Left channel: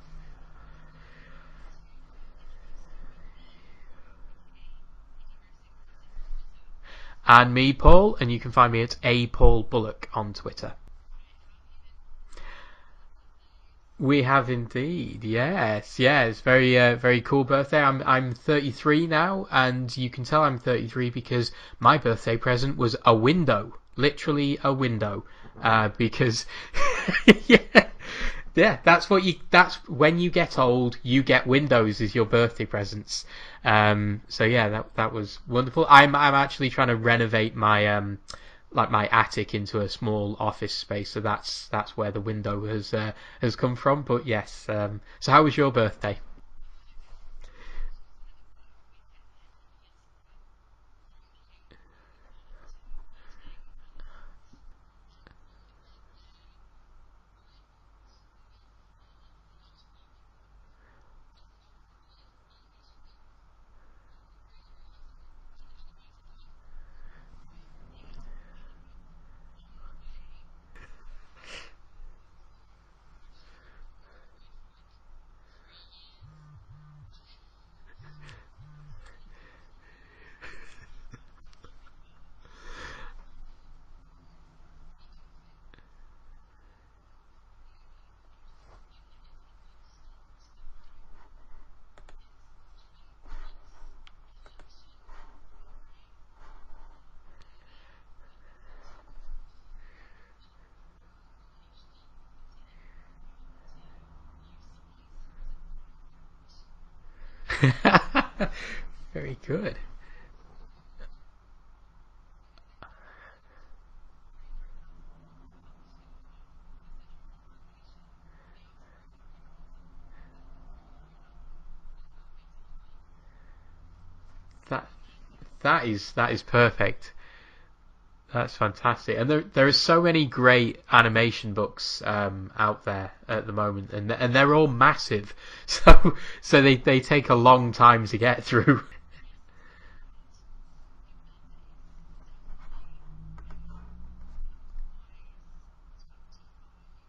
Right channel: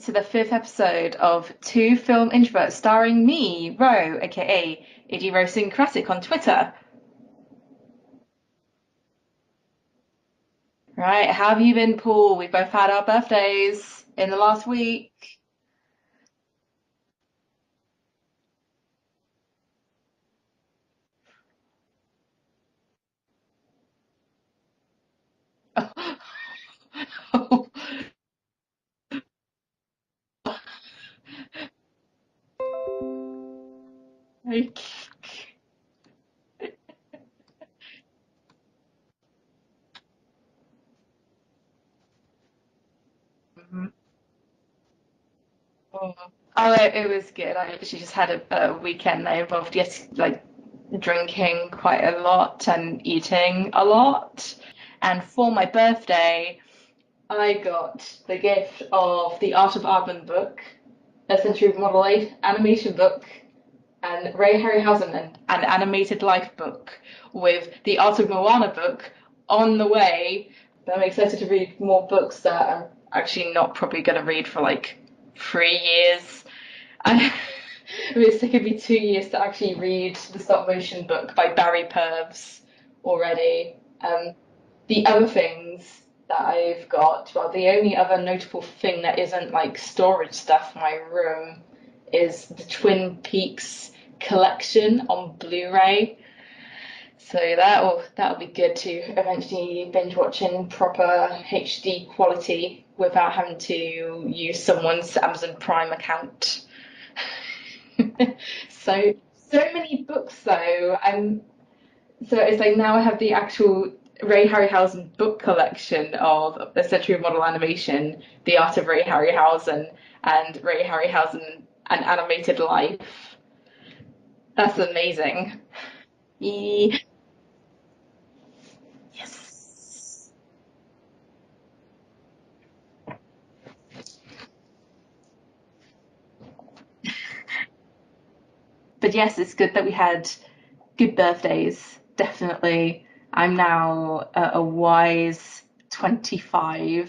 to the fifth episode of Two Film Introverts, starring me, Rowe, aka Idiosyncratic on Twitter. And me, Paul, and you can find me at a Paul Bullock on Twitter. Right, how have you been, Paul? We both had our birthdays We in the have last indeed, week. yes, yeah. It's very cool birthday. I'm 33 now, and you can tell I'm 33 because my birthday present was a window, literally a window, because yeah, yeah, that's when you get old, you get windows as your birthday presents. So yeah, that was wonderful. I'm actually trying to renovate my like my attic into a small office space, so that's where the window has come from. But yes, so how was your birthday? Oh, it was good. I actually just had a weekend that involved, yes, like drinking quite a lot and eating a lot. And for my birthday, I got the gift of the Art of Aardman book, a Century Model 8 animation book, and Ray Harryhausen an animated life book with the Art of Moana book on the way. So I'm excited to read more books that I'm actually not probably going to read for like 3 years. I, it's taken me 2 years to actually read the stop motion book by Barry Purves already. The other things that I've got, well, the only other notable thing that isn't like storage stuff in my room is the Twin Peaks collection on Blu-ray. So that'll be good to eventually binge watch in proper HD quality without having to use someone's Amazon Prime account. So Very so good. many books though, and so it's like now I have the actual Ray Harryhausen book collection of the Century Model Animation, The Art of Ray Harryhausen, and Ray Harryhausen, An Animated Life. That's That amazing. that is E- perfect. That's fantastic, and there are so many great animation books out there at the moment, and they're all massive, so they take a long time to get through. but yes, it's good that we had good birthdays. Definitely. I'm now a wise 25,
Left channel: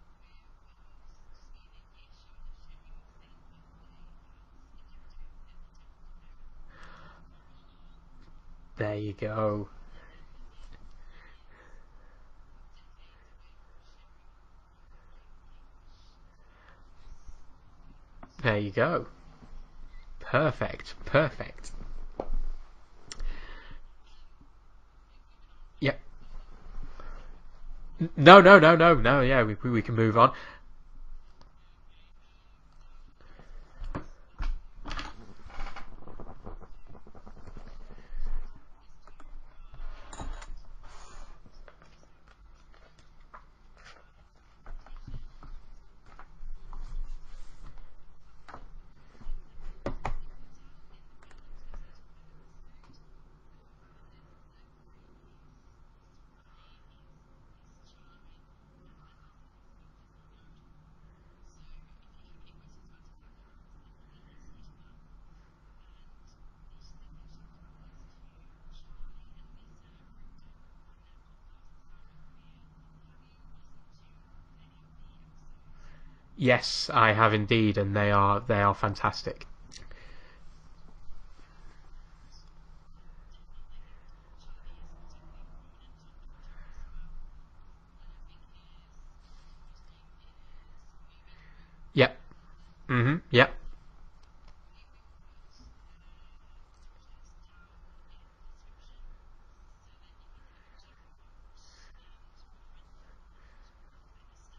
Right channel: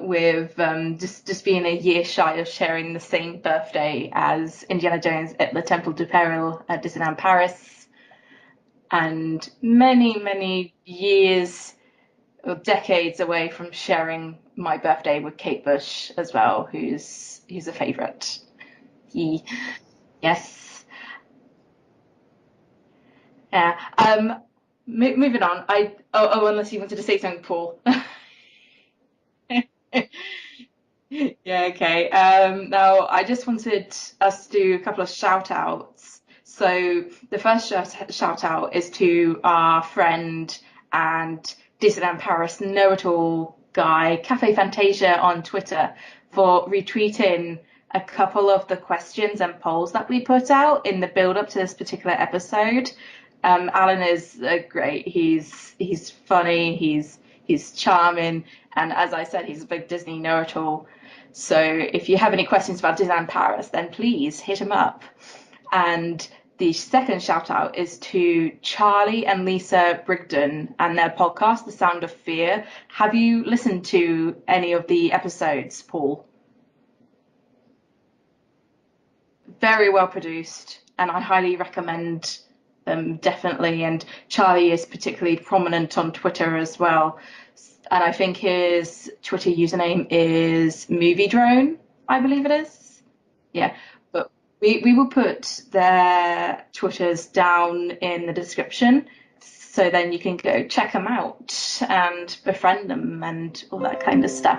with just being a year shy of sharing the same birthday as Indiana Jones at the Temple du Peril at Disneyland Paris, There you and go. many years or decades away from sharing my birthday with Kate Bush as well, who's a favourite. There you go. He, yes. Perfect. Perfect. Yeah. Moving on. Yep. Unless you wanted to say something, Paul. No. Yeah, we can move on. Yeah, okay. Now, I just wanted us to do a couple of shout outs. So, the first shout out is to our friend and Disneyland Paris know it all guy, Cafe Fantasia on Twitter, for retweeting a couple of the questions and polls that we put out in the build up to this particular episode. Alan is great. He's funny. He's charming, and as I said, he's a big Disney know-it-all. So if you have any questions about Disneyland Paris, then please hit him up. And the second shout out is to Charlie and Lisa Brigden and their podcast, The Sound of Fear. Have you listened to any of the episodes, Paul? Yes, I have indeed, and they are fantastic. Very well produced, and I highly recommend them definitely. And Charlie is particularly prominent on Twitter as well. And I think his Twitter username is Movie Drone, Yep. I believe it is. Yep. Yeah, but we will put their Twitters down in the description, so then you can go check them out and befriend them and all that kind of stuff.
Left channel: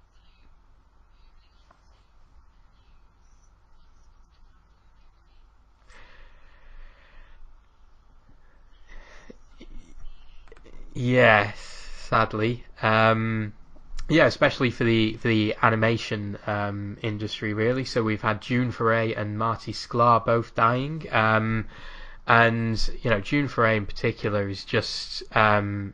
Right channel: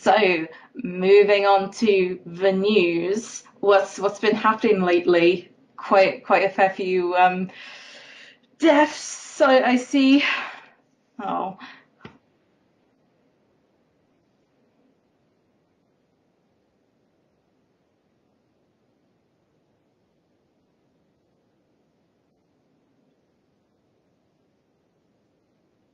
So, moving on to the news, what's been happening lately? Quite a fair few deaths I see. Yeah, Yeah, sadly. Yeah, especially for the animation industry, really. So we've had June Foray and Marty Sklar both dying, and June Foray in particular is just one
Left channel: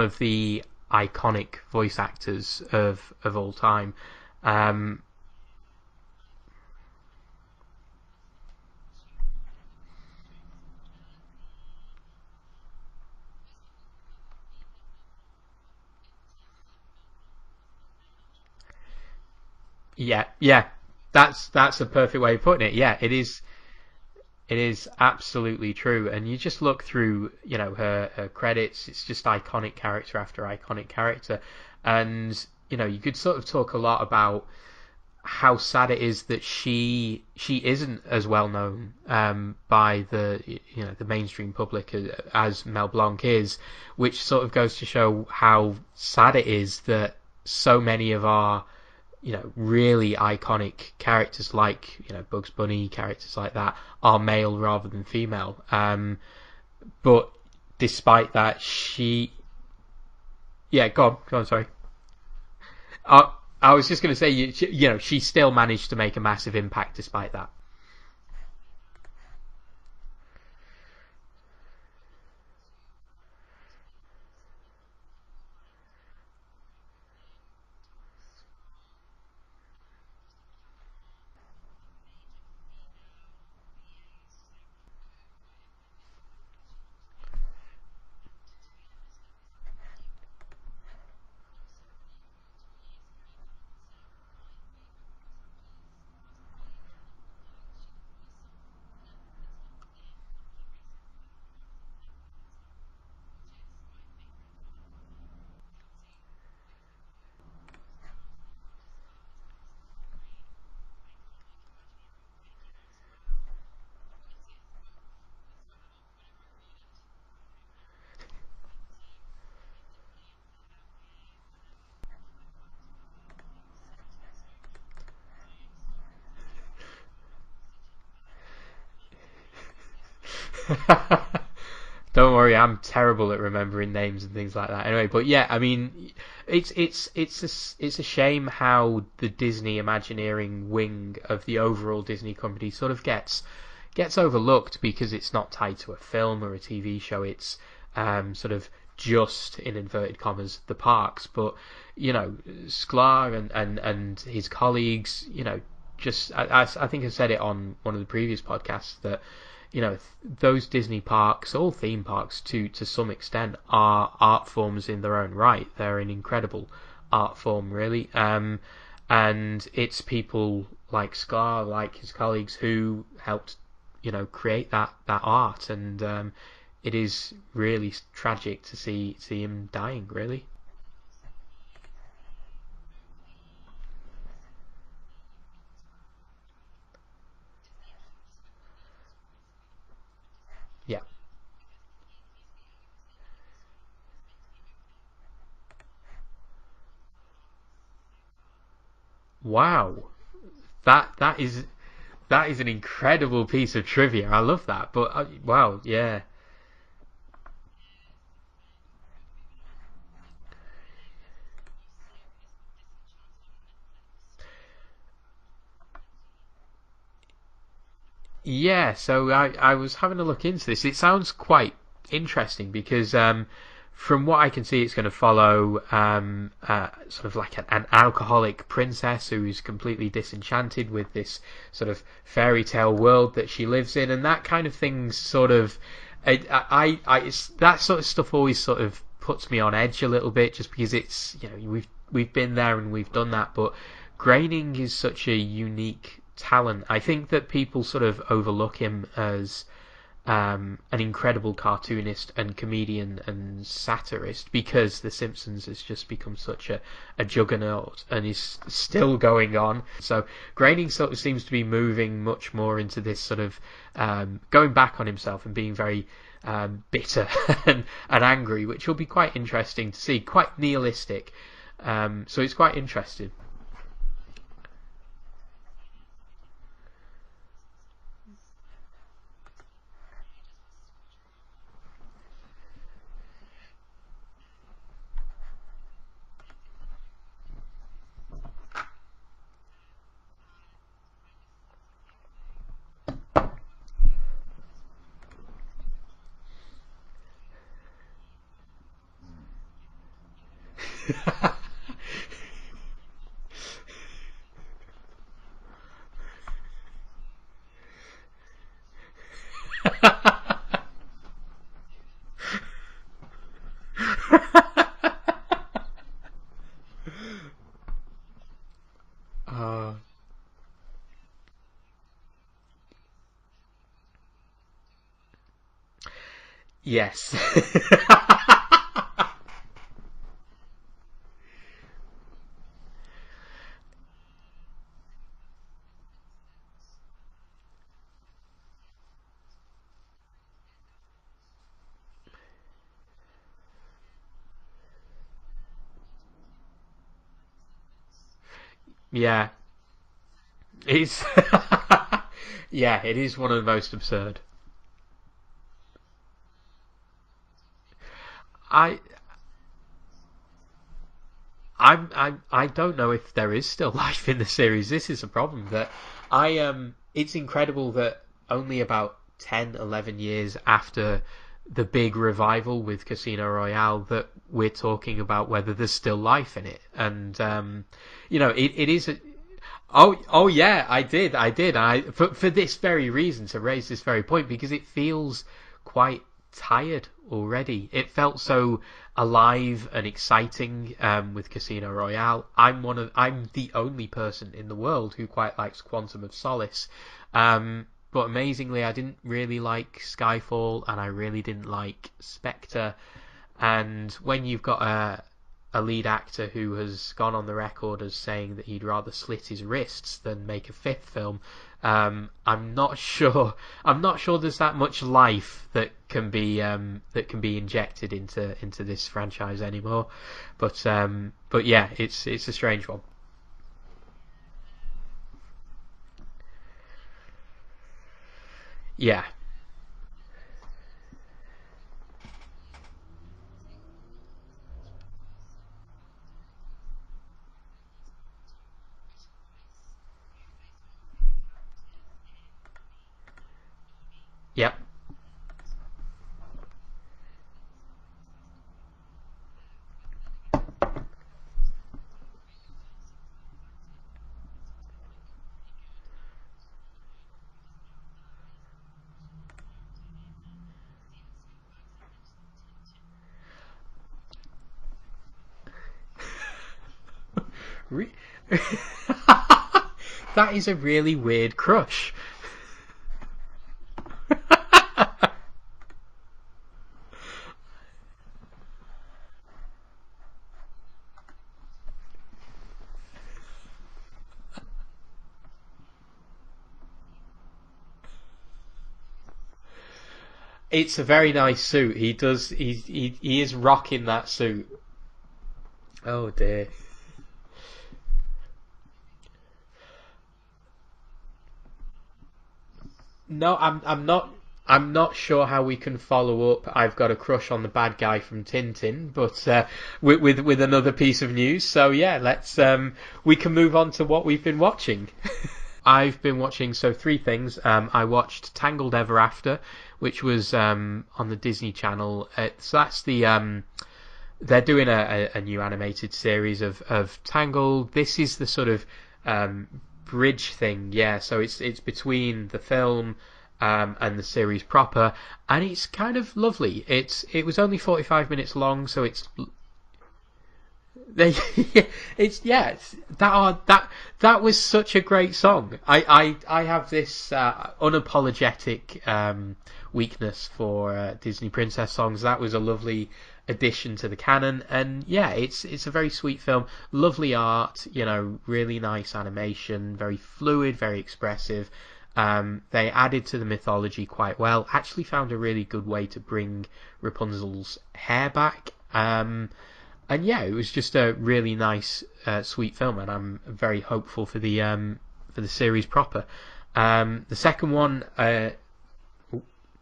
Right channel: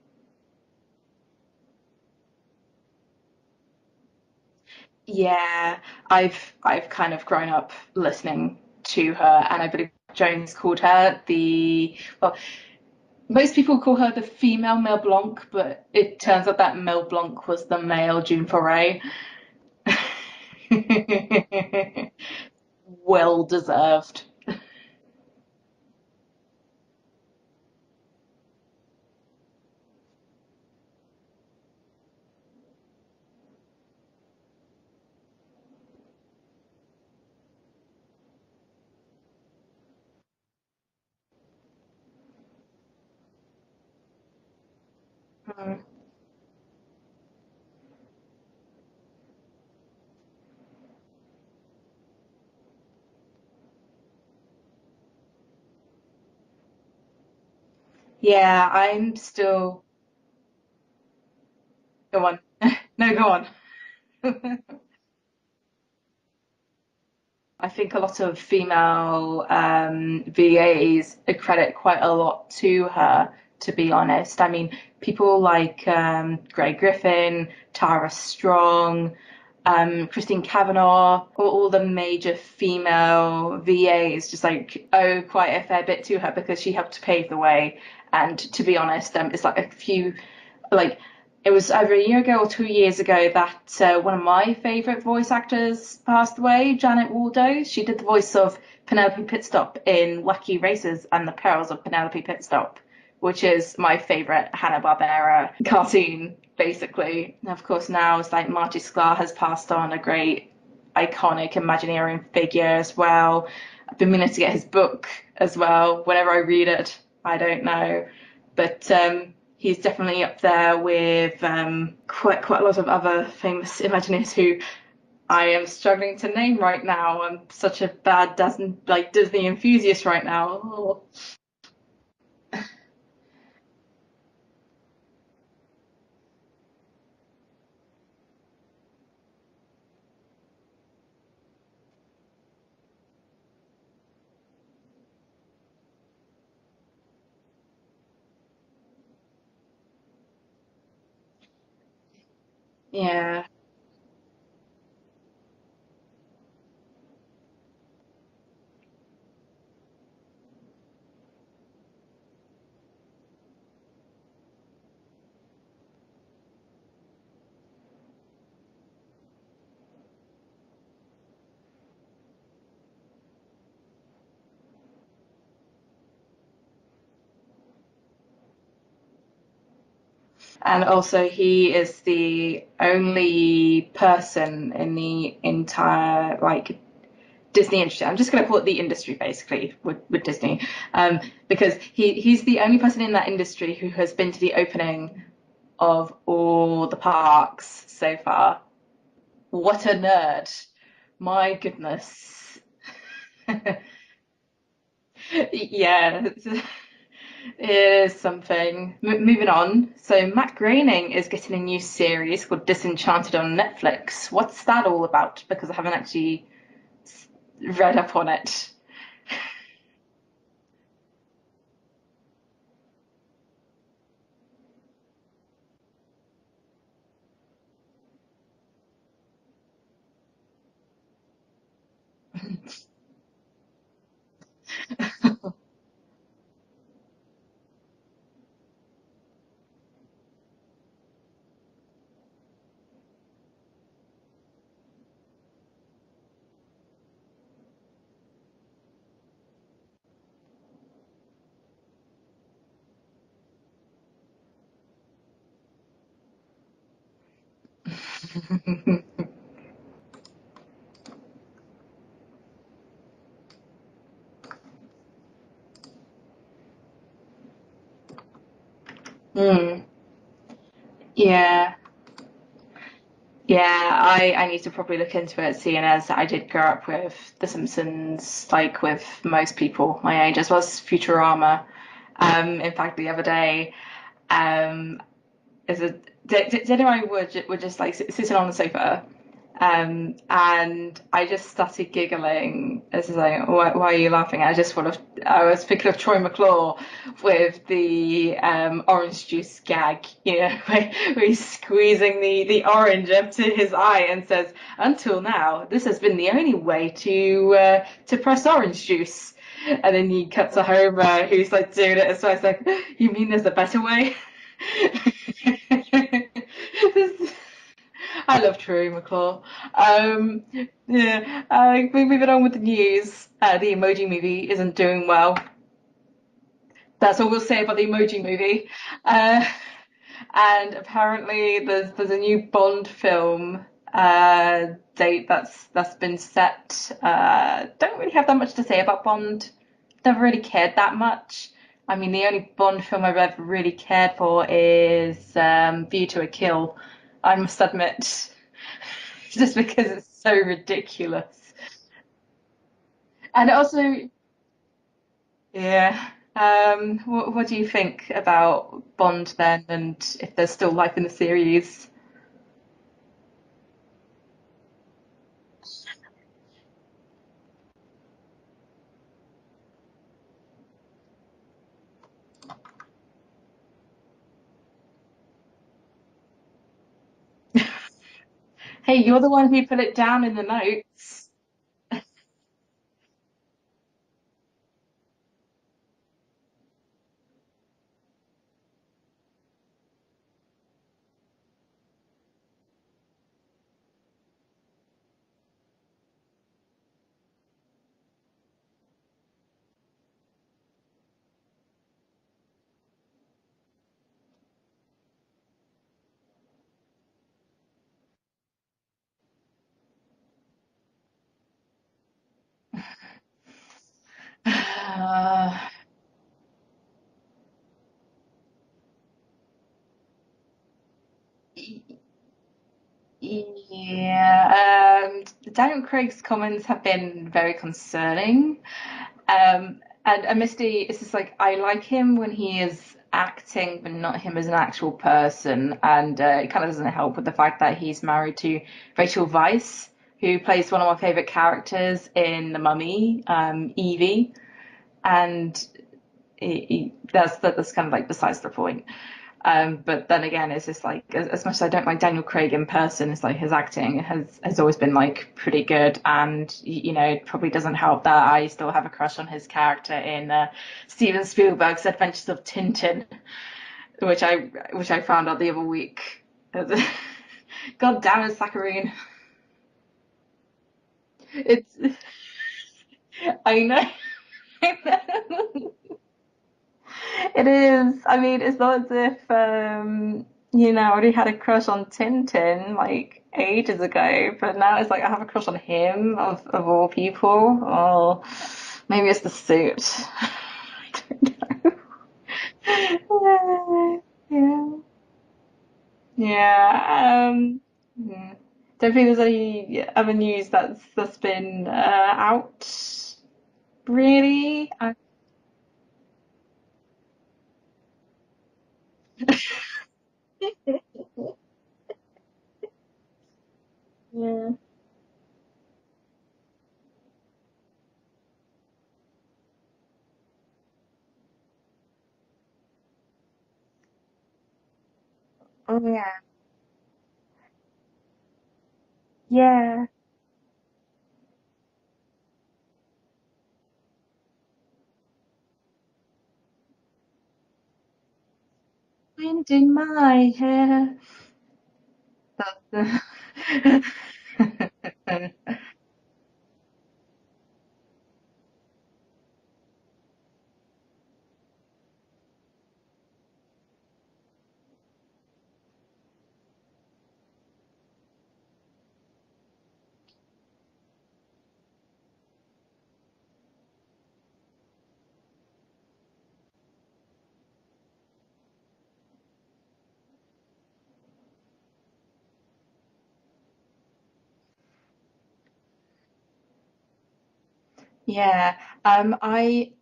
of the iconic voice actors of all time. Um, yeah. I've kind of grown up listening to her, and I believe Jones called her the well. Most people call her the female Mel Blanc, but it turns out that Mel Blanc was the male June Foray. Yeah, yeah. That's the perfect way of putting it. Yeah, it is. Well deserved. It is absolutely true. And you just look through, her credits. It's just iconic character after iconic character, and you could sort of talk a lot about how sad it is that she isn't as well known by the mainstream public as Mel Blanc is, which sort of goes to show how sad it is that so many of our really iconic characters like Bugs Bunny, characters like that, are male rather than female. But despite that, Yeah, I'm still. yeah, go on, sorry. Go on. No, I, go on. I was just going to say, she still managed to make a massive impact despite that. I think a lot of female VAs credit quite a lot to her, to be honest. I mean, people like Grey Griffin, Tara Strong, Christine Kavanagh, all the major female VAs just like owe quite a fair bit to her because she helped to pave the way. And to be honest, it's like a few, like it was either a year ago or 2 years ago that one of my favourite voice actors passed away, Janet Waldo. She did the voice of Penelope Pitstop in Wacky Races and the Perils of Penelope Pitstop, which is my favourite Hanna-Barbera cartoon, basically. And of course, now it's like Marty Sklar has passed on, a great iconic Imagineering figure as well. I've been meaning to get his book as well. Whenever I read it, I don't know. But he's definitely up there with quite a lot of other famous Imagineers who I am struggling to name right now. I'm such a bad Disney enthusiast right now. Don't worry, I'm terrible at remembering names and things like that. Anyway, but yeah, I mean, it's a shame how the Disney Imagineering wing of the overall Disney company sort of gets overlooked because it's not tied to a film or a TV show. It's sort of just in inverted commas the parks, but Sklar Yeah. and his colleagues, just I think I said it on one of the previous podcasts that those Disney parks, all theme parks to some extent, are art forms in their own right. They're an incredible art form, really, and it's people like Sklar, like his colleagues, who helped create that art, and it is really tragic to see him dying, really. And also, he is the only person in the entire Disney industry. I'm just going to call it the industry basically with Disney, Yeah. because he's the only person in that industry who has been to the opening of all the parks so far. What a Wow. nerd! That My is that goodness. is an incredible piece of trivia. I love that. But wow, yeah. Yeah, it is something. Moving on. So Matt Groening is getting a new series called Disenchanted on Netflix. What's that all about? Because I haven't actually read up on it. Yeah, so I was having a look into this. It sounds quite interesting because from what I can see, it's going to follow sort of like an alcoholic princess who's completely disenchanted with this sort of fairy tale world that she lives in, and that kind of thing's sort of that sort of stuff always sort of puts me on edge a little bit, just because it's we've been there and we've done that, but Groening is such a unique talent. I think that people sort of overlook him as an incredible cartoonist and comedian and satirist because The Simpsons has just become such a juggernaut and is still going on. So Groening sort of seems to be moving much more into this sort of going back on himself and being very bitter and angry, which will be quite Mm, interesting to see. Quite nihilistic. yeah. So it's quite interesting. Yeah, I need to probably look into it, seeing as I did grow up with The Simpsons, like with most people my age, as well as Futurama. In fact, the other day, um, is a dinner I were just like sitting on the sofa, and I just started giggling. It's like, why are you laughing? I was thinking of Troy McClure with the orange juice gag, where he's squeezing the orange up to his eye and says, "Until now, this has been the only way to press orange juice." And then you cut to Homer, who's like doing it as well. It's like, you mean there's a better way? I love True McClaw. Oh, Um, yeah, we're moving on with the news. The Emoji Movie isn't doing well. That's all yes. we'll say about the Emoji Movie. Uh, and apparently, there's a new Bond film date that's been set. Don't really have that much to say about Bond. Never really cared that much. I mean, the only Bond film I've ever really cared for is View to a Kill. I must admit, Yeah, just because it's so it's ridiculous. yeah, it is And one of the most also, absurd. yeah. What do you think about I Bond then, and if there's still life in the series? I don't know if there is still life in the series. This is a problem that it's incredible that only about 10, 11 years after the big revival with Casino Royale that we're talking about whether there's still life in it. And it Hey, is a, you're the one who put it oh down in the oh yeah, I notes. did. For this very reason, to raise this very point, because it feels quite tired already. It felt so alive and exciting with Casino Royale. I'm the only person in the world who quite likes Quantum of Solace. But amazingly, I didn't really like Skyfall, and I really didn't like Spectre. And when you've got a lead actor who has gone on the record as saying that he'd rather slit his wrists than make a fifth film, I'm not sure. I'm not sure there's that much Uh, life that can be injected into this franchise anymore. But yeah, it's a strange one. yeah, Daniel Craig's comments have been very concerning. Yeah, And Misty is just like, I like him when he is acting, but not him as an actual person. And it kind of doesn't help with the fact that he's married to Rachel Weisz, who plays one of my favorite characters in The Mummy, Evie. yep. And that's kind of like besides the point. But then again, it's just like as much as I don't like Daniel Craig in person, it's like his acting has always been like pretty good, and it probably doesn't help that I still have a crush on his character in Steven Spielberg's Adventures of Tintin, which I found out the other week. God damn it, Saccharine! That is a really weird It's crush. I know. I know. It is. I mean, it's not as if I already had a crush on Tintin like ages ago, but now it's like I have a crush on him of all people. Oh, maybe it's the suit. It's a very nice suit. He is rocking that suit. Yeah, Oh dear. yeah. Yeah. Don't think there's any other news that's been out. No, Really. I'm not sure how we can follow up. I've got a crush on the bad guy from Tintin, but with another piece of news. So yeah, let's we can move on to what we've Yeah. been watching. I've been watching three things. I watched Tangled Ever After, which was on the Disney Channel. So that's they're doing a new Oh animated yeah. series of Tangled. This is the sort of Yeah. bridge thing, yeah. So it's between the film and the series proper, and it's kind of lovely. It was only 45 minutes long, so it's Wind in my hair. it's That's yeah. That was such a great song. I have this unapologetic weakness for Disney princess songs. That was a lovely addition to the canon, and yeah, it's a very sweet film. Lovely art, really nice animation, very fluid, very expressive. They added to the mythology quite well. Actually, found a really good way to bring Rapunzel's hair back. And yeah, it was just a really nice, sweet film, and I'm very hopeful for the series proper. The second one, Yeah.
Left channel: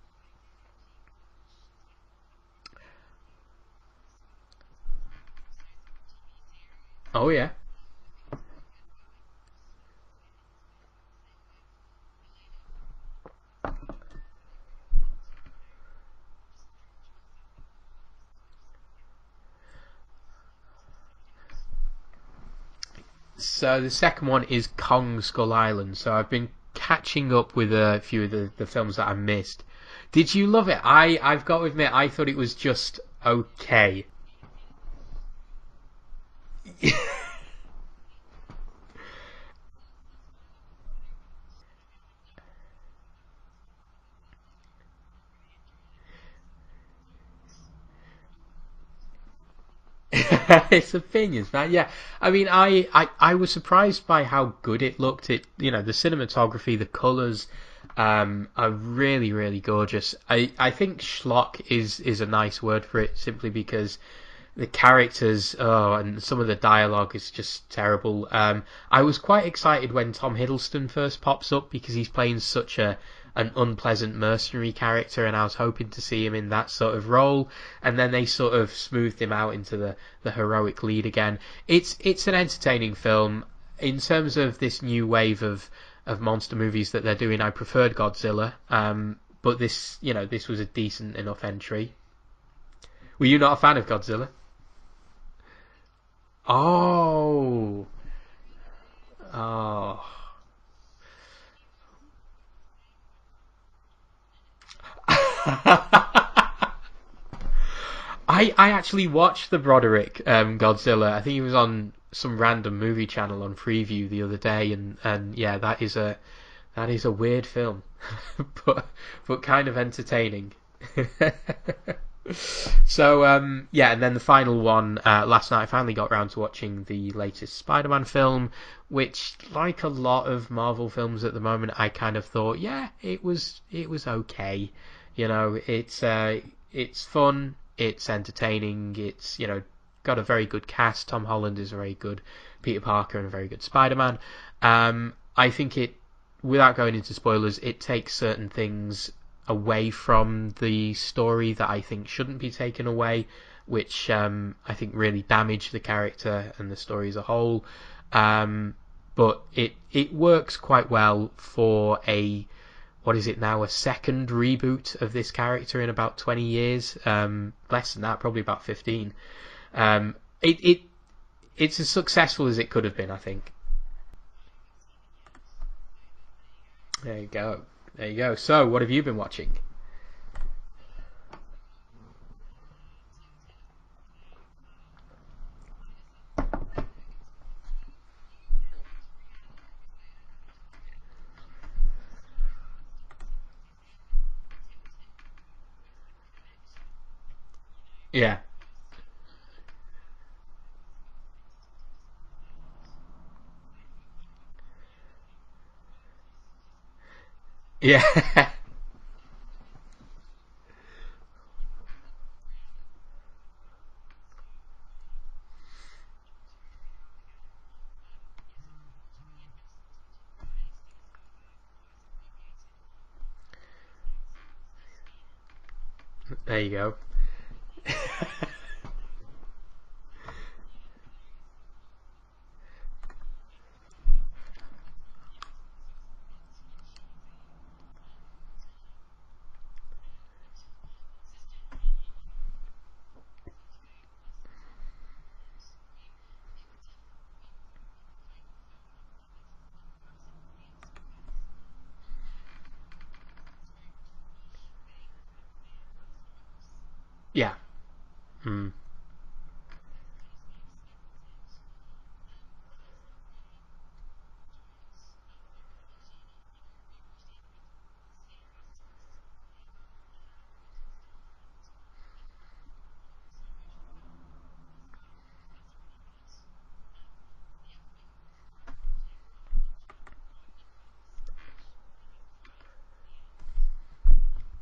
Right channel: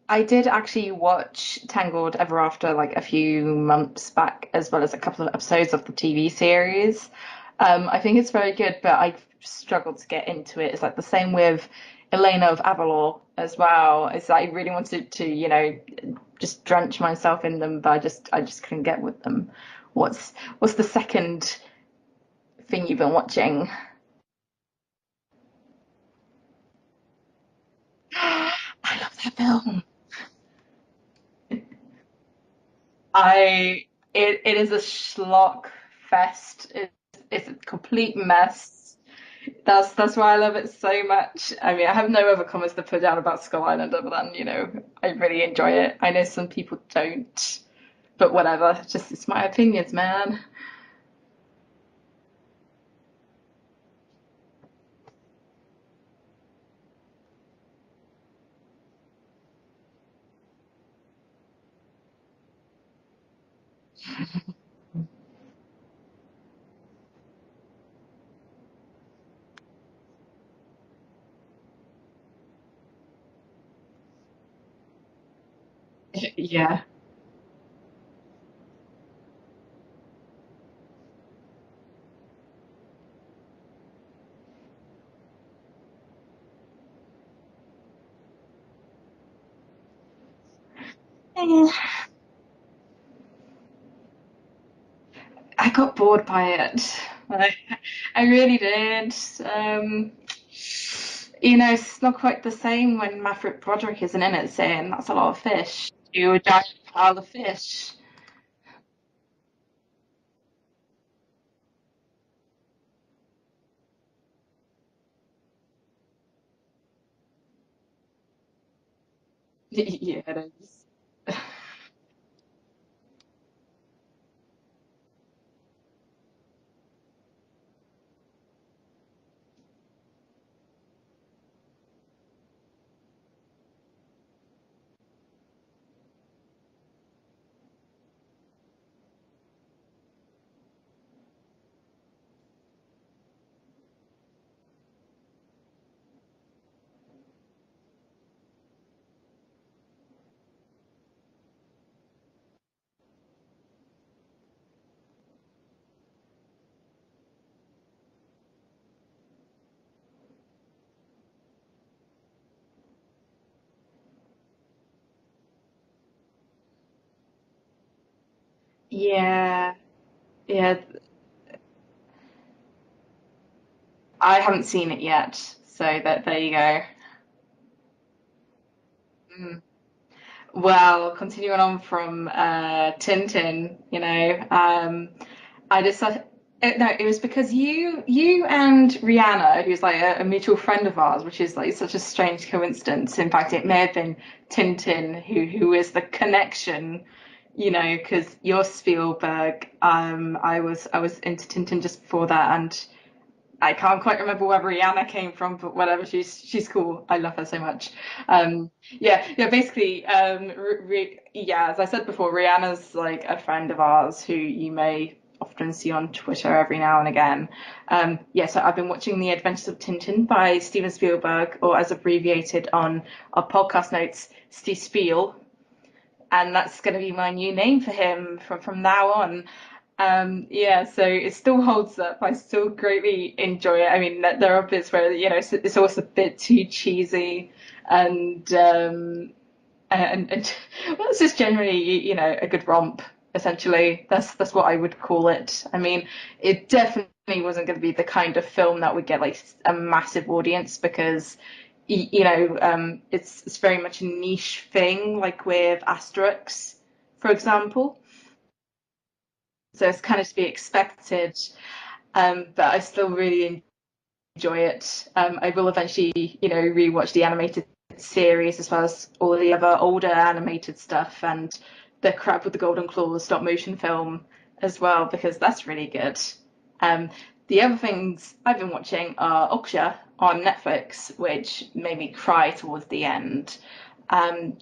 I did actually watch Tangled Ever After like a few months back, as well as a couple of episodes of the TV series. oh yeah, I think it's very good, but I struggled to get into it. It's like the same with Elena of Avalor as well. It's like I really wanted to, just drench myself in them, but I just couldn't get with them. What's the second thing you've been watching? so the second one is Kong Skull Island. So I've been catching up with a few of the I films that love I've the missed. film. Did you love it? I've got to admit, I thought it was just I okay. it is a schlock fest. It's a complete mess. That's why I love it so much. I mean, I have no other comments to put down about Skull Island other than, I really enjoy it. I know some people don't, but whatever. It's my opinions, man. It's opinions, man. Yeah, I mean, I was surprised by how good it looked. The cinematography, the colors, are really, really gorgeous. I think schlock is a nice word for it, simply because the characters, and some of the dialogue is just terrible. I was quite excited when Tom Hiddleston first pops up because he's playing such an unpleasant mercenary character, and I was hoping to see him in that Yeah. sort of role. And then they sort of smoothed him out into the heroic lead again. It's an entertaining film. In terms of this new wave of monster movies that they're doing, I preferred Godzilla. But this was a decent enough entry. Were you not a fan of Godzilla? I got bored by it. Oh, I really did. oh. It's not quite the same when Maverick Broderick isn't in it saying that's a lot of fish. You a giant pile of fish. I actually watched the Broderick Godzilla. I think he was on some random movie channel on Freeview the other day, and yeah, that is a weird film, but kind of Yeah, entertaining. it is. So yeah, and then the final one, last night I finally got around to watching the latest Spider-Man film, which, like a lot of Marvel films at the moment, I kind of thought, yeah, it was okay. It's fun, it's entertaining, it's got a very good cast. Tom Holland is a very good Peter Parker and a very good Spider-Man. I think without going into spoilers, it takes certain things away from the story that I think shouldn't be taken away, which I think really damage the character and the story as a whole. But it works quite well for what is it now, a second reboot of this character in about 20 years. Less than that, probably about 15. Yeah, Um, it, yeah. it it's as successful as it could have been, I think. I haven't seen it yet, so there you go. There you go. There you go. So, what have you been watching? Mm. Well, continuing on from Tintin, I decided no, it was because you and Rihanna, who's like a mutual friend of ours, which is like such a strange coincidence. In fact, it may have been Tintin who is the connection, because Yeah. you're Spielberg. I was into Tintin just before that, and I can't quite remember where Rihanna came from, but whatever. She's cool. I love her so much. Yeah. Yeah. Basically, yeah. As I said before, Rihanna's like a friend of ours who you may often see on Twitter every now and again. Yeah. So I've been watching The Adventures of Tintin by Steven Spielberg, or as abbreviated on our podcast notes, Steve Spiel, and There you that's go. going to be my new name for him from now on. Yeah, so it still holds up. I still greatly enjoy it. I mean, there are bits where it's always a bit too cheesy, and and well, it's just generally a good romp. Essentially, that's what I would call it. I mean, it definitely wasn't going to be the kind of film that would get like a massive audience because it's very much a niche thing, like with Asterix, for Yeah. example. Mm. So it's kind of to be expected, but I still really enjoy it. I will eventually, rewatch the animated series as well as all of the other older animated stuff and the Crab with the Golden Claws stop motion film as well because that's really good. Um, the other things I've been watching are Okja on Netflix, which made me cry towards the end. Um,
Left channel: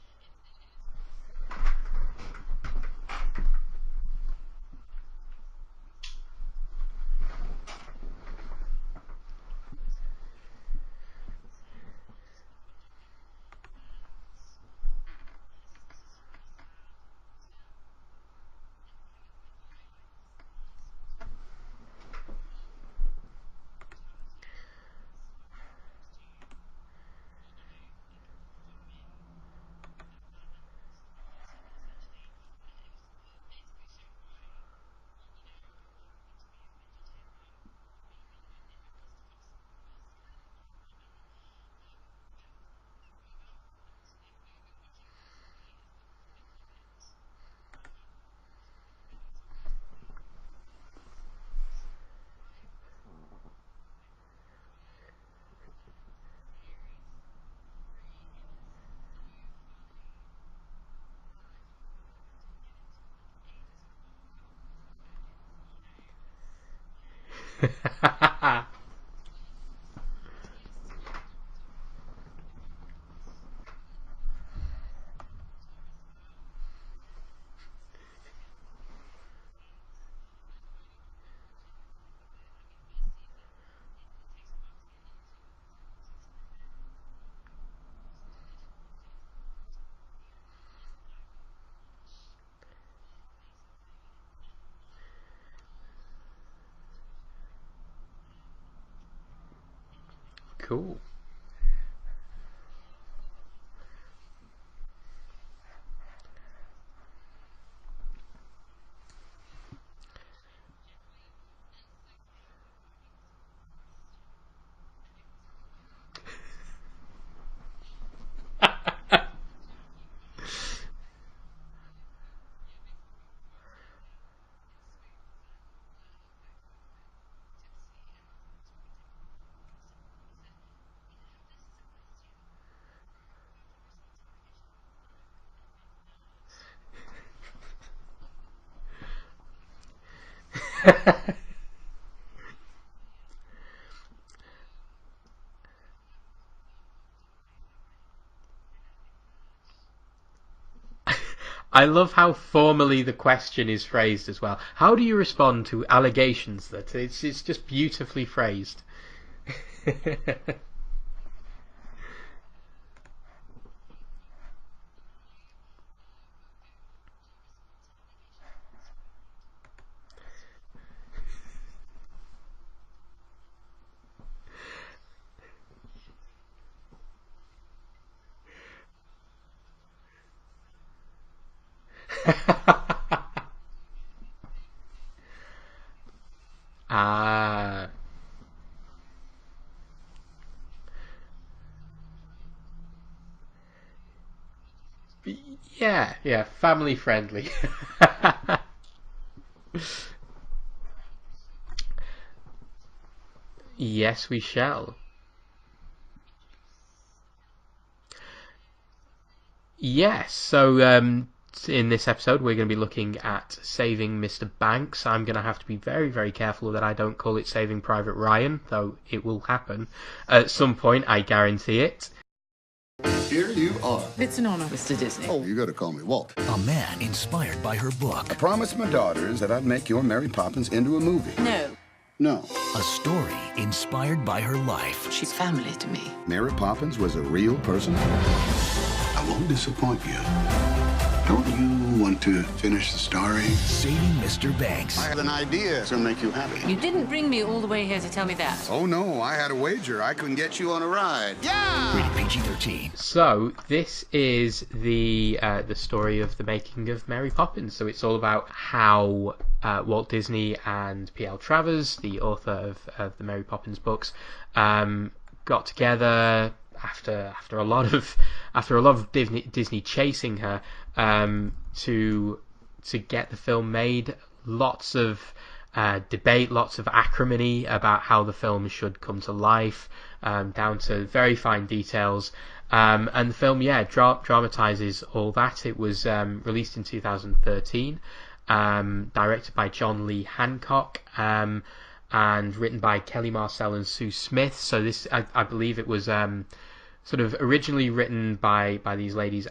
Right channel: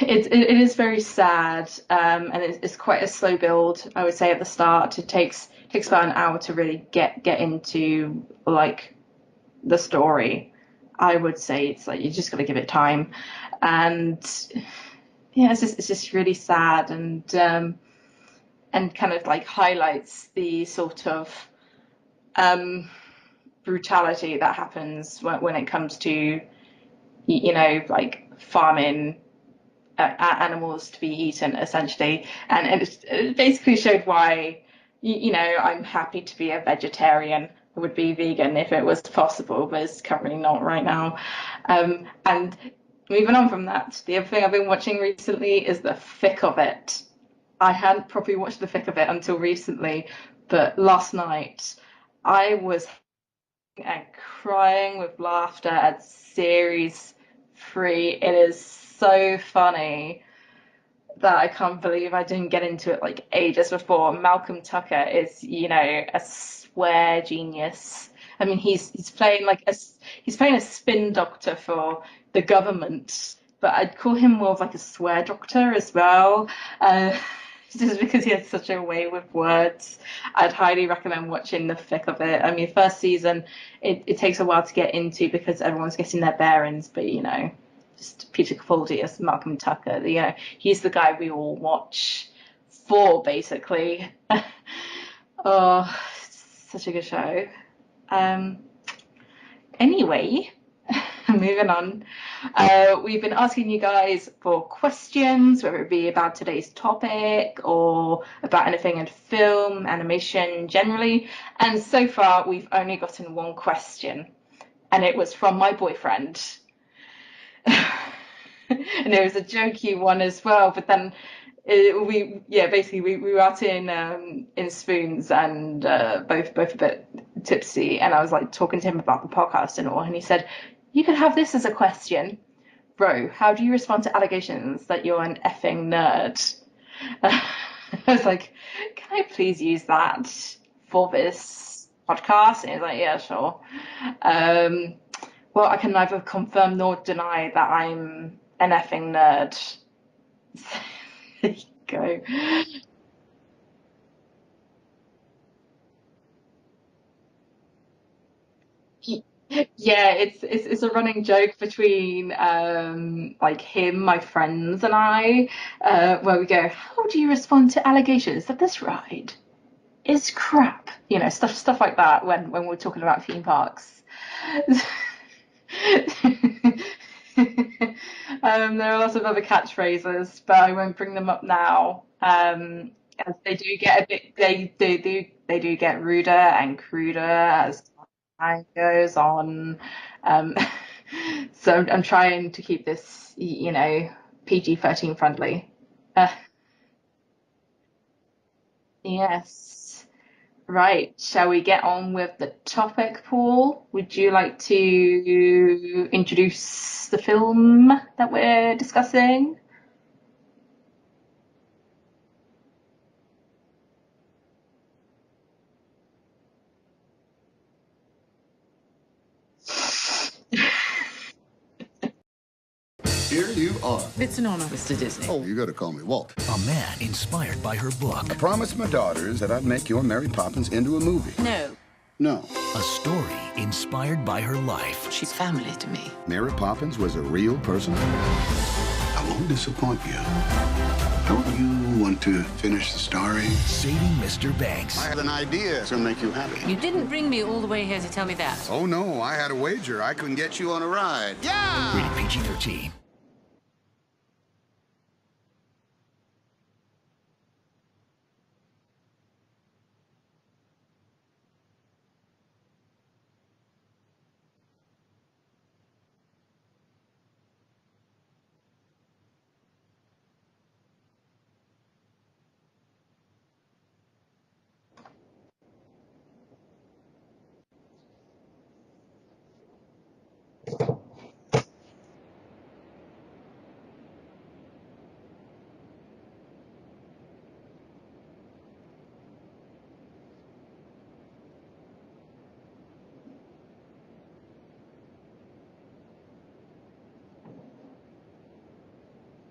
it is very sad, and it's quite a slow build. I would say at the start, it takes about an hour to really get into like the story. I would say it's like you just got to give it time, and yeah, it's just really sad and kind of like highlights the sort of um, brutality that happens when it comes to like farming animals to be eaten essentially, and it basically showed why I'm happy to be a vegetarian would be vegan if it was possible, but it's currently not right now. And moving on from that, the other thing I've been watching recently is The Thick of It. I hadn't properly watched The Thick of It until recently, but last night I was and crying with laughter at series 3. It is so funny that I can't believe I didn't get into it like ages before. Malcolm Tucker is, a swear genius. I mean, he's playing he's playing a spin doctor for the government, but I'd call him more of like a swear doctor as well. Uh, just because he has such a way with words. I'd highly recommend watching The Thick of It. I mean, first season, it takes a while to get into because everyone's getting their bearings, but just Peter Capaldi as Malcolm Tucker. He's the guy we all watch for, basically. Oh, such a good show. Um, Anyway, Cool. moving on. We've been asking you guys for questions, whether it be about today's topic or about anything in film, animation generally. And so far, we've only gotten one question, and it was from my boyfriend. And it was a jokey one as well, but then basically we were out in Spoons and both a bit tipsy, and I was like talking to him about the podcast and all, and he said, "You could have this as a question, bro. How do you respond to allegations that you're an effing nerd?" I was like, "Can I please use that for this podcast?" And he's like, "Yeah, sure." Um, well, I can neither confirm nor deny that I'm an effing nerd. I love Go. how formally the question is phrased as well. How do you respond to allegations that it's just beautifully phrased? Yeah, it's a running joke between like him, my friends, and I, where we go, "How do you respond to allegations that this ride is crap?" Stuff like that when we're talking about theme parks. There are lots of other catchphrases, but I won't bring them up now. As they do get a bit, they do get ruder and cruder as Ah, time goes on. Um, so I'm trying to keep this, PG-13 friendly. yeah, Uh, yeah, family friendly. yes. Right, shall we get on with the topic, Paul? Would Yes, you we like shall. to introduce the film that we're discussing? Yes, so in this episode, we're going to be looking at Saving Mr. Banks. I'm going to have to be very, very careful that I don't call it Saving Private Ryan, though it will happen at some point, I guarantee it. Here you are. It's an honor, Mr. Disney. Oh, you gotta call me Walt. A man inspired by her book. I promised my daughters that I'd make your Mary Poppins into a movie. No, No. A story inspired by her life. she's family to me. Mary Poppins was a real person. I won't disappoint you. Don't you want to finish the story? Saving Mr. Banks. I have an idea to make you happy. You didn't bring me all the way here to tell me that. Oh, no, I had a wager. I couldn't get you on a ride. Yeah! Rated PG-13. So this is the story of the making of Mary Poppins. So it's all about how Walt Disney and P.L. Travers, the author of the Mary Poppins books, got together after a lot of Disney chasing her to get the film made. Lots of debate, lots of acrimony about how the film should come to life, down to very fine details. And the film, dramatizes all that. It was released in 2013, directed by John Lee Hancock, and written by Kelly Marcel and Sue Smith. So this, I believe, it was sort of originally written by these ladies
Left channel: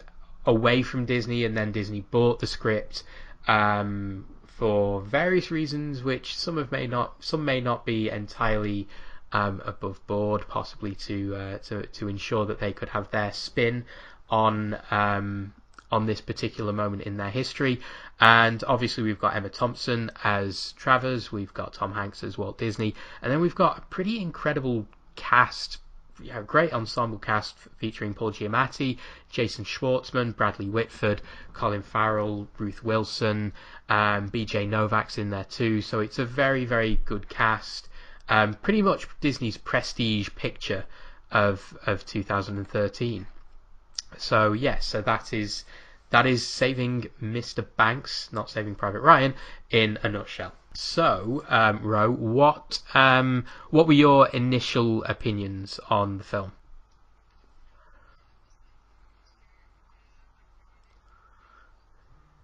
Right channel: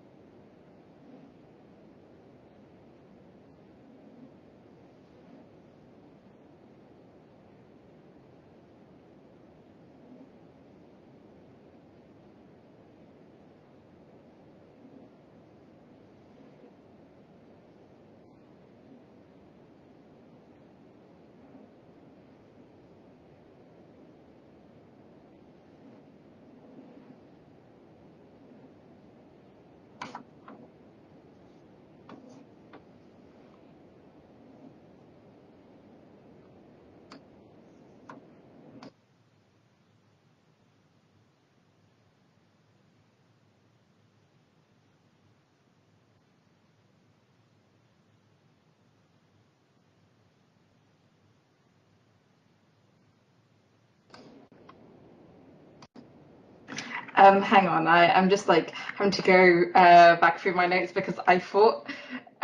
away from Disney, and then Disney bought the script for various reasons, which some may not be entirely above board, possibly to ensure that they could have their spin on this particular moment in their history. And obviously we've got Emma Thompson as Travers, we've got Tom Hanks as Walt Disney, and then we've got a pretty incredible cast. Yeah, great ensemble cast featuring Paul Giamatti, Jason Schwartzman, Bradley Whitford, Colin Farrell, Ruth Wilson, BJ Novak's in there too. So it's a very, very good cast. pretty much Disney's prestige picture of 2013. So yes, so that is Saving Mr. Banks, not Saving Private Ryan, in a nutshell. So, Rowe, what were your initial opinions on the film? Hang on, I'm just like having to go back through my notes because I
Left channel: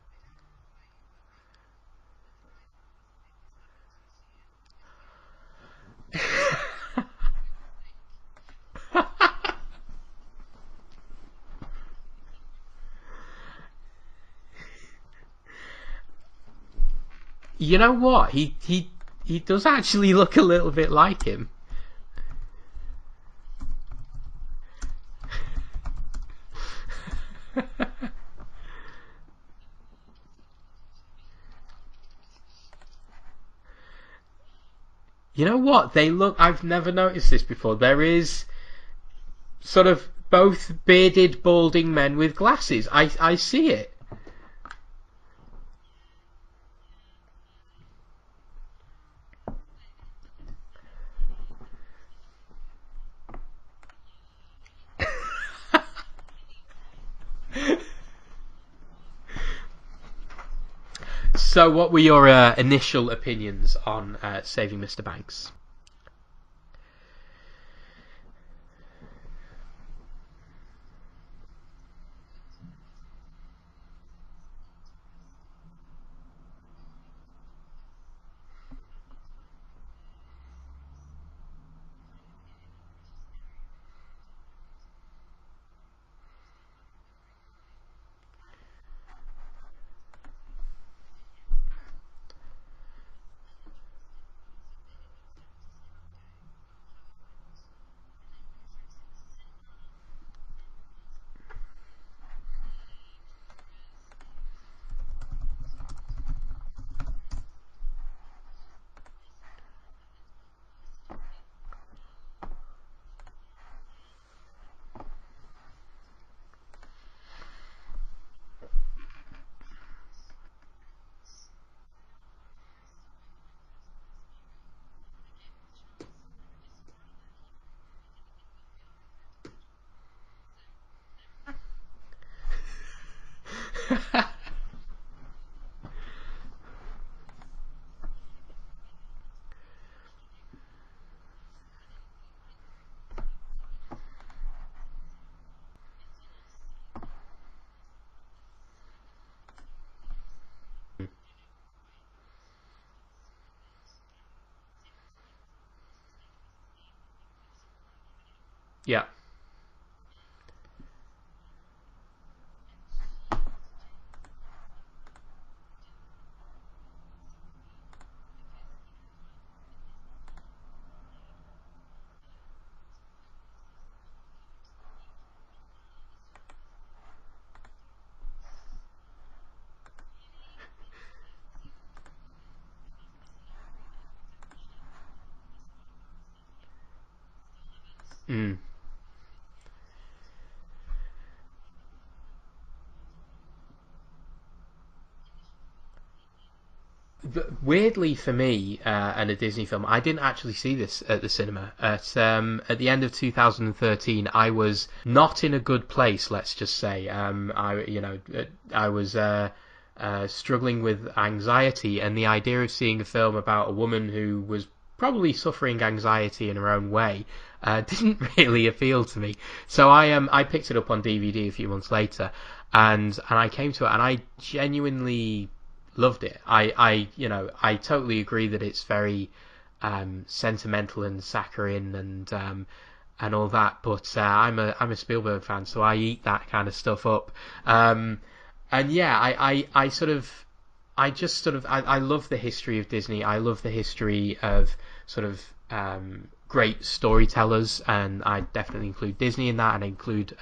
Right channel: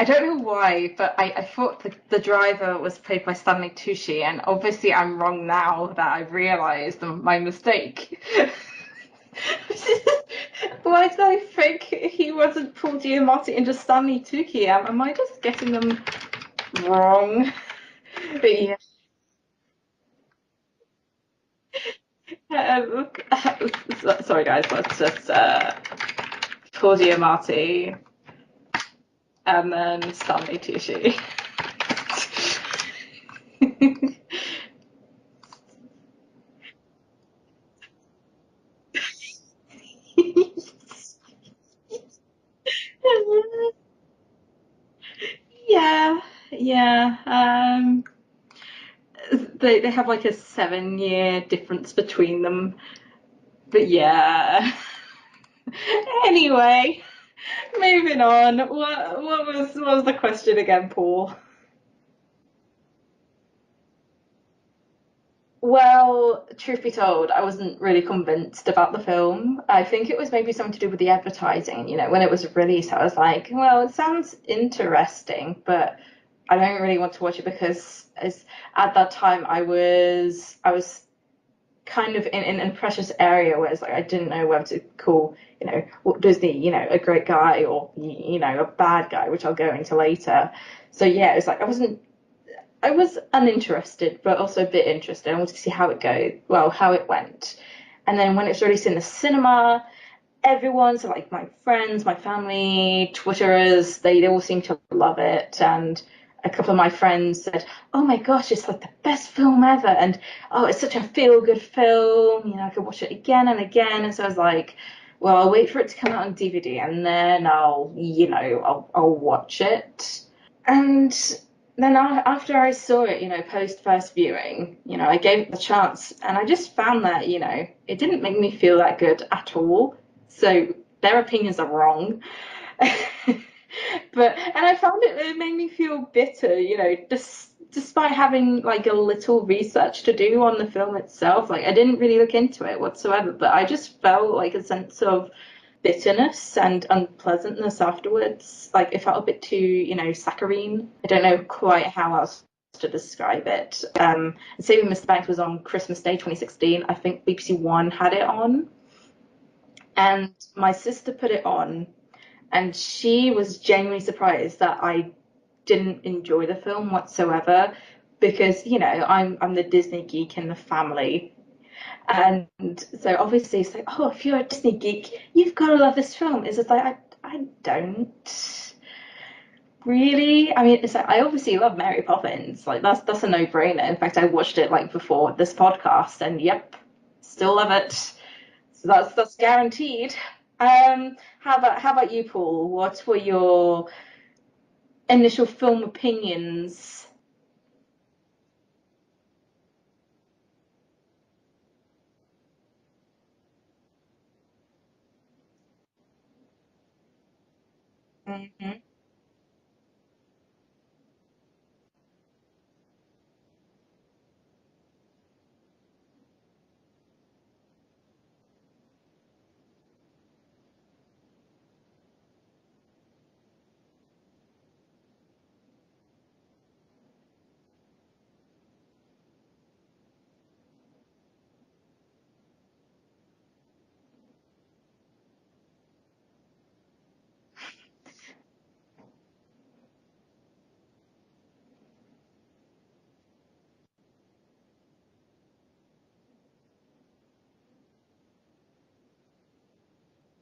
don't know why, but I thought the driver was played by Stanley Tucci, and obviously I'm wrong now that I realised my mistake. Why did I think he wasn't Paul Giamatti and just Stanley Tucci? Am I just getting them wrong? You know what? Yeah. He does actually look a little bit like him. Sorry guys, let's just Paul Giamatti and then Stanley Tucci. You know what? They look... I've never noticed this before. There is sort of both bearded, balding men with glasses. I see it. Yeah. They have like a 7-year difference between them. But yeah. Anyway, moving on. What was the question again, Paul? So, what were your initial opinions on Saving Mr. Banks? Well, truth be told, I wasn't really convinced about the film. I think it was maybe something to do with the advertising. You know, when it was released, I was like, well, it sounds interesting, but I don't really want to watch it because at that time I was kind of in a precious area where it's like I didn't know whether to call, you know, Walt Disney, you know, a great guy or, you know, a bad guy, which I'll go into later. So yeah, it was like I was uninterested, but also a bit interested. I wanted to see how it went. And then when it was released in the cinema, everyone, so like my friends, my family, Twitterers, they all seemed to love it. And a couple of my friends said, "Oh my gosh, it's like the best film ever," and "Oh, it's such a feel-good film. You know, I could watch it again and again." And so I was like, "Well, I'll wait for it to come out on DVD, and then I'll watch it." And then after I saw it, you know, post first viewing, you know, I gave it the chance, and I just found that, you know, it didn't make me feel that good at all. So their opinions are wrong. And I found it made me feel bitter, you know, despite having like a little research to do on the film itself. Like I didn't really look into it whatsoever, but I just felt like a sense of bitterness and unpleasantness afterwards. Like it felt a bit too, you know, saccharine. I don't know quite how else to describe it. Saving Mr. Banks was on Christmas Day 2016. I think BBC One had it on. Yeah. And my sister put it on, and she was genuinely surprised that I didn't enjoy the film whatsoever, because, you know, I'm the Disney geek in the family. And so obviously it's like, oh, if you're a Disney geek, you've got to love this film. It's just like, I don't really. I mean, it's like, I obviously love Mary Poppins. Like that's a no-brainer. In fact, I watched it like before this podcast, and yep, still love it. So that's guaranteed. How about you, Paul? What were your initial film opinions? Weirdly for me, and a Disney film, I didn't actually see this at the cinema. At the end of 2013, I was not in a good place. Let's just say, I was struggling with anxiety, and the idea of seeing a film about a woman who was probably suffering anxiety in her own way didn't really appeal to me. So I picked it up on DVD a few months later, and I came to it, and I genuinely loved it. I totally agree that it's very sentimental and saccharine and all that, but I'm a Spielberg fan, so I eat that kind of stuff up. And yeah, I love the history of Disney. I love the history of sort of great storytellers, and I definitely include Disney in that, and I include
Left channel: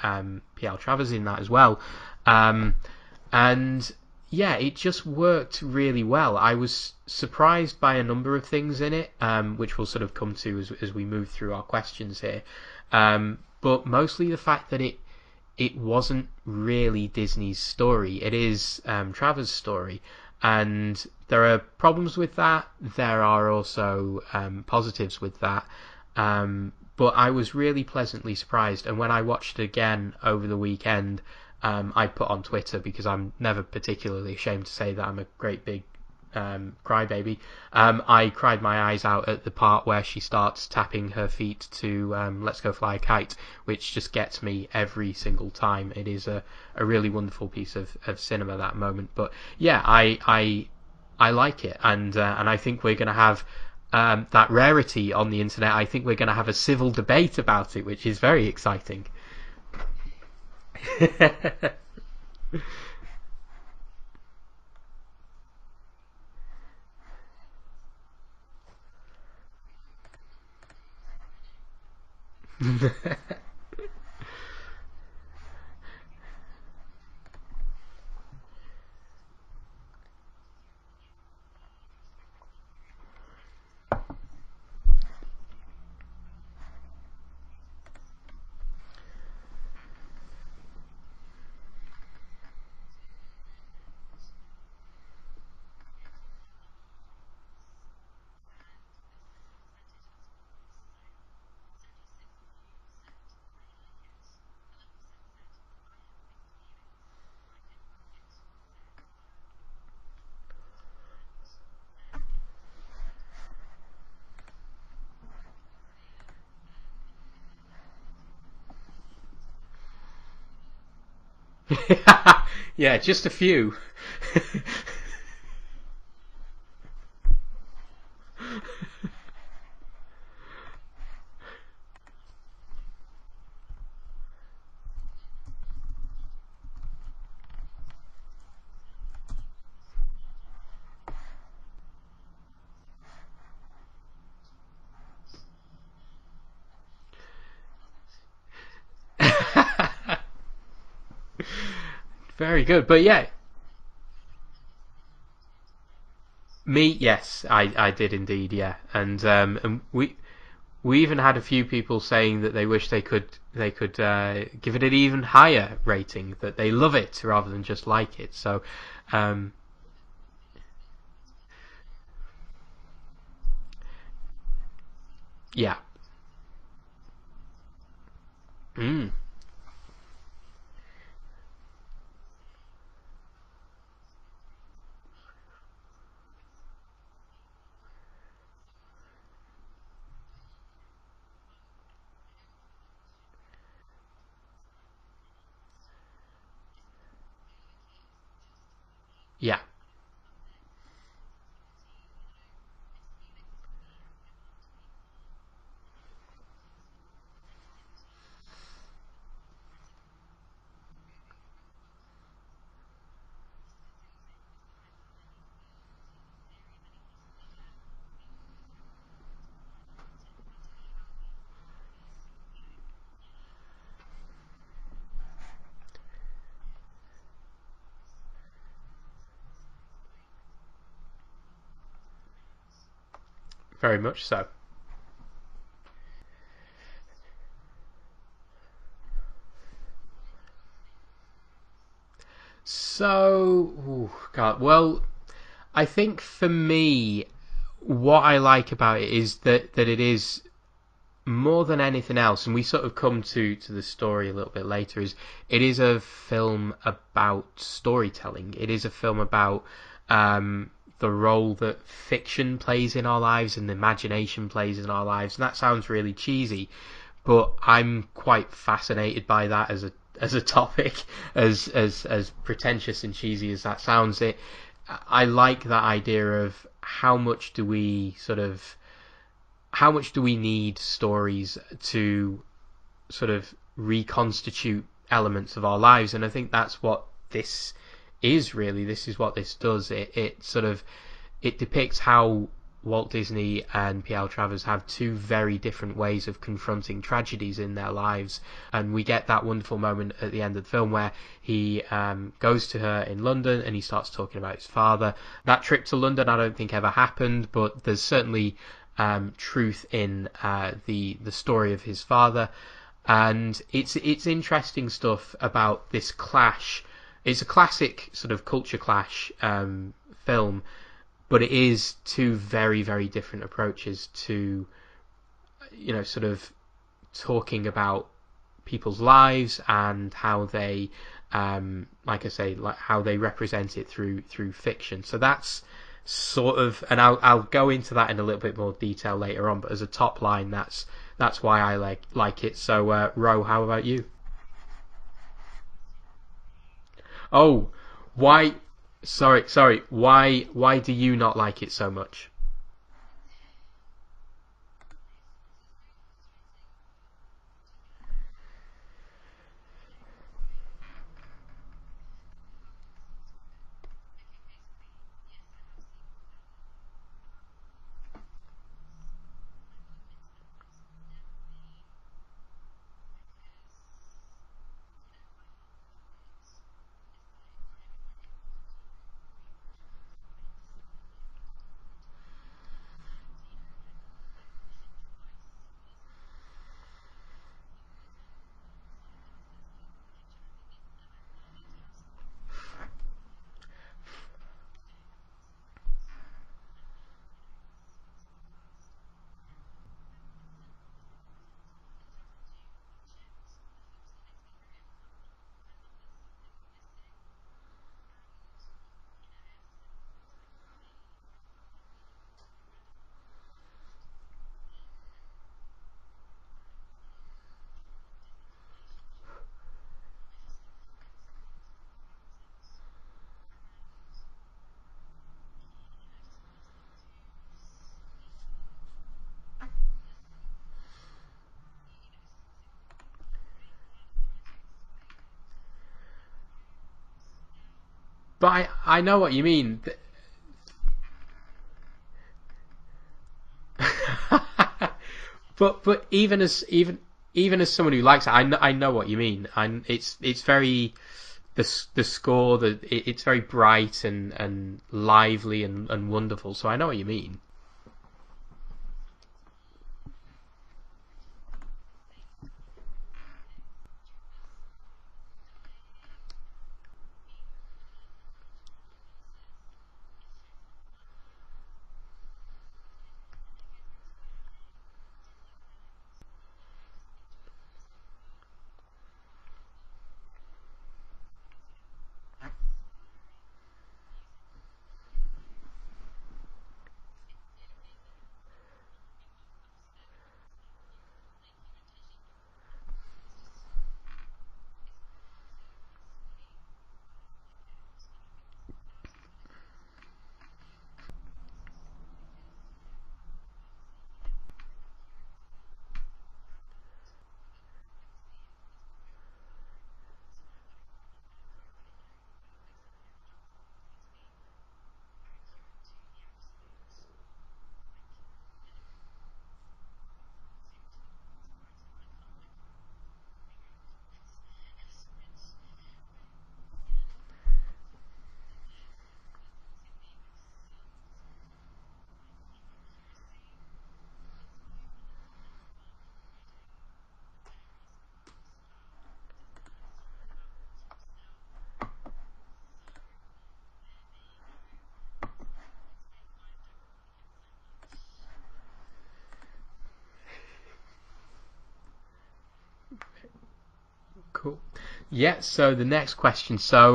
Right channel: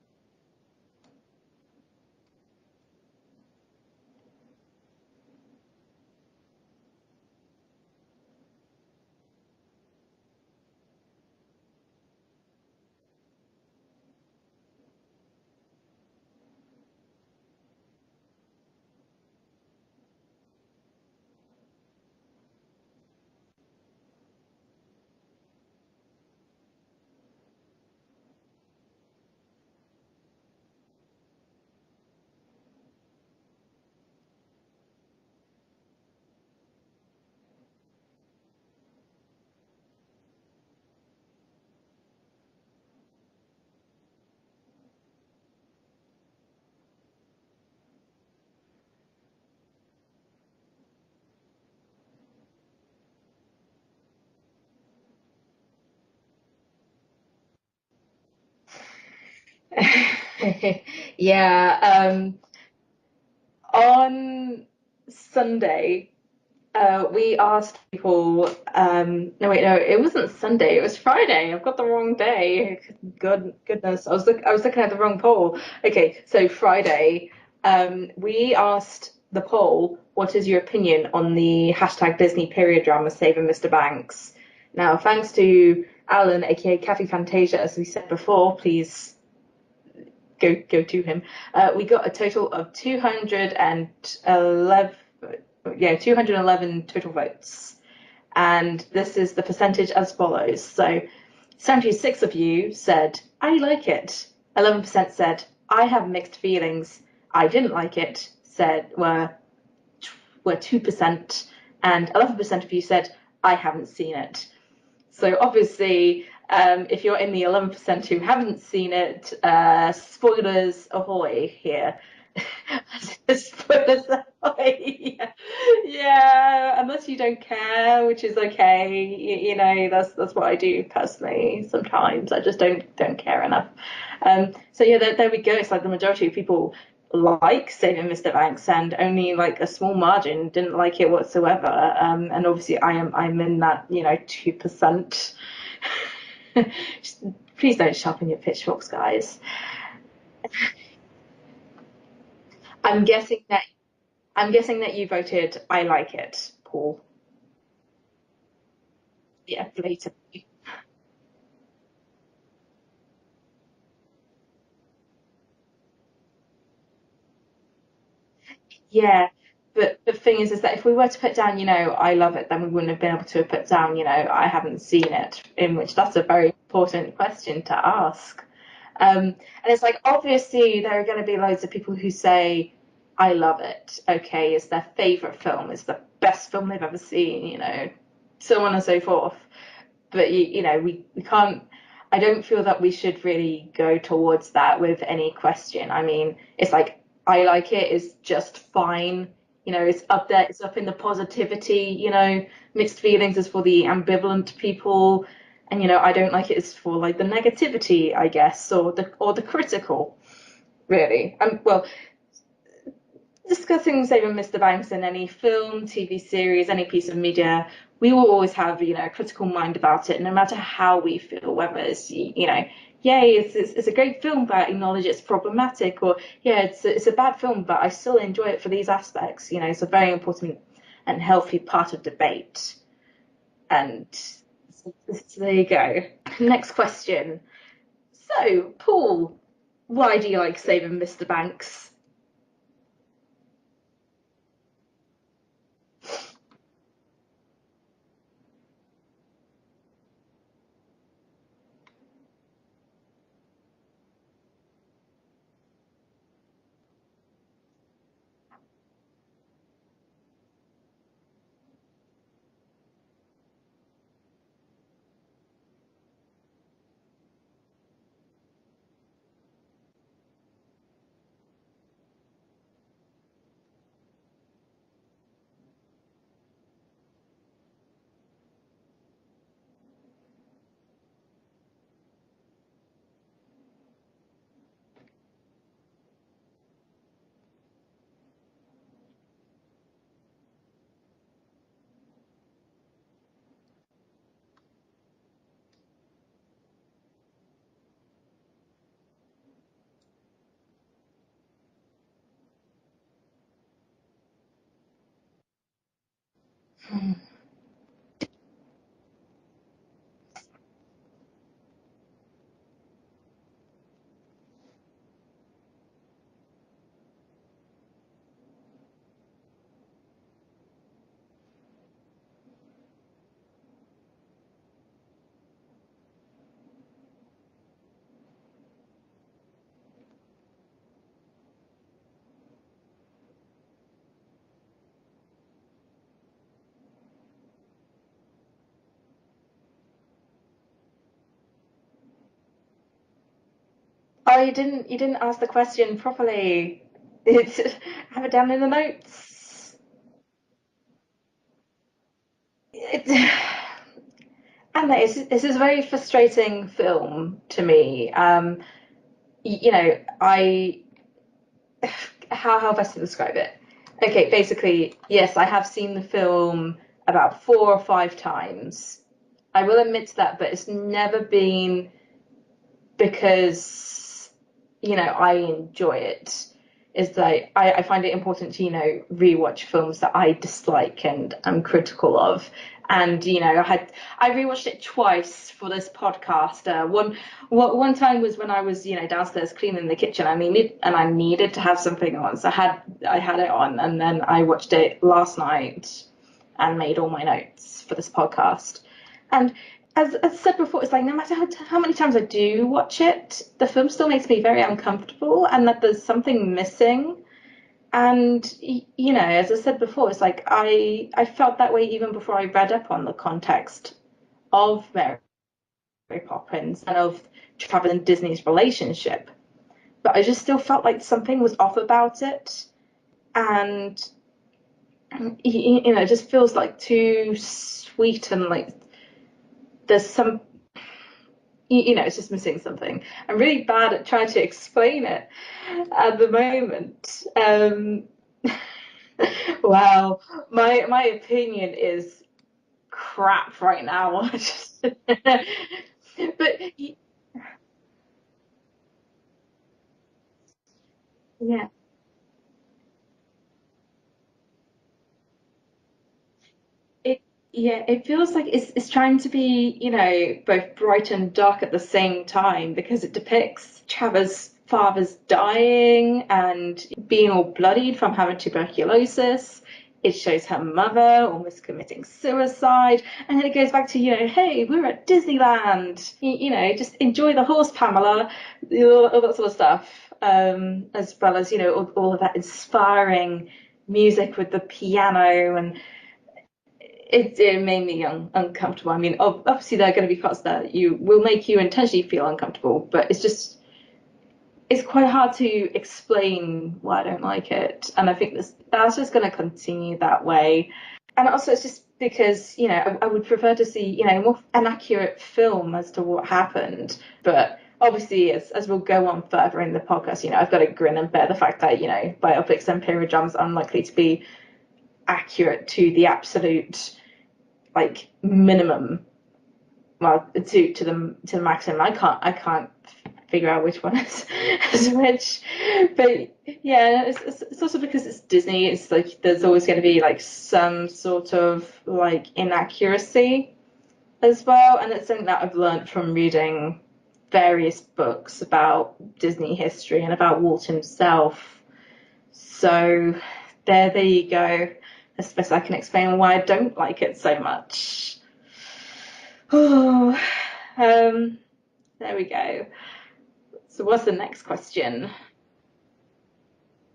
P.L. Travers in that as well. And yeah, it just worked really well. I was surprised by a number of things in it, which we'll sort of come to as we move through our questions here. But mostly the fact that it wasn't really Disney's story. It is Travers' story. And there are problems with that. There are also positives with that. But I was really pleasantly surprised. And when I watched it again over the weekend, I put on Twitter, because I'm never particularly ashamed to say that I'm a great big crybaby. I cried my eyes out at the part where she starts tapping her feet to Let's Go Fly a Kite, which just gets me every single time. It is a really wonderful piece of cinema, that moment. But yeah, I like it, and I think we're going to have that rarity on the internet. I think we're going to have a civil debate about it, which is very exciting. Yeah. On Sunday, we asked people. No, wait, no, it wasn't Sunday. It was Friday. I've got the wrong day. Goodness, I was looking at the wrong poll. Okay, so Friday, we asked the poll, "What is your opinion on the hashtag Disney period drama Saving Mr. Banks?" Now, thanks to Alan, aka Kathy Fantasia, as we said before, please go to him. We got a total of 211 total votes, and this is the percentage as follows. So 76 of you said I like it, 11% said I have mixed feelings, I didn't like it, were 2%, and 11% of you said I haven't seen it. So obviously, if you're in the 11% who haven't seen it, spoilers ahoy here. Yeah, just a few. Spoilers ahoy. Yeah, unless you don't care, which is okay. That's what I do personally. Sometimes I just don't care enough. So yeah, there we go. It's like the majority of people like Saving Mr. Banks, and only like a small margin didn't like it whatsoever. And obviously I'm in that 2%. Just, please don't sharpen your pitchforks, guys. Very good, but yeah. I'm guessing that you voted I like it. Me, yes, I did indeed, yeah. And and we even had a few people saying that they wish they could give it an even higher rating, that they love it rather than just like it. So yeah. But the thing is that if we were to put down, I love it, then we wouldn't have been able to put down, I haven't seen it. In which that's a very important question to ask. And it's like, obviously there are going to be loads of people who say, I love it. Okay, it's their favourite film, it's the best film they've ever seen, so on and so forth. But we can't. I don't feel that we should really go towards that with any question. I mean, it's like, I like it is just fine. Yeah. It's up there. It's up in the positivity. Mixed feelings is for the ambivalent people, and I don't like it is for like the negativity, I guess, or the critical, really. Well, discussing Saving Mr. Banks in any film, TV series, any piece of media, we will always have a critical mind about it, no matter how we feel, whether it's yay, it's a great film, but I acknowledge it's problematic, or yeah, it's a bad film, but I still enjoy it for these aspects. It's a very important and healthy part of debate. And very much so. So there you go. Next question. So, Paul, why do you like Saving Mr. Banks? So, God, well, I think for me, what I like about it is that it is, more than anything else, and we sort of come to the story a little bit later, is it is a film about storytelling. It is a film about the role that fiction plays in our lives and imagination plays in our lives. And that sounds really cheesy, but I'm quite fascinated by that as a topic, as pretentious and cheesy as that sounds. I like that idea of how much do we need stories to sort of reconstitute elements of our lives. And I think that's what this is, really. This is what this does. It depicts how Walt Disney and P.L. Travers have two very different ways of confronting tragedies in their lives. And we get that wonderful moment at the end of the film where he goes to her in London and he starts talking about his father. That trip to London I don't think ever happened, but there's certainly truth in the story of his father. And it's interesting stuff about this clash. It's a classic sort of culture clash film, but it is two very, very different approaches to, sort of talking about people's lives and how they, like I say, like how they represent it through fiction. So that's sort of, and I'll go into that in a little bit more detail later on. But as a top line, that's why I like it. So, Ro, how about you? Oh, you didn't ask the question properly. Oh, Had it why? down in the notes. Sorry. Why do you not like it so much? And this is a very frustrating film to me. I how best to describe it? Okay, basically, yes, I have seen the film about 4 or 5 times. I will admit to that, but it's never been because I enjoy it. Is like I find it important to rewatch films that I dislike and am critical of. And I rewatched it twice for this podcast. One time was when I was downstairs cleaning the kitchen. I needed to have something on, so I had it on, and then I watched it last night and made all my notes for this podcast. And as I said before, it's like no matter how many times I do watch it, the film still makes me very uncomfortable, and that there's something missing. And as I said before, it's like I felt that way even before I read up on the context of Mary Poppins and of Travers and Disney's relationship. But I just still felt like something was off about it, and it just feels like too sweet, and like there's some it's just missing something. I'm really bad at trying to explain it at the moment. But I know what you mean. Well, my opinion is crap right now. but even as someone who likes it, I know what you mean. It's very the score, it's very bright and lively and wonderful. So I know what you mean. It feels like it's trying to be both bright and dark at the same time, because it depicts Travers' father's dying and being all bloodied from having tuberculosis. It shows her mother almost committing suicide, and then it goes back to hey, we're at Disneyland, just enjoy the horse, Pamela, all that sort of stuff, as well as all of that inspiring music with the piano, and it made me uncomfortable. I mean, obviously there are going to be parts that will make you intentionally feel uncomfortable, but it's quite hard to explain why I don't like it, and I think that's just going to continue that way. And also, it's just because I would prefer to see more an accurate film as to what happened. But obviously, as we'll go on further in the podcast, I've got to grin and bear the fact that biopics and period dramas are unlikely to be accurate to the absolute minimum. Well, to the maximum. I can't figure out which one is which, but yeah, it's also because it's Disney. It's like there's always going to be some sort of inaccuracy as well, and it's something that I've learned from reading various books about Disney history and about Walt himself. So there you go. As best I can explain why I don't like it so much. Oh, there we go. So what's the next question? Yeah, so the next question. So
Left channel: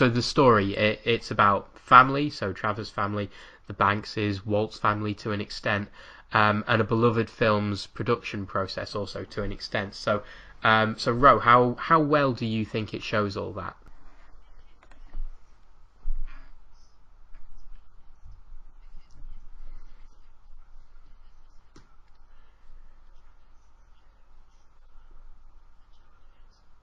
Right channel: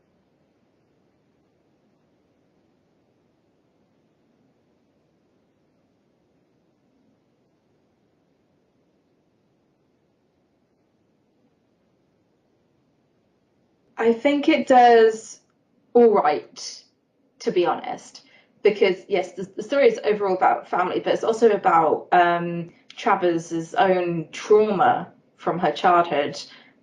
the story, it's about family, so Travers' family, the Bankses, Walt's family to an extent, and a beloved film's production process also to an extent. So Ro, how well do you think it shows all that? I think it does all right, to be honest, because yes, the story is overall about family, but it's also about Travers' own trauma from her childhood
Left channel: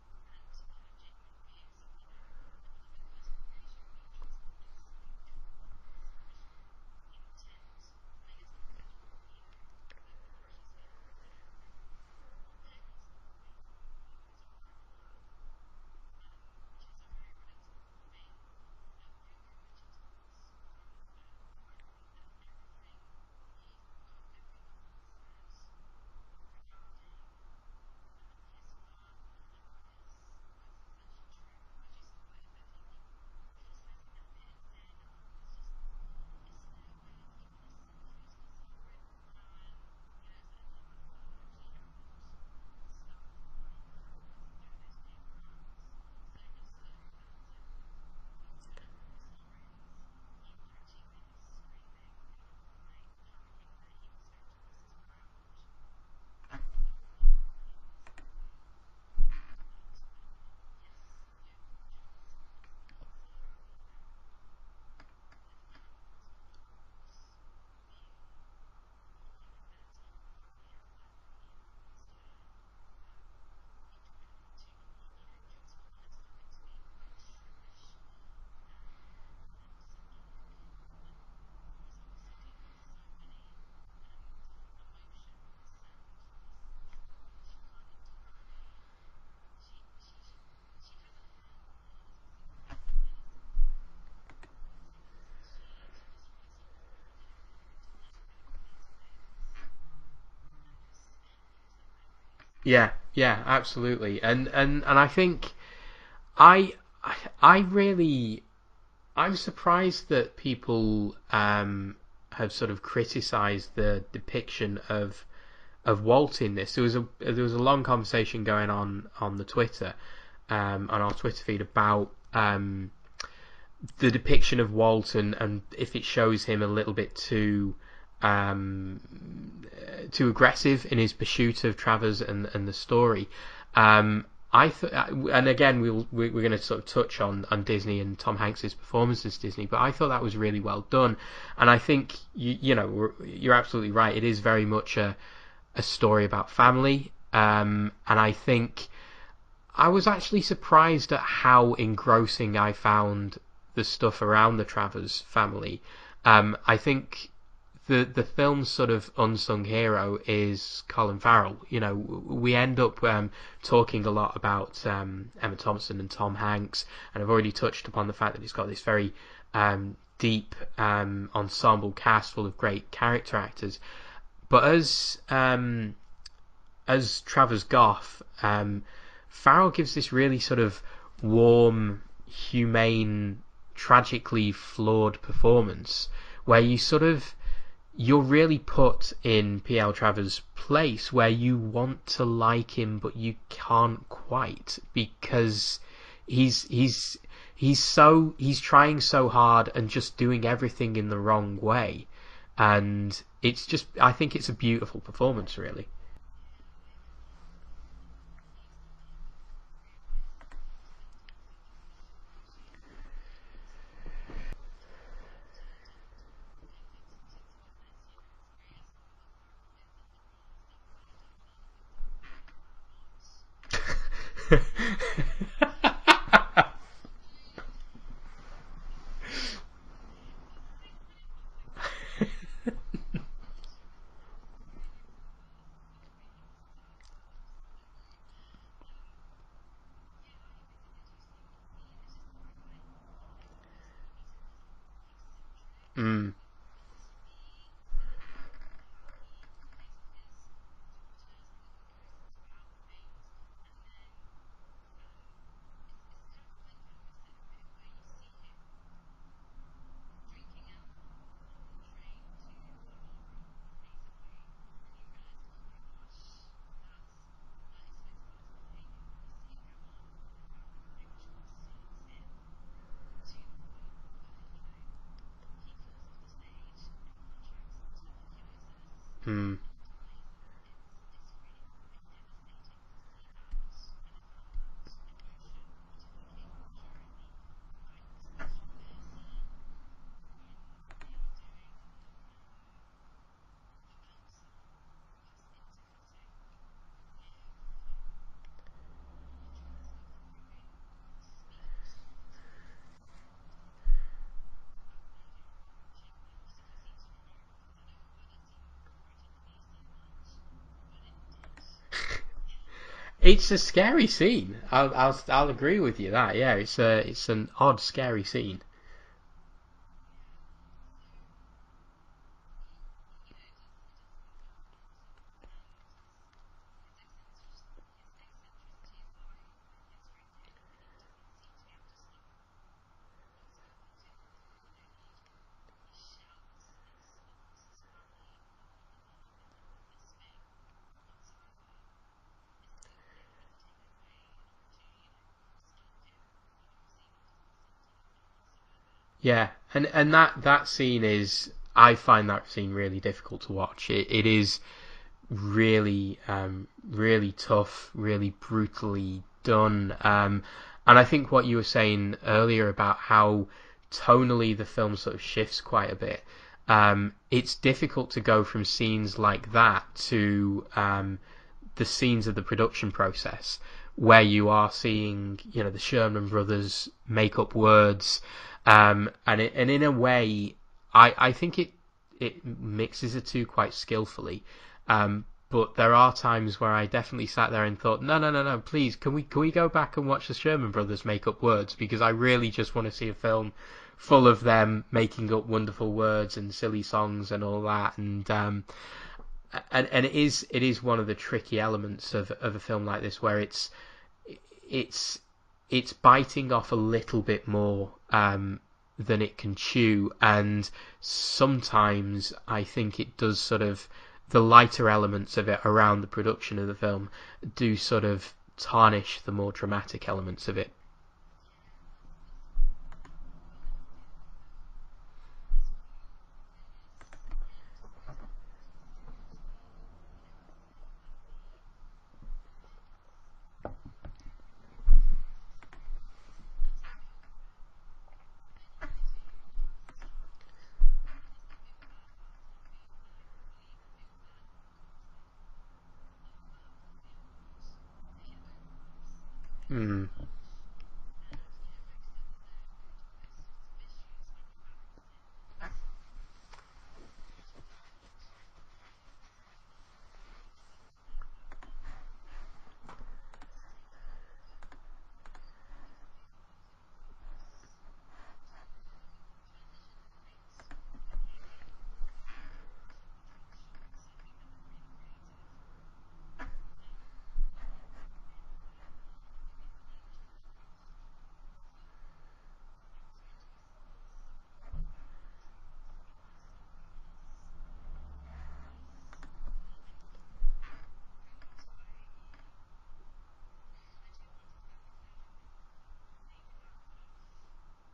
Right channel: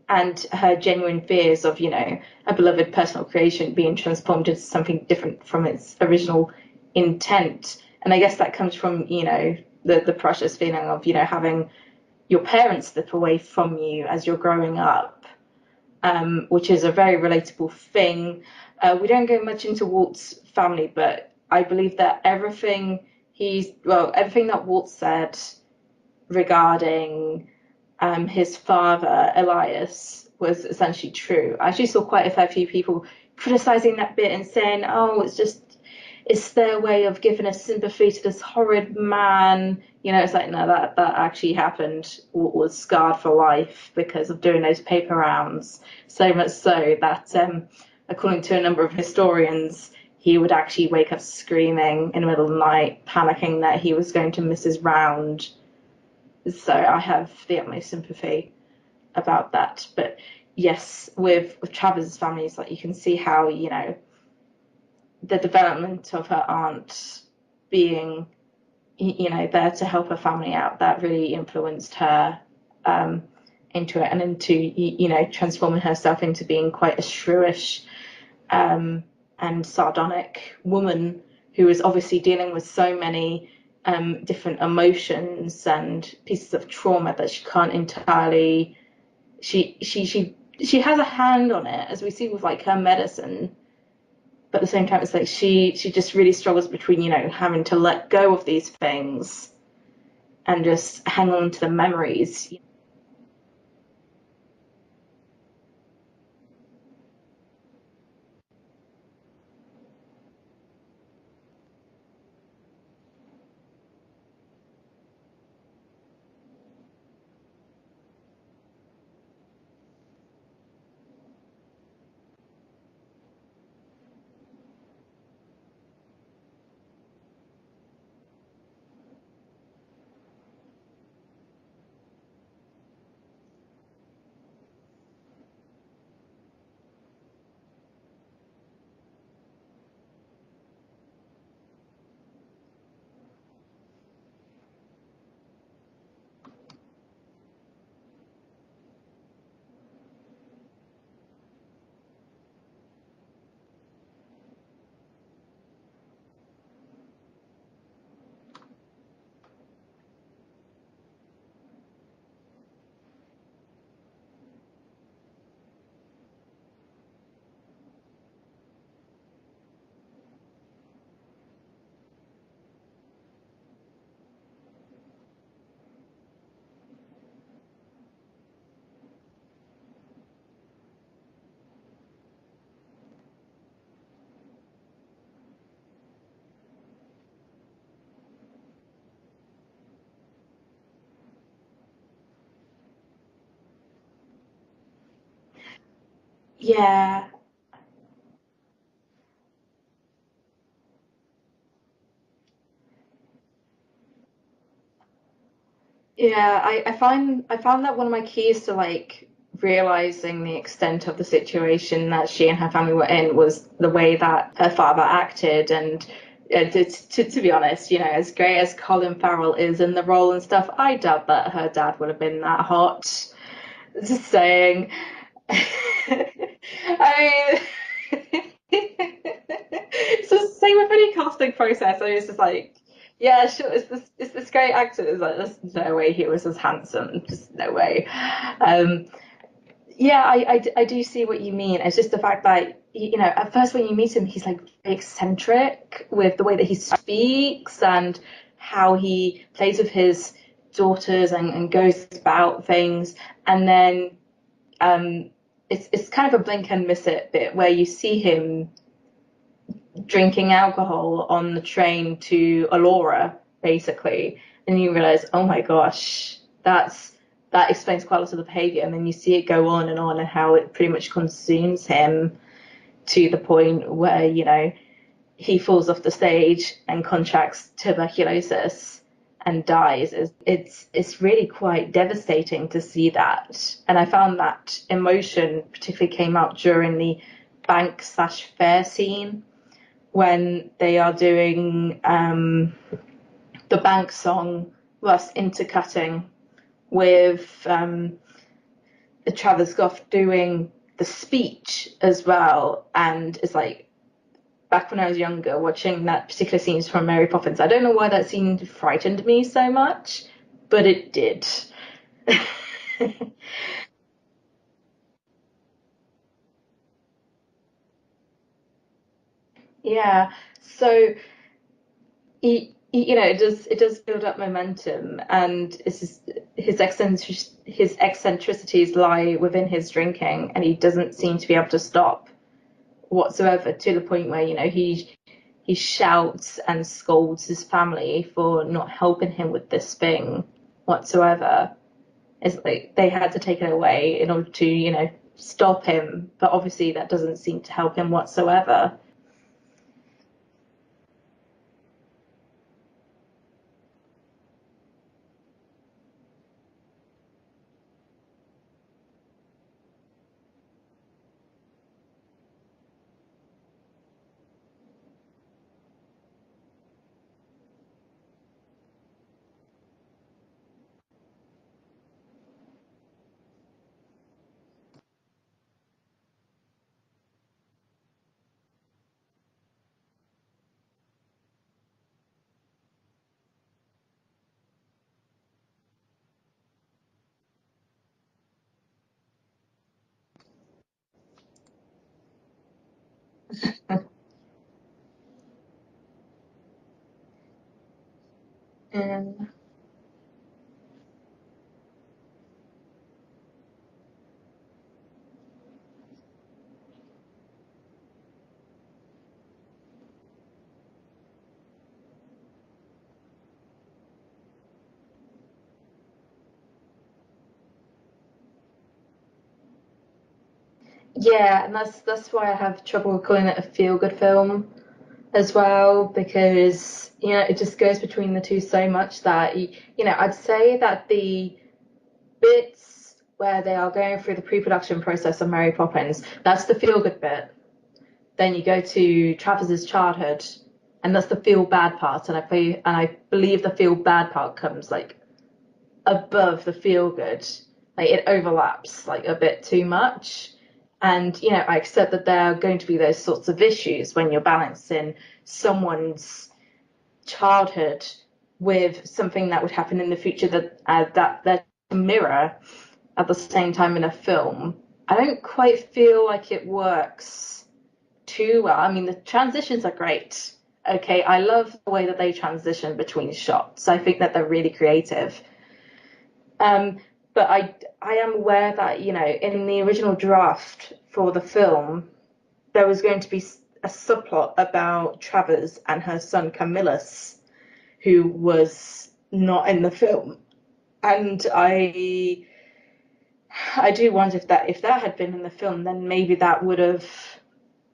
and her genuine fears of a beloved personal creation being transformed into something different from its original intent. And I guess that comes from the precious feeling of having your parents slip away from you as you're growing up, which is a very relatable thing. We don't go much into Walt's family, but I believe that everything that Walt said regarding his father, Elias, was essentially true. I actually saw quite a fair few people criticizing that bit and saying, oh, it's just, it's their way of giving us sympathy to this horrid man. You know, it's like, no, that actually happened, was scarred for life because of doing those paper rounds. So much so that, according to a number of historians, he would actually wake up screaming in the middle of the night, panicking that he was going to miss his round. So I have the utmost sympathy about that. But yes, with Travers' family, it's like you can see how, you know, the development of her aunt being, you know, there to help her family out, that really influenced her into it, and into, you know, transforming herself into being quite a shrewish and sardonic woman who is obviously dealing with so many different emotions and pieces of trauma that she can't entirely, she has a hand on it, as we see with like her medicine, but at the same time it's like she just really struggles between, you know, having to let go of these things and just hang on to the memories. Yeah, absolutely. And I think I really, I'm surprised that people have sort of criticised the depiction of Walt in this. There was a long conversation going on the Twitter, on our Twitter feed, about the depiction of Walt, and if it shows him a little bit too aggressive in his pursuit of Travers and the story. And again, we're going to sort of touch on Disney and Tom Hanks's performance as Disney, but I thought that was really well done. And I think you know, you're absolutely right. It is very much a story about family, and I think I was actually surprised at how engrossing I found the stuff around the Travers family. I think the film's sort of unsung hero is Colin Farrell. You know, we end up talking a lot about Emma Thompson and Tom Hanks, and I've already touched upon the fact that he's got this very deep ensemble cast full of great character actors. But as Travers Goff, Farrell gives this really sort of warm, humane, tragically flawed performance where you're really put in P.L. Travers' place, where you want to like him but you can't quite, because he's trying so hard and just doing everything in the wrong way, and it's just, I think it's a beautiful performance, really. Yeah, I found that one of my keys to like realizing the extent of the situation that she and her family were in was the way that her father acted. And to be honest, you know, as great as Colin Farrell is in the role and stuff, I doubt that her dad would have been that hot. Just saying. I mean, it's the same with any casting process. I mean, it's just like, yeah, sure, it's this great actor. It's like, there's no way he was as handsome. Just no way. Yeah, I do see what you mean. It's just the fact that, you know, at first when you meet him, he's like very eccentric with the way that he speaks and how he plays with his daughters and goes about things. And then it's kind of a blink and miss it bit where you see him drinking alcohol on the train to Alora, basically, and you realize, oh my gosh, that explains quite a lot of the behavior. And then you see it go on and how it pretty much consumes him to the point where, you know, he falls off the stage and contracts tuberculosis and dies. It's really quite devastating to see that. And I found that emotion particularly came out during the bank/fair scene when they are doing the bank song, thus intercutting with Travis Goff doing the speech as well. And it's like, back when I was younger, watching that particular scene from Mary Poppins, I don't know why that scene frightened me so much, but it did. It's a scary scene. I'll agree with you that. Yeah, it's an odd, scary scene. Yeah. So you know, it does build up momentum, and his eccentricities lie within his drinking, and he doesn't seem to be able to stop whatsoever, to the point where, you know, he he shouts and scolds his family for not helping him with this thing whatsoever. It's like they had to take it away in order to, stop him. But obviously that doesn't seem to help him whatsoever. Yeah, and that scene is, I find that scene really difficult to watch. It is really really tough, really brutally done. And I think what you were saying earlier about how tonally the film sort of shifts quite a bit. It's difficult to go from scenes like that to the scenes of the production process where you are seeing, the Sherman brothers make up words, and in a way, I think it mixes the two quite skillfully. But there are times where I definitely sat there and thought, no, please, can we go back and watch the Sherman brothers make up words? Because I really just want to see a film full of them making up wonderful words and silly songs and all that. And it is one of the tricky elements of a film like this, where it's biting off a little bit more than it can chew, and sometimes I think it does sort of, the lighter elements of it around the production of the film do sort of tarnish the more dramatic elements of it. Yeah, and that's why I have trouble calling it a feel-good film as well, because it just goes between the two so much that I'd say that the bits where they are going through the pre-production process of Mary Poppins, that's the feel-good bit. Then you go to Travis's childhood, and that's the feel bad part, and I believe the feel bad part comes like above the feel good. Like it overlaps like a bit too much. And I accept that there are going to be those sorts of issues when you're balancing someone's childhood with something that would happen in the future that they're a mirror at the same time in a film. I don't quite feel like it works too well. I mean, the transitions are great. Okay, I love the way that they transition between shots. I think that they're really creative. But I am aware that, in the original draft for the film, there was going to be a subplot about Travers and her son Camillus, who was not in the film. And I do wonder if that had been in the film, then maybe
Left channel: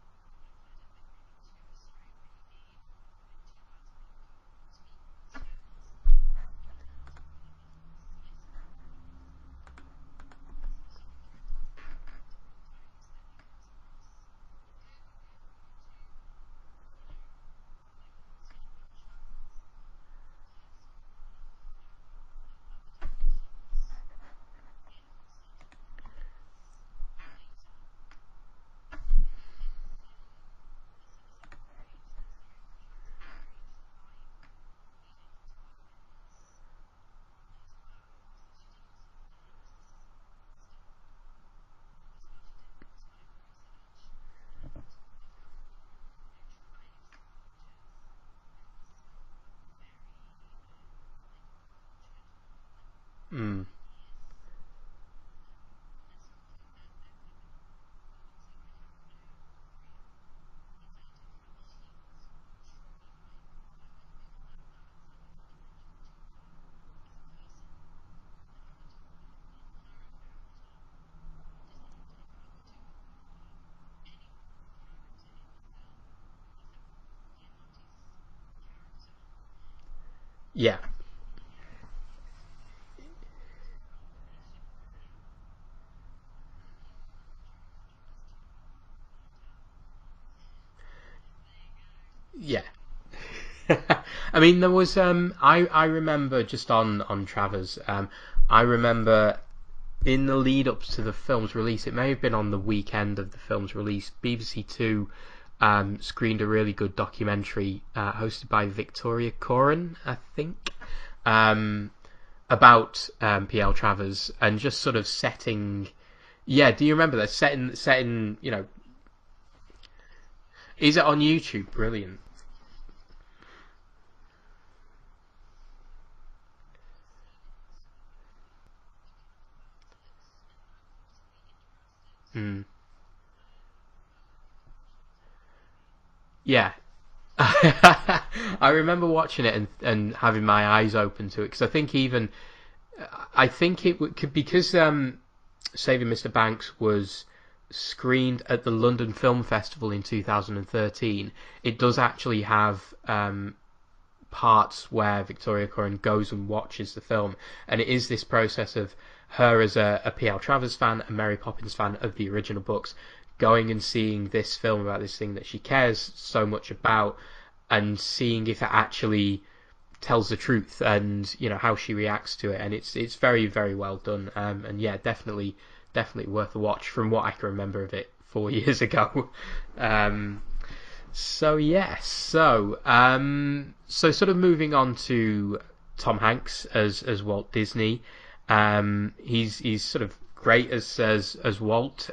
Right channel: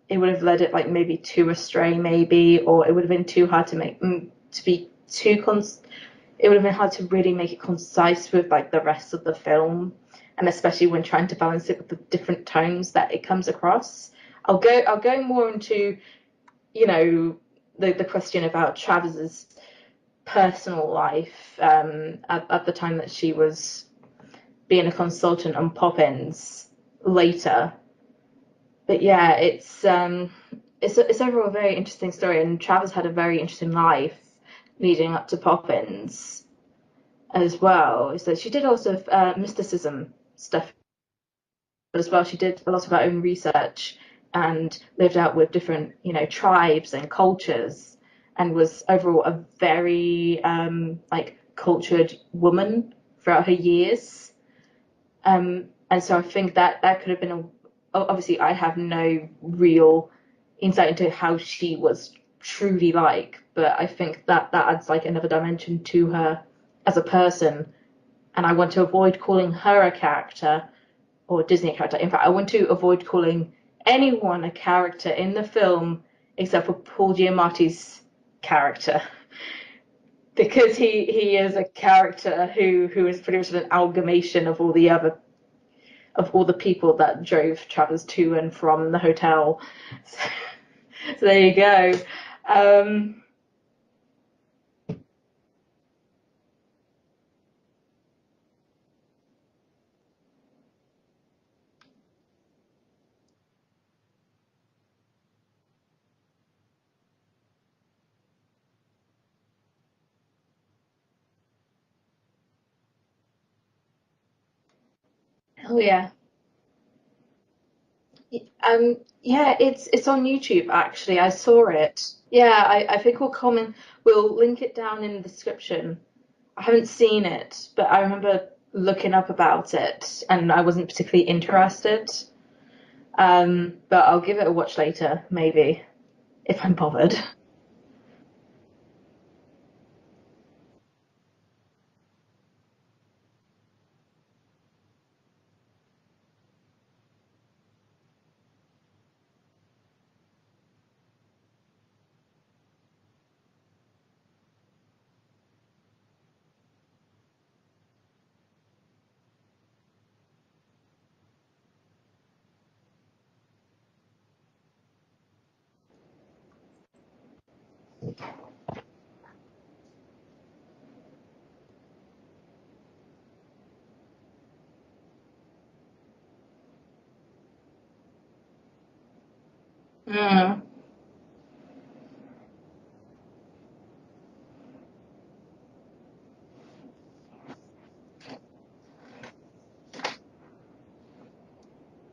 it would have led it like maybe too astray, maybe, or it would have been too hard to make it would have been hard to really make it concise with like the rest of the film, and especially when trying to balance it with the different tones that it comes across. I'll go more into the question about Travis's personal life at the time that she was being a consultant on Poppins later. But yeah, it's overall a very interesting story, and Travers had a very interesting life leading up to Poppins as well. So she did a lot of mysticism stuff as well. She did a lot of her own research and lived out with different, tribes and cultures, and was overall a very cultured woman throughout her years. And so I think that could have been obviously I have no real insight into how she was truly like, but I think that adds like another dimension to her as a person, and I want to avoid calling her a character or Disney character. In fact, I want to avoid calling anyone a character in the film except for Paul Giamatti's character, because he is a character who is pretty much an amalgamation of all the people that drove Travers to and from the hotel. So there you go. Yeah. I mean, there was I remember just on Travers, I remember in the lead up to the film's release, it may have been on the weekend of the film's release, BBC Two screened a really good documentary hosted by Victoria Coren, I think, about P.L. Travers, and just sort of setting. Oh yeah. Yeah, do you remember that? Setting, Yeah, it's on YouTube actually. Is it on I YouTube? saw it. Brilliant. Yeah, I think we'll link it down in the description. I haven't seen it, but I remember looking up about it, and I wasn't particularly interested. But I'll give it a watch later, maybe. if Yeah. I'm bothered. I remember watching it and having my eyes open to it, because I think it could, because Saving Mr. Banks was screened at the London Film Festival in 2013. It does actually have parts where Victoria Curran goes and watches the film, and it is this process of her as a P.L. Travers fan, a Mary Poppins fan of the original books, going and seeing this film about this thing that she cares so much about, and seeing if it actually tells the truth, and how she reacts to it. And it's very, very well done, and yeah, definitely worth a watch from what I can remember of it 4 years ago. So yes, so sort of moving on to Tom Hanks as Walt Disney. He's sort of great as Walt,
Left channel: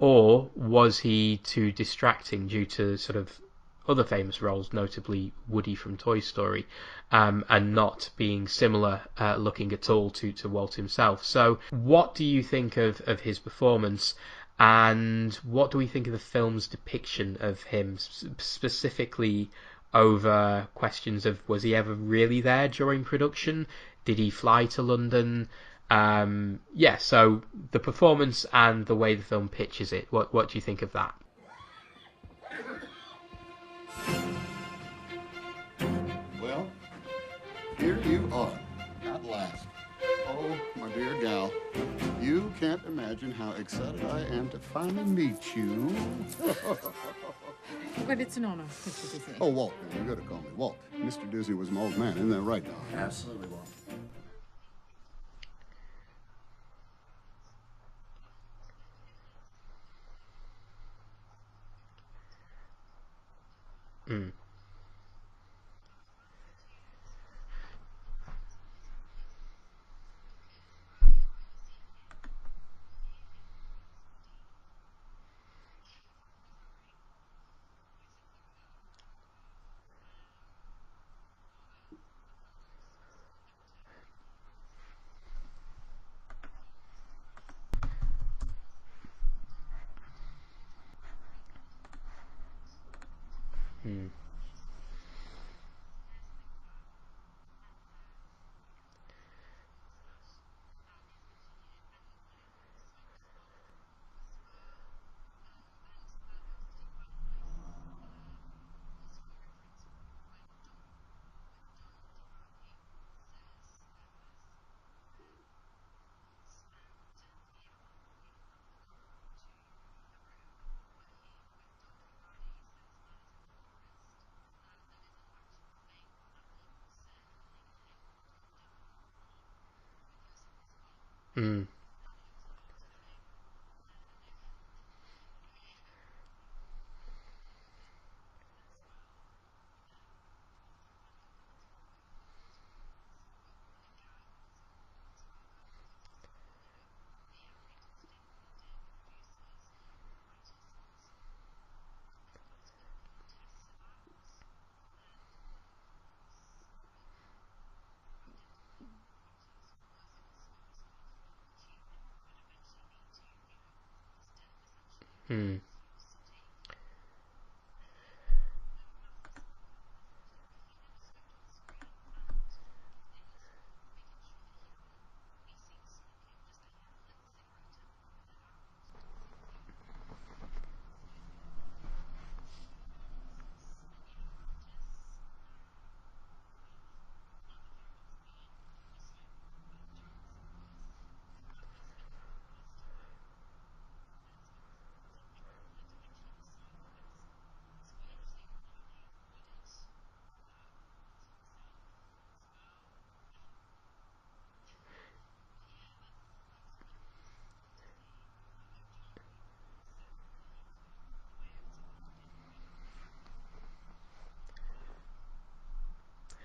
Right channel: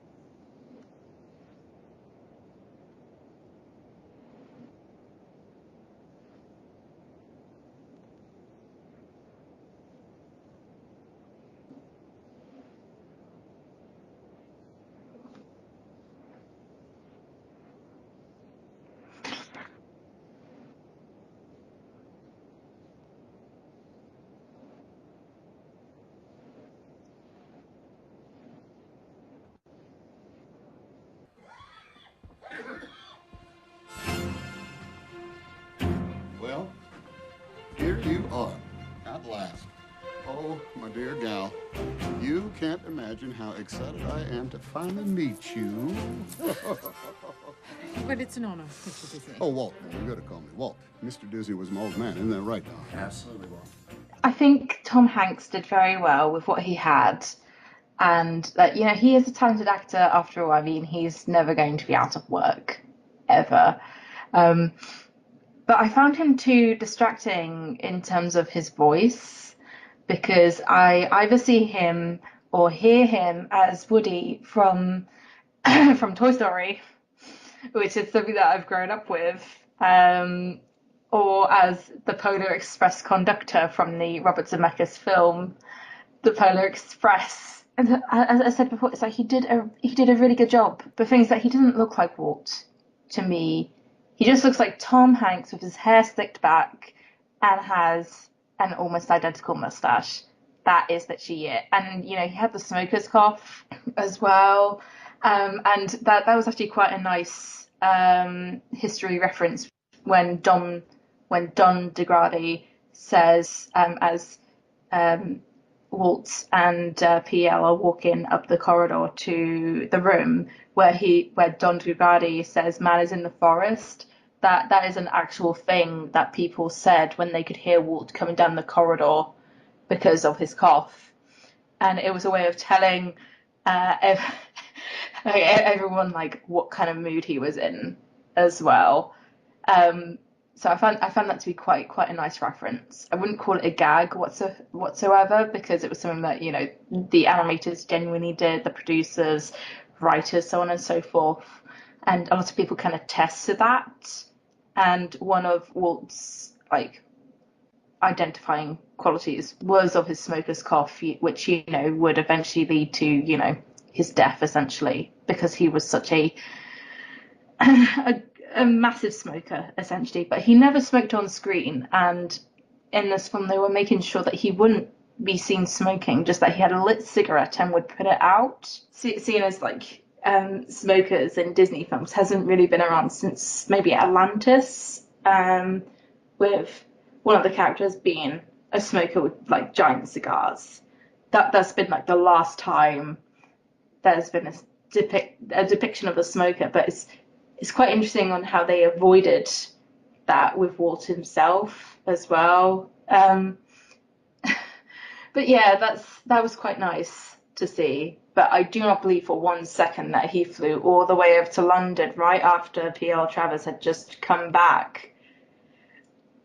or was he too distracting due to sort of other famous roles, notably Woody from Toy Story, and not being similar looking at all to Walt himself? So what do you think of his performance, and what do we think of the film's depiction of him, specifically over questions of, was he ever really there during production? Did he fly to London? So the performance and the way the film pitches it, what do you think of that? Well, here you are, at last. Oh, my dear gal, you can't imagine how excited I am to finally meet you. But it's an honor, Mr. Disney. Oh, Walt, man, you gotta call me Walt. Mr. Disney was my old man, isn't that right, Don? Absolutely, Walt. I think Tom Hanks did very well with what he had, and that he is a talented actor after all. I mean, he's never going to be out of work, ever. But I found him too distracting in terms of his voice, because I either see him or hear him as Woody from from Toy Story, which is something that I've grown up with, or as the Polar Express conductor from the Robert Zemeckis film, The Polar Express. And as I said before, it's like he did a really good job. But things that he didn't look like Walt to me. He just looks like Tom Hanks with his hair slicked back and has an almost identical mustache. That is literally it. And he had the smoker's cough as well. And that was actually quite a nice history reference when Don DeGrady says, as Walt and PL are walking up the corridor to the room where Don DeGrady says man is in the forest, that is an actual thing that people said when they could hear Walt coming down the corridor because of his cough. And it was a way of telling everyone what kind of mood he was in as well. So I found that to be quite a nice reference. I wouldn't call it a gag whatsoever, because it was something that the animators genuinely did, the producers, writers, so on and so forth, and a lot of people kind of test to that. And one of Walt's identifying qualities was of his smoker's cough, which would eventually lead to his death, essentially, because he was such a massive smoker, essentially. But he never smoked on screen, and in this film they were making sure that he wouldn't be seen smoking, just that he had a lit cigarette and would put it out. Seeing as smokers in Disney films hasn't really been around since maybe Atlantis, with one of the characters being a smoker with giant cigars. That's been the last time there's been a depiction of a smoker. But it's quite interesting on how they avoided that with Walt himself as well. But yeah, that was quite nice to see. But I do not believe for 1 second that he flew all the way up to London right after P.L. Travers had just come back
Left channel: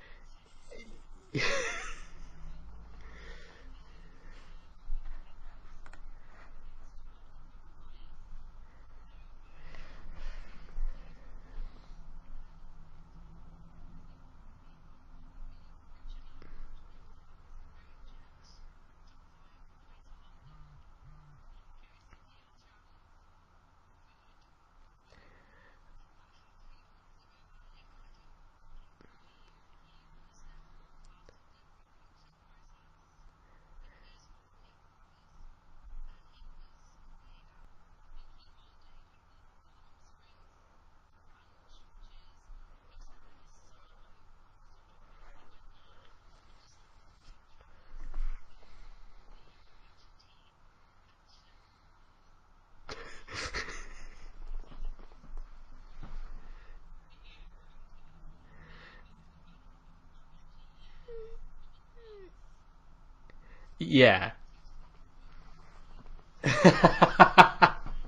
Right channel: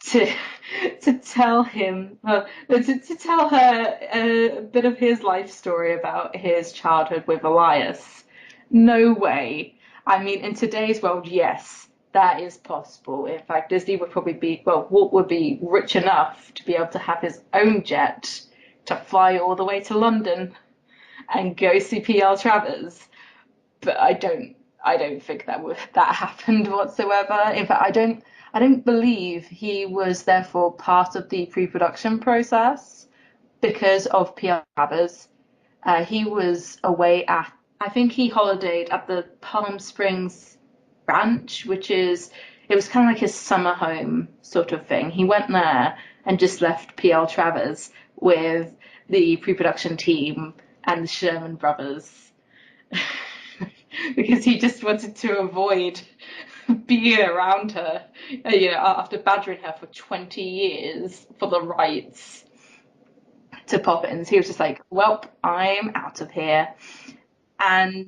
to tell him, to tell her a bit of his life story about his childhood with Elias. No way. I mean, in today's world, yes, that is possible. In fact, Disney would probably Walt would be rich enough to be able to have his own jet to fly all the way to London and go see P.L. Travers. But I I don't think that happened whatsoever. In fact, I don't believe he was therefore part of the pre-production process because of P.L. Travers. He was away at, I think he holidayed at the Palm Springs Ranch, it was kind of like his summer home sort of thing. He went there and just left P.L. Travers with the pre-production team and the Sherman brothers because he just wanted to avoid being around her, after badgering her for 20 years for the rights to Poppins. Yeah. He was just like, "Welp, I'm out of here." And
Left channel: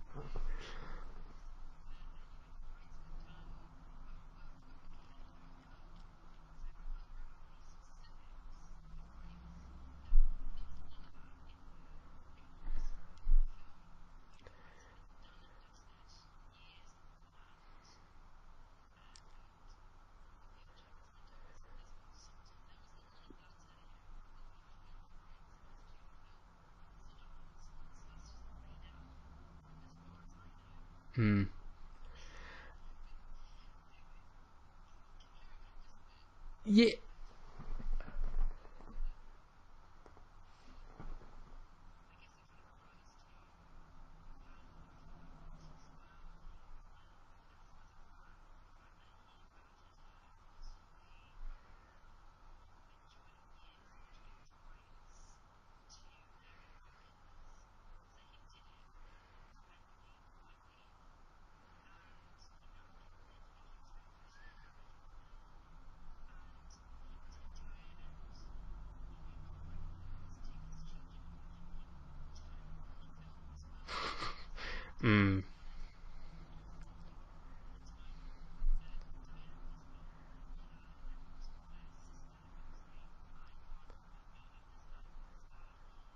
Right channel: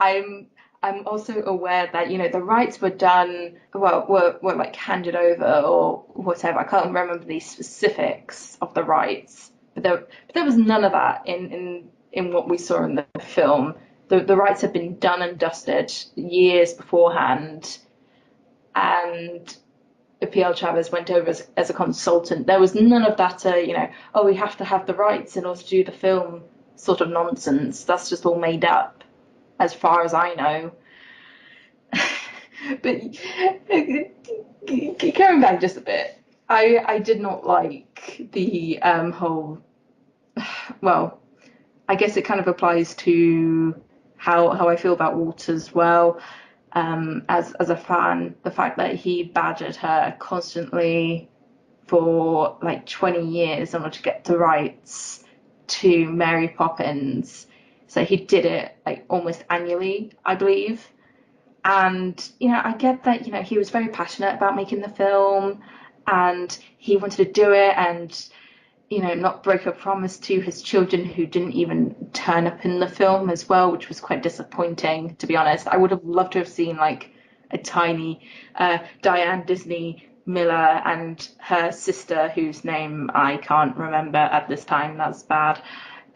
I'm I'm also aware that the rights were done, well, were like handed over or whatever. I can't remember the specifics of the rights, but there was none of that in what we saw in the film. The rights had been done and dusted years beforehand, and PL Travers went over as a consultant. There was none of that, oh, we have to have the rights in order to do the film sort of nonsense. That's just all made up, as far as I know. Hmm. But going back just a bit, I Yeah. I did not like the whole. Well, I guess it kind of applies to how I feel about Walt as well. As a fan, the fact that he badgered her constantly for like 20 years in order to get the rights to Mary Poppins. So he did it like almost annually, I believe. And, I get that, he was very passionate about making the film and he wanted to do it and, not break a promise to his children who didn't even turn up in the film as well, which was quite disappointing, to be Hmm. honest. I would have loved to have seen like a tiny Diane Disney Miller and her sister, whose name I can't remember at this time. That's bad.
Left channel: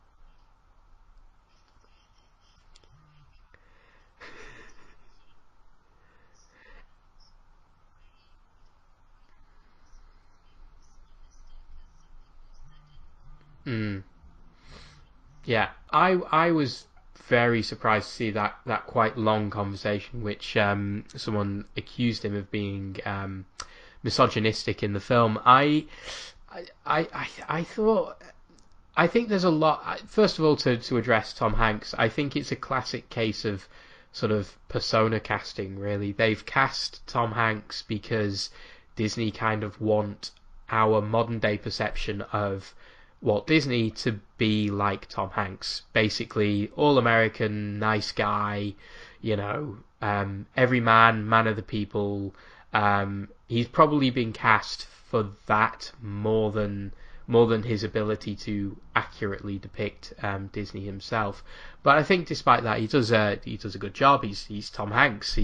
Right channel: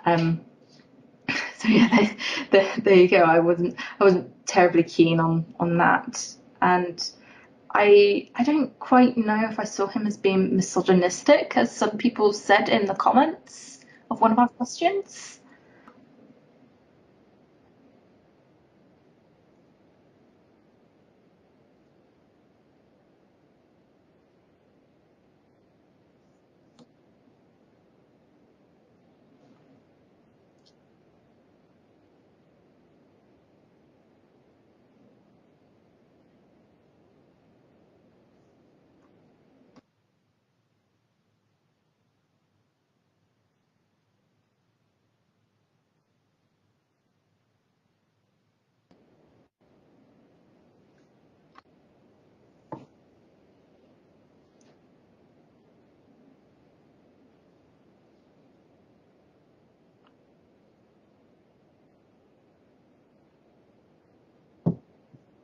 Um, so yeah, there you go. I wasn't terribly keen on that, and I don't quite know if I saw him as being misogynistic, as some people said in the comments Hmm. of one of our questions. Yeah, I was very surprised to see that quite long conversation, which someone accused him of being misogynistic in the film. I thought. I think there's a lot. First of all, to address Tom Hanks, I think it's a classic case of sort of persona casting. Really, they've cast Tom Hanks because Disney kind of want our modern day perception of Walt Disney to be like Tom Hanks, basically all American, nice guy, every man of the people. He's probably been cast for that more than his ability to accurately depict Disney himself. But I think despite that, he does a good job. He's Tom Hanks.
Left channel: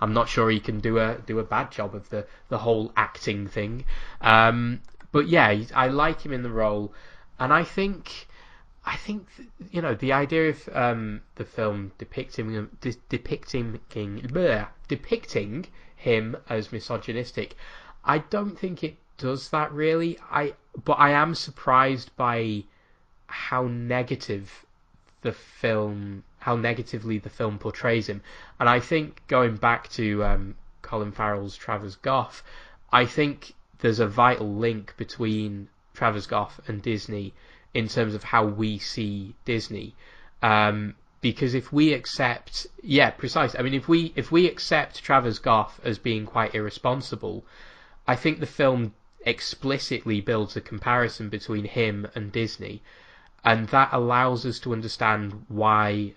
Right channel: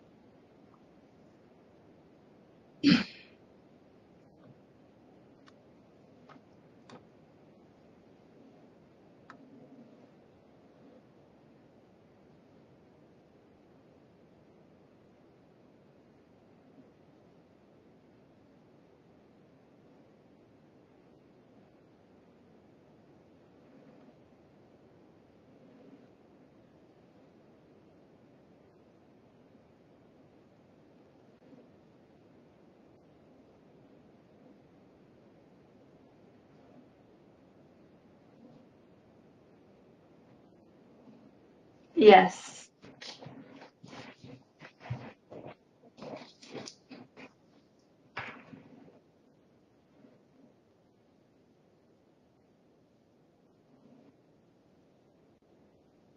I'm not sure he can do a bad job of the whole acting thing. But yeah, I like him in the role, and I think the idea of the film depicting him as misogynistic, I don't think it does that really. But I am surprised by how negatively the film portrays him, and I think going back to Colin Farrell's Travers Goff, I think there's a vital link between Travers Goff and Disney in terms of how we see Disney. Because if we Yes. accept, yeah, precisely. I mean, if we accept Travers Goff as being quite irresponsible, I think the film explicitly builds a comparison between him and Disney, and that allows us to understand why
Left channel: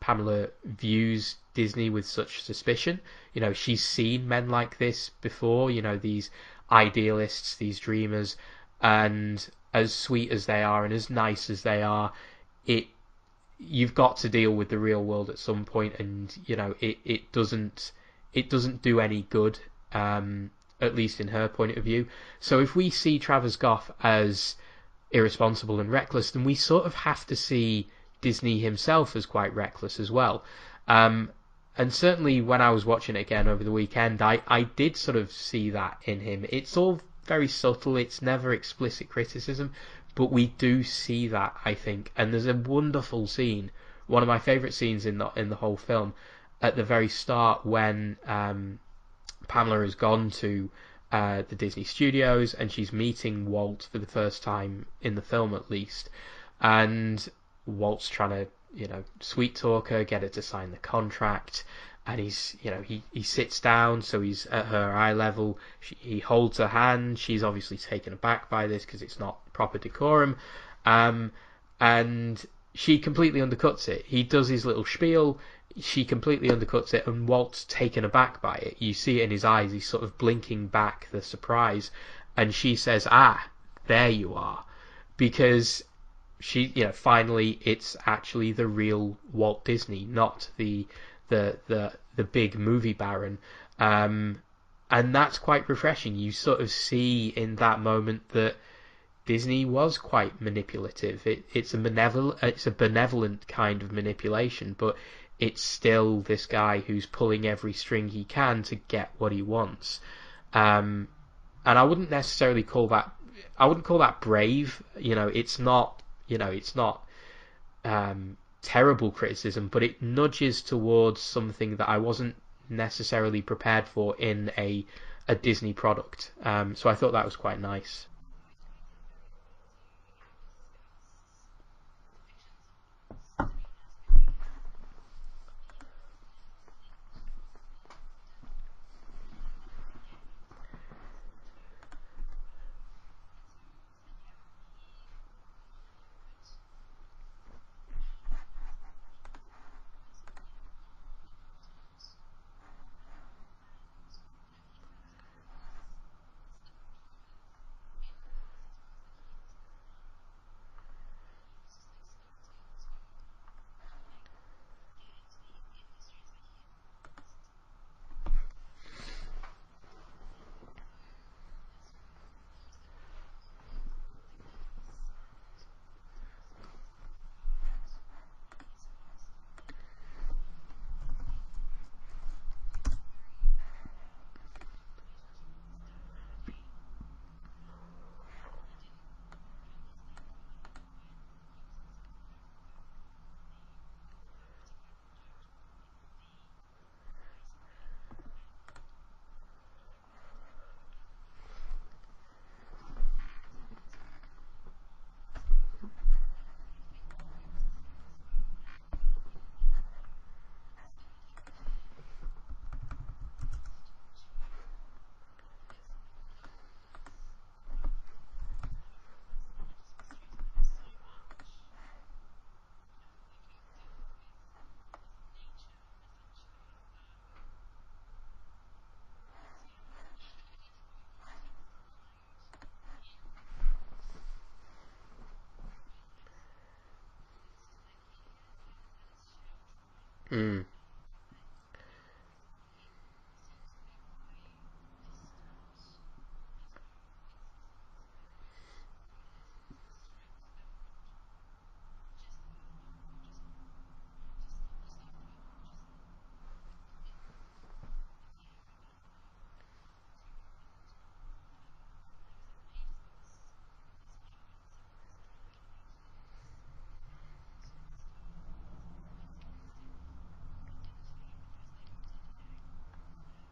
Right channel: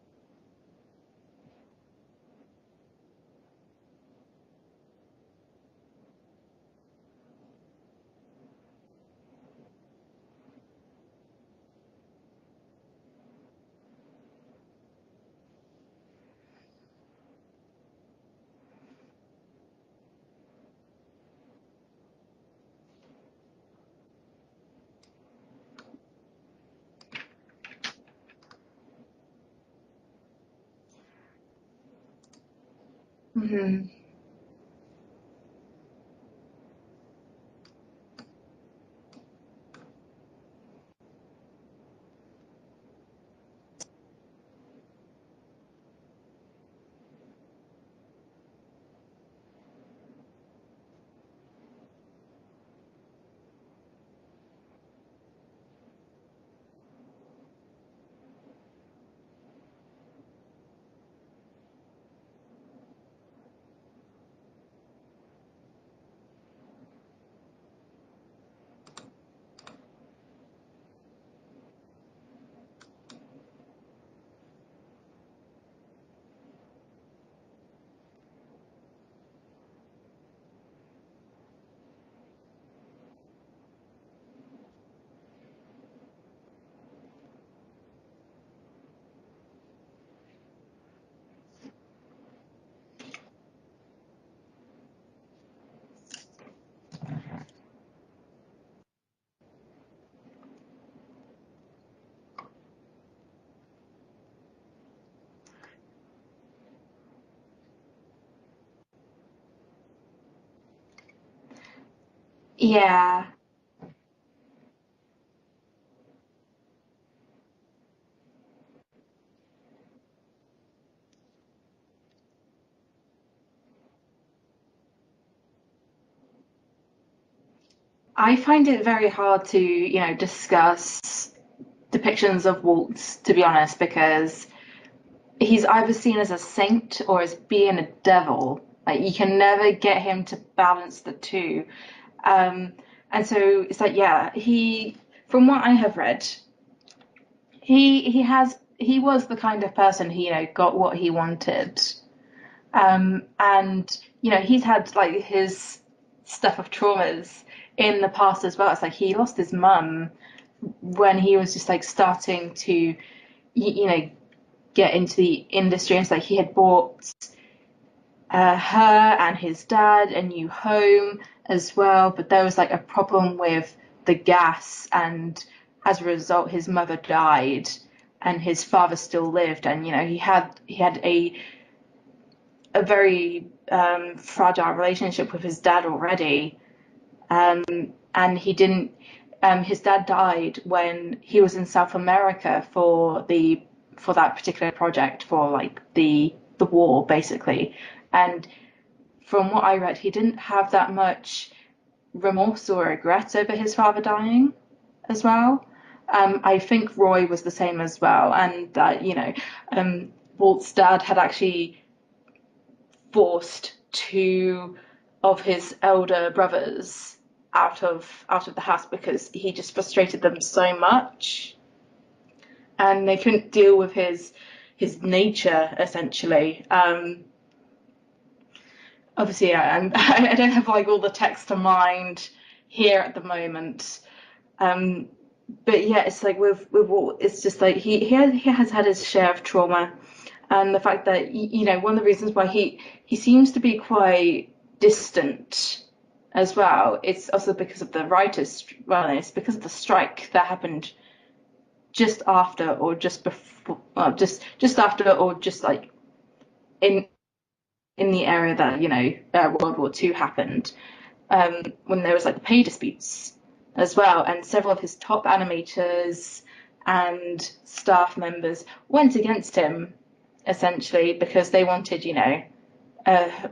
Pamela views Disney with such suspicion. She's seen men like this before. These idealists, these dreamers, and as sweet as they are and as nice as they are, it you've got to deal with the real world at some point, and it doesn't do any good, at least in her point of view. So if we see Travers Goff as irresponsible and reckless, then we sort of have to see Disney himself as quite reckless as well. And certainly when I was watching it again over the Hmm. weekend, I did sort of see that in him. It's all very subtle, it's never explicit criticism, but we do see that, I think. And there's a wonderful scene, one of my favourite scenes in the whole film, at the very start when Pamela has gone to the Disney Studios and she's meeting Walt for the first time in the film, at least, and Walt's trying to, sweet talk her, get her to sign the contract, and he's, he sits down, so he's at her eye level. He holds her hand. She's obviously taken aback by this because it's not proper decorum, and she completely undercuts it. He does his little spiel. She completely undercuts it, and Walt's taken aback by it. You see it in his eyes. He's sort of blinking back the surprise, and she says, "Ah, there you are," because she, finally, it's actually the real Walt Disney, not the big movie baron, and that's quite refreshing. You sort of see in that moment that Disney was quite manipulative. It's a benevolent kind of manipulation, but it's still this guy who's pulling every string he can to get what he wants. And I wouldn't necessarily call that. I wouldn't call that brave. It's not. It's not terrible criticism, but it nudges towards something that I wasn't necessarily prepared for in a Disney product. So I thought that was quite nice. I find it very hard to, discuss depictions of Walt, to be honest, because he's either seen as a saint or as being a devil. Like, you can never get him to balance the two. And so it's like, from what I have read, he was the kind of person who, got what he wanted. And, he's had like his stuff of traumas in the past as well. It's like he lost his mum when he was just like starting to, get into the industry. It's like he had bought her and his dad a new home as well, but there was like a problem with the gas, and as a result his mother died and his father still lived, and he had a very fragile relationship with his dad already, and he didn't. His dad died when he was in South America for that particular project, for like the war basically, and from what I read, he didn't have that much remorse or regret over his father dying as well. I think Roy was the same as well, and that Walt's dad had actually forced two of his elder brothers out of the house because he just frustrated them so much, and they couldn't deal with his nature essentially. Obviously, I don't have like all the text to mind here at the moment. But yeah, it's like with Walt, it's just like he has had his share of trauma, and the fact that one of the reasons why he seems to be quite distant as well. It's also because of the writers. Well, it's because of the strike that happened just after or just before, well, just after or just like in the area that World War II happened, when there was like pay disputes as well, and several of his top animators and staff members went against him essentially because they wanted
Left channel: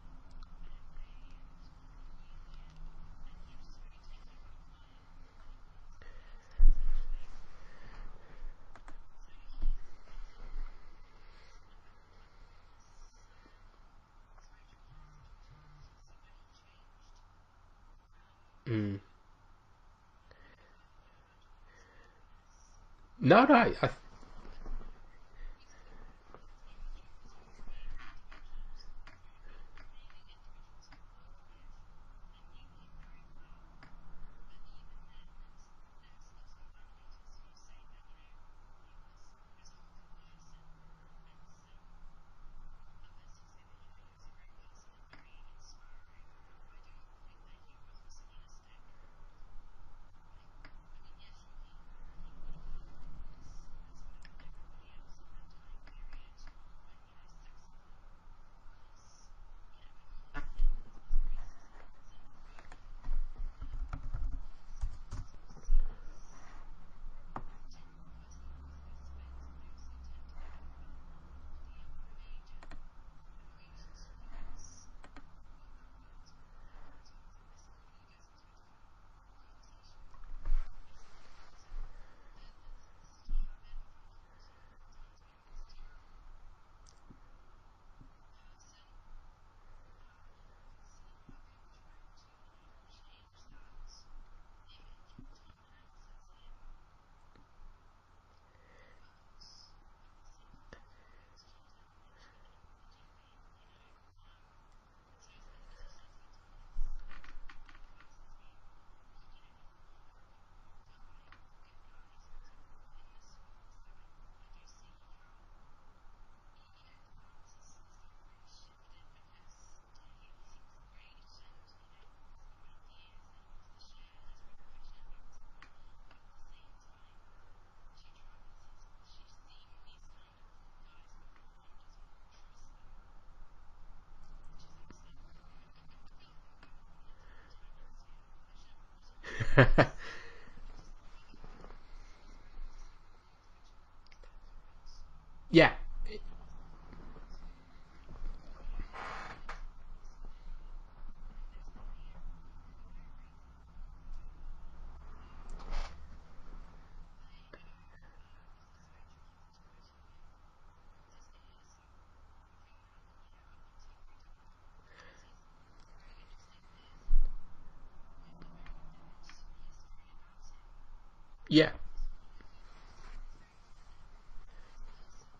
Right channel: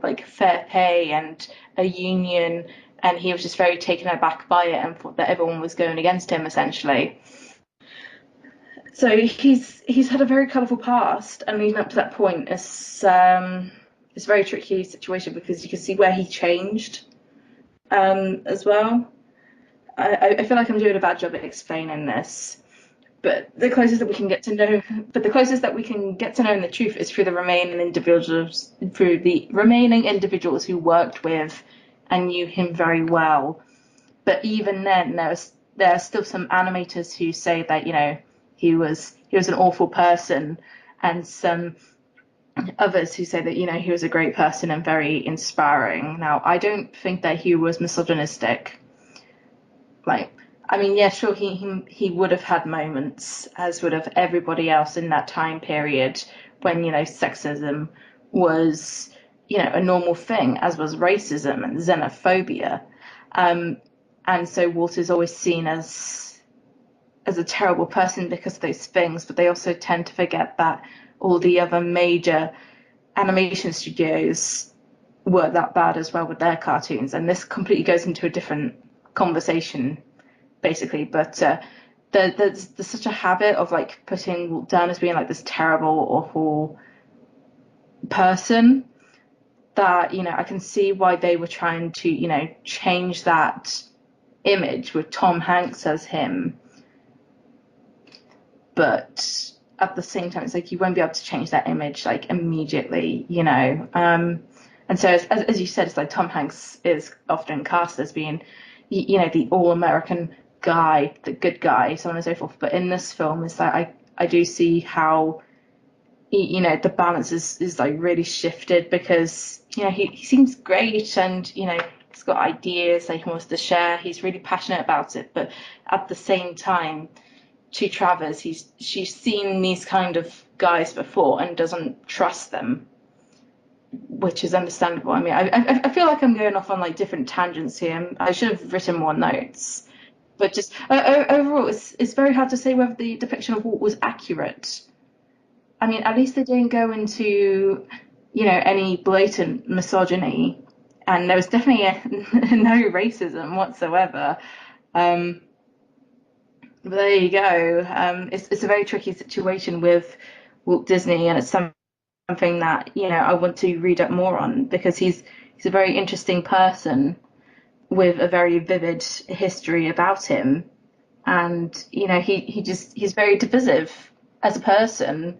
like fair pay and a union, and he was just very taken aback by it and thought that everyone was going against him essentially. So he's had a very colourful past, and leading up to that point, it's a very tricky situation because you can see where he changed as well. I feel like I'm doing a bad job at explaining this, but the closest that we can get to know, the closest that we can get to knowing the truth is through the remaining individuals who worked with and knew him very well. But even then, there are still some animators who say that he was an awful person, and some others who say that he was a great person and very inspiring. Now, I don't think that he was misogynistic. Like, I mean, yeah, sure, he would have had moments, as would have everybody else in that time period when sexism was a normal thing, as was racism and xenophobia, and so Walter's always seen as a terrible person because of those things, but they also tend to forget that all the other major animation studios were that bad as well with their cartoons, and this completely goes into a different conversation, basically. But there's such a habit of like putting Walt down as being like this terrible, awful person that, I can see why they were trying to, change that image with Tom Hanks as him. But at the same time, it's like you won't be able to change that image like immediately. And so as you said, it's like Tom Hanks is often cast as being, the all-American guy, the good guy, so on and so forth. But in this film, it's like I do see how the balance is like really shifted because he seems great and he's got ideas that he wants to share. He's really passionate about it, but at the same time, to Travers, she's seen these kind of guys before and doesn't trust them, which is understandable. I mean, I feel like I'm going off on like different tangents here. I should have written more notes. But just overall, it's very hard to say whether the depiction of Walt was accurate. Yeah. I mean, at least they didn't go into, any blatant misogyny, and there was definitely no racism whatsoever. But there you go. It's a very tricky situation with Walt Disney, and it's something that I want to read up more on because he's a very interesting person with a very vivid history about him, Yeah. and he's very divisive as a person.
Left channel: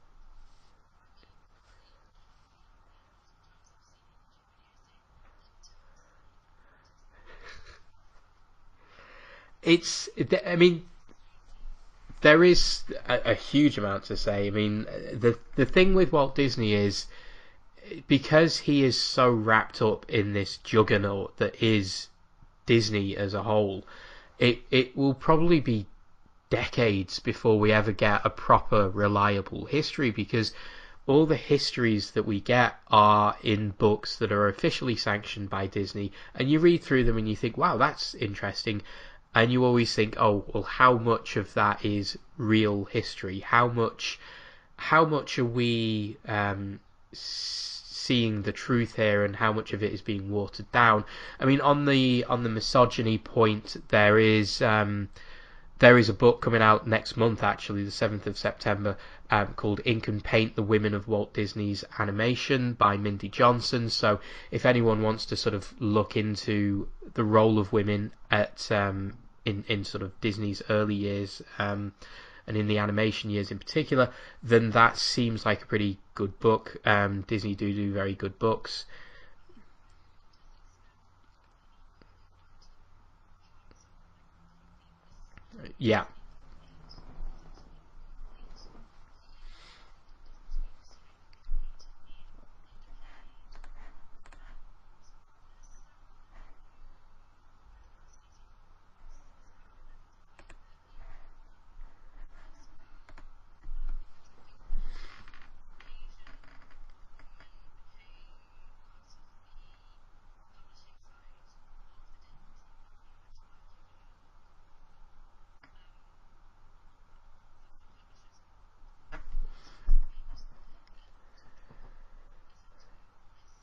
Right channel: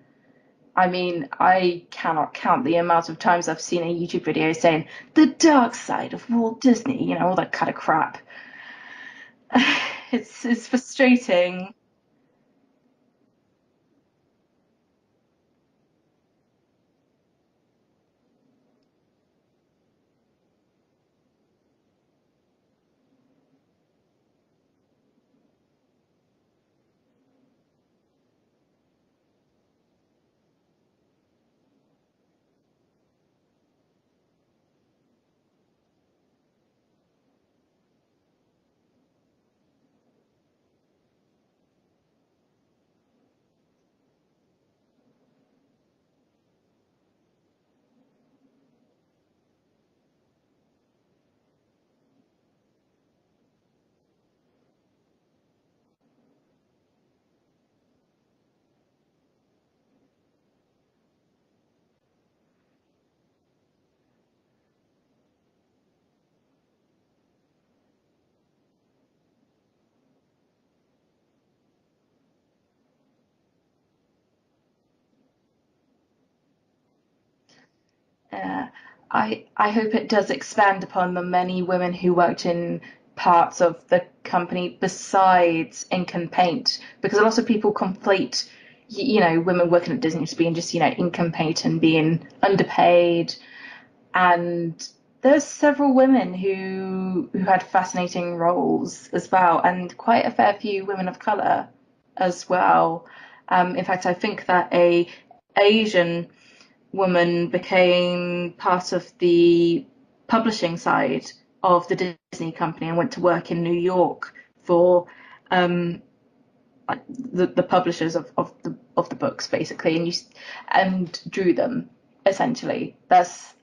I mean, I cannot count the amount of times I've seen a YouTube video saying the dark side of Walt Disney, all that kind of crap. It's I mean, frustrating. there is a huge amount to say. I mean, the thing with Walt Disney is because he is so wrapped up in this juggernaut that is Disney as a whole, it will probably be decades before we ever get a proper reliable history because all the histories that we get are in books that are officially sanctioned by Disney, and you read through them and you think, wow, that's interesting, and you always think, oh, well, how much of that is real history? How much are we seeing the truth here, and how much of it is being watered down? I mean, on the misogyny point, there is a book coming out next month, actually, the 7th of September, called Ink and Paint: The Women of Walt Disney's Animation by Mindy Johnson. So if anyone wants to sort of look into the role of women at in sort of Disney's early years, and in the animation years in particular, then that seems like a pretty good book. Disney do very good books. I hope it does expand upon the many women who worked in parts of the company besides ink and paint, because a lot of people conflate women working at Disney as being just ink and paint and being underpaid, and there's several women who had fascinating roles as well, and quite a fair few women of color as well. In fact, I think that a Asian woman became part of the publishing side of the Disney company and went to work in New York for the publishers of the books, basically, and drew them essentially.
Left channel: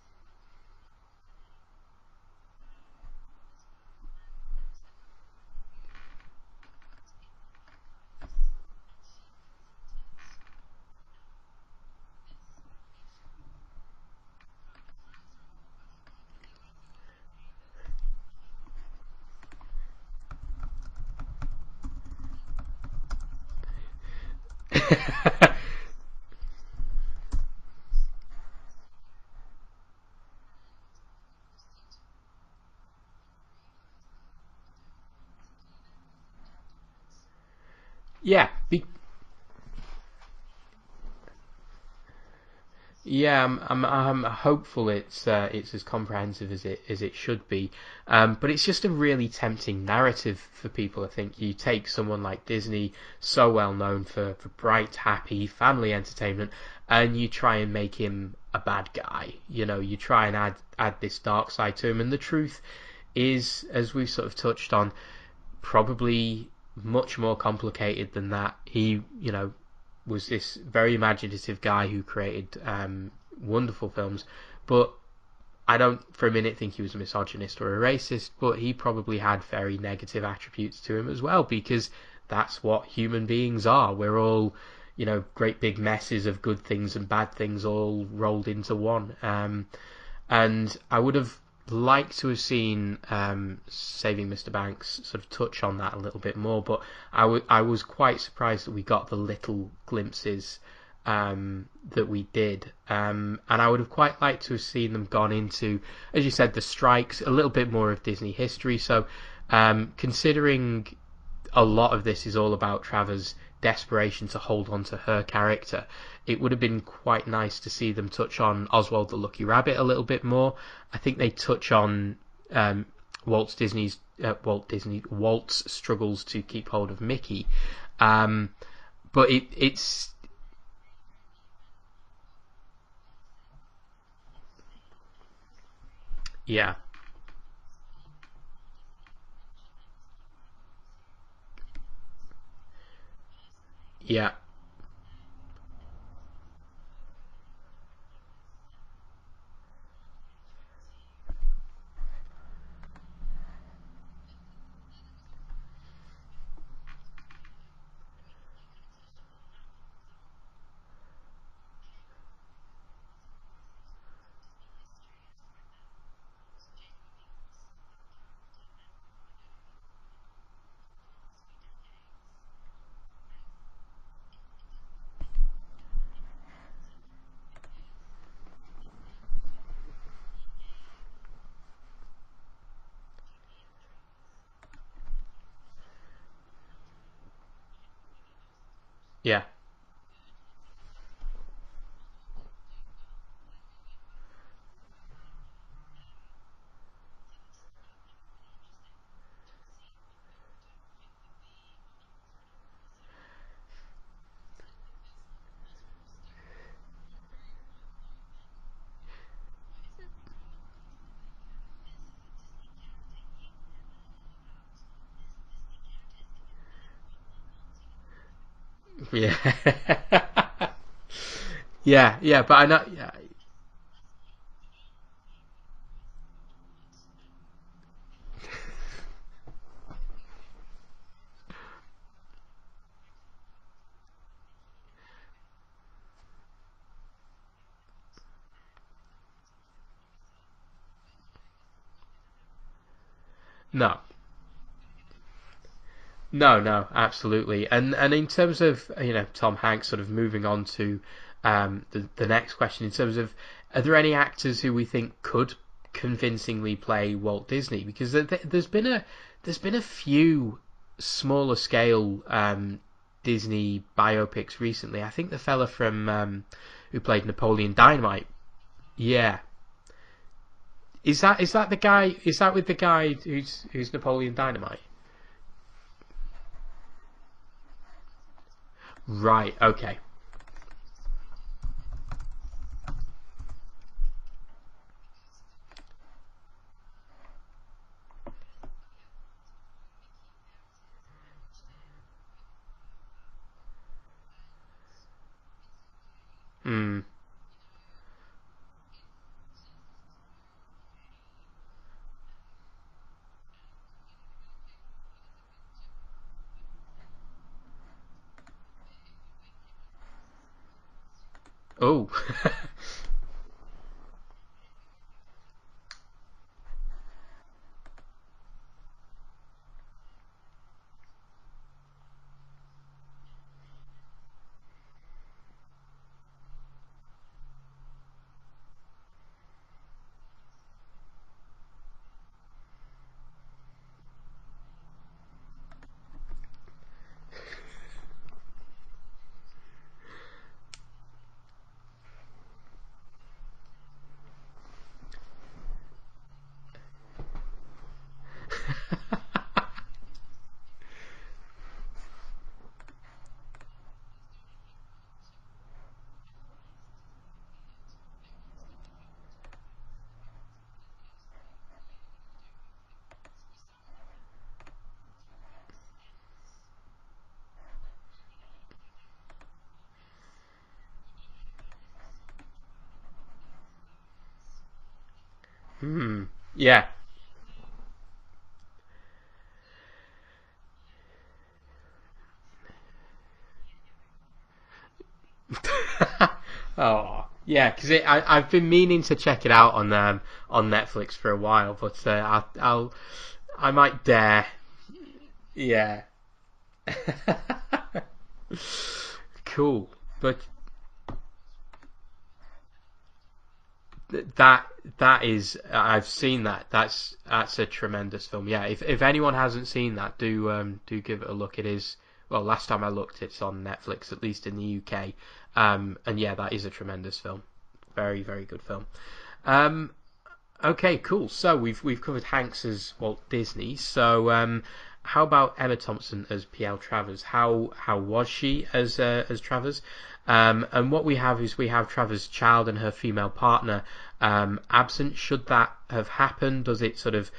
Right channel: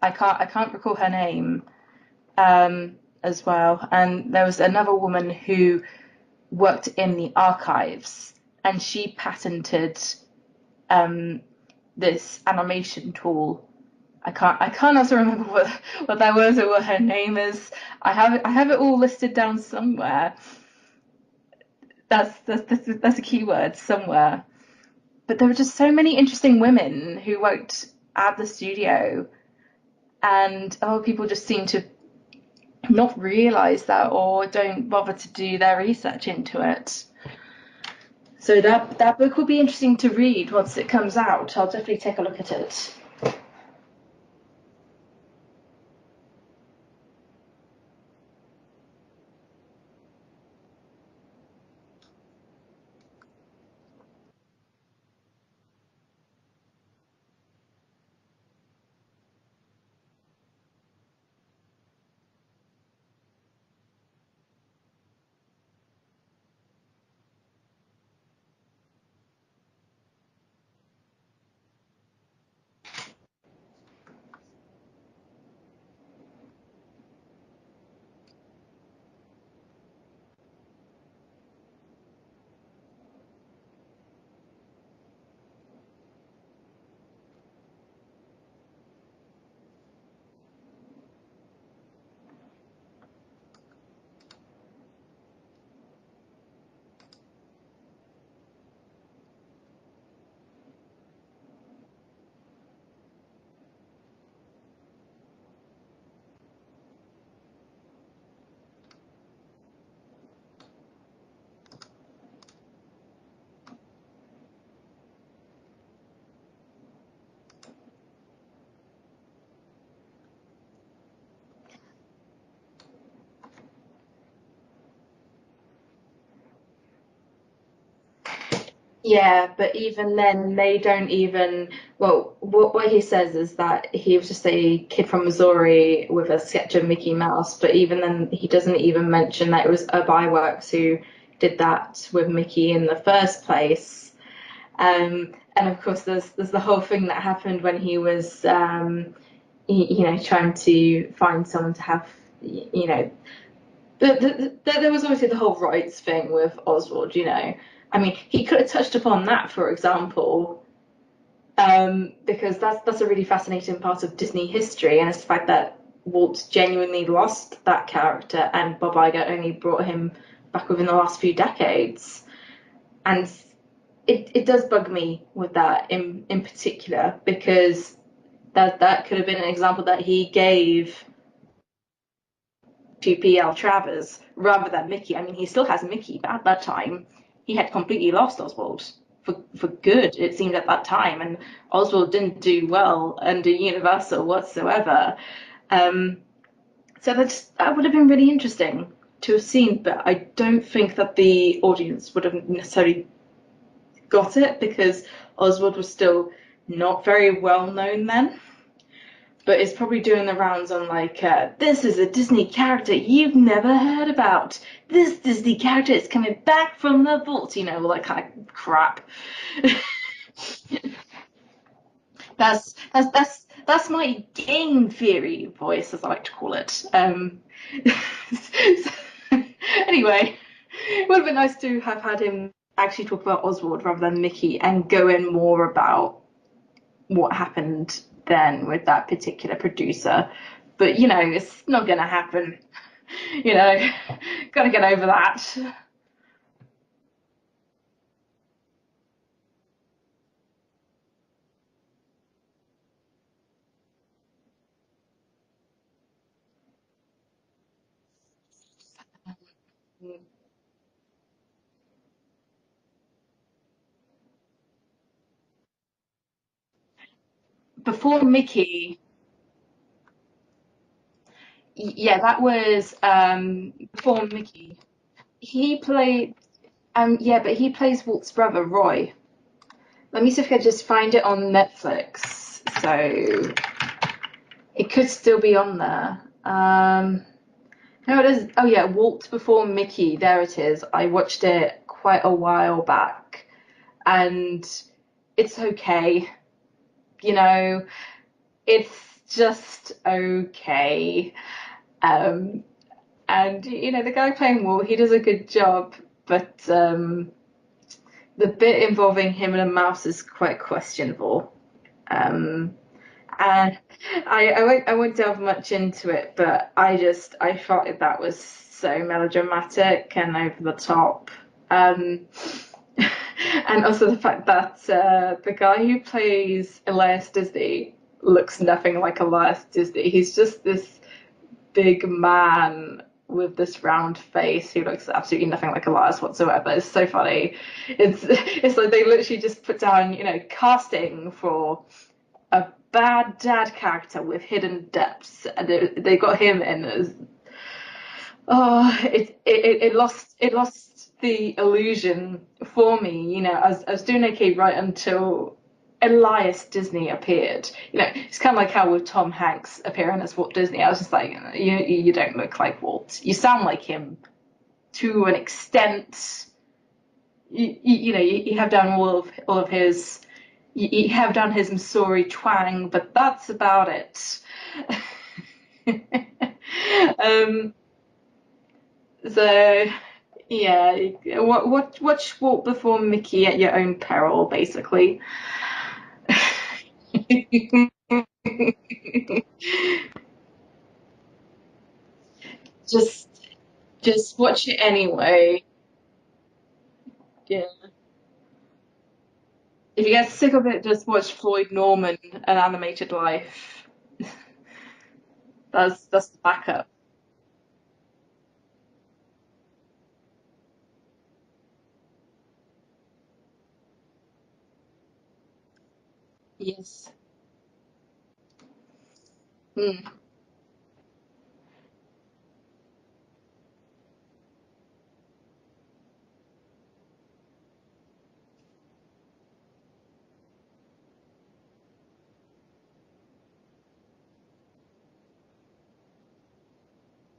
I can't recall her name as well. And there was another woman who worked in the archives, and she patented this animation tool. I can't also remember what that was or what her name is. I have it all listed down somewhere. That's a keyword, somewhere. But there were just so many interesting women who worked at the studio, and other people just seem to not realize that or don't bother to do their research into it. Yeah. So that book will be interesting to read once it comes out. I'll definitely take a look at it. Yeah, I'm hopeful it's as comprehensive as it should be, but it's just a really tempting narrative for people. I think you take someone like Disney, so well known for bright, happy family entertainment, and you try and make him a bad guy. You try and add this dark side to him, and the truth is, as we've sort of touched on, probably much more complicated than that. He, was this very imaginative guy who created wonderful films, but I don't for a minute think he was a misogynist or a racist, but he probably had very negative attributes to him as well, because that's what human beings are. We're all, great big messes of good things and bad things all rolled into one. And I would have liked to have seen Saving Mr. Banks sort of touch on that a little bit more, but I was quite surprised that we got the little glimpses that we did, and I would have quite liked to have seen them gone into, as you said, the strikes, a little bit more of Disney history. So considering a lot of this is all about Travers' desperation to hold on to her character, it would have been quite nice to see them touch on Oswald the Lucky Rabbit a little bit more. I think they touch on Walt's struggles to keep hold of Mickey. Yeah, but It's even then, they don't even. Well, what he says is that he was just a kid from Missouri with a yeah, sketch of Mickey Mouse, but even then, he doesn't even mention that it was Works who did that with Mickey in the first place. yeah, And of course, there's the whole thing that happened when he was, trying to find someone to have, there was obviously the whole rights thing with Oswald. I mean, he could have touched upon that, for example, because that's a really fascinating part of Disney history, and it's the fact that Walt genuinely lost that character, and Bob Iger only brought him back within the last few decades. And it does bug me with that in particular, because that could have been an example that he gave to P.L. Travers rather than Mickey. I mean, he still has Mickey, but at that time, he had completely lost Oswald yeah. for good, it seemed, at that time. And Oswald didn't do well under Universal whatsoever. So that would have been really interesting to have seen, but I don't think that the audience would have necessarily got it, because Oswald was still not very well known then. But it's probably doing the rounds on this is a Disney character you've never heard about. This Disney character is coming back from the vault, all that kind of crap. Yeah. Yeah, but I know. That's my game theory voice, as I like to call it. Anyway, it would have been nice to have had him actually talk about Oswald rather than Mickey, and go in more about what happened then with that particular producer. But it's not gonna happen. No. Gotta get over that. No, absolutely. And in terms of Tom Hanks, sort of moving on to the next question, in terms of, are there any actors who we think could convincingly play Walt Disney? Because there's been a few smaller scale Disney biopics recently. I think the fella from who played Napoleon Before Dynamite. Mickey. Yeah. Is that the guy? Yeah, Is that that with the was guy who's before Napoleon Mickey. Dynamite? He played yeah, but he plays Walt's brother, Roy. Right. Okay. Let me see if I can just find it on Netflix. So it could still be on there. No, it is. Oh yeah, Walt Before Mickey. There it is. I watched it quite a while back, and it's okay. Mm. It's just okay. And the guy playing Walt, he does a good job, but the bit involving him and a mouse is quite questionable. Oh. And I won't delve much into it, but I felt like that was so melodramatic and over the top. And also the fact that the guy who plays Elias Disney looks nothing like Elias Disney. He's just this big man with this round face who looks absolutely nothing like Elias whatsoever. It's so funny. It's like they literally just put down, casting for a bad dad character with hidden depths, and they got him in as it lost the illusion for me. I was doing okay right until Elias Disney appeared. It's kind of like how with Tom Hanks appearing as Walt Disney, I was just like, you don't look like Walt. You sound like him to an extent. You have down all of his you have done his Missouri twang, but that's about it. Yeah. Um, so yeah, watch Walk Before Mickey at your own peril, basically. Oh, yeah, because I've been meaning to check it out on Netflix for a while, but Just I might just dare. watch it anyway. Yeah. Yeah. Cool. If you get But sick of it, just watch Floyd Norman, An Animated Life. that that is I've That's seen that. backup. That's a tremendous film. Yeah, if anyone hasn't seen that, do give it a look. It is, well, last time I looked, it's on Netflix, at least in the UK. And yeah, that is a Yes. tremendous film. Very, very good film. Um, Mm. okay, cool. So we've covered Hanks as Walt Disney. So how about Emma Thompson as P.L. Travers? How was she as Travers? And what we have is we have Travers' child and her female partner absent. Should that have happened? Does it sort of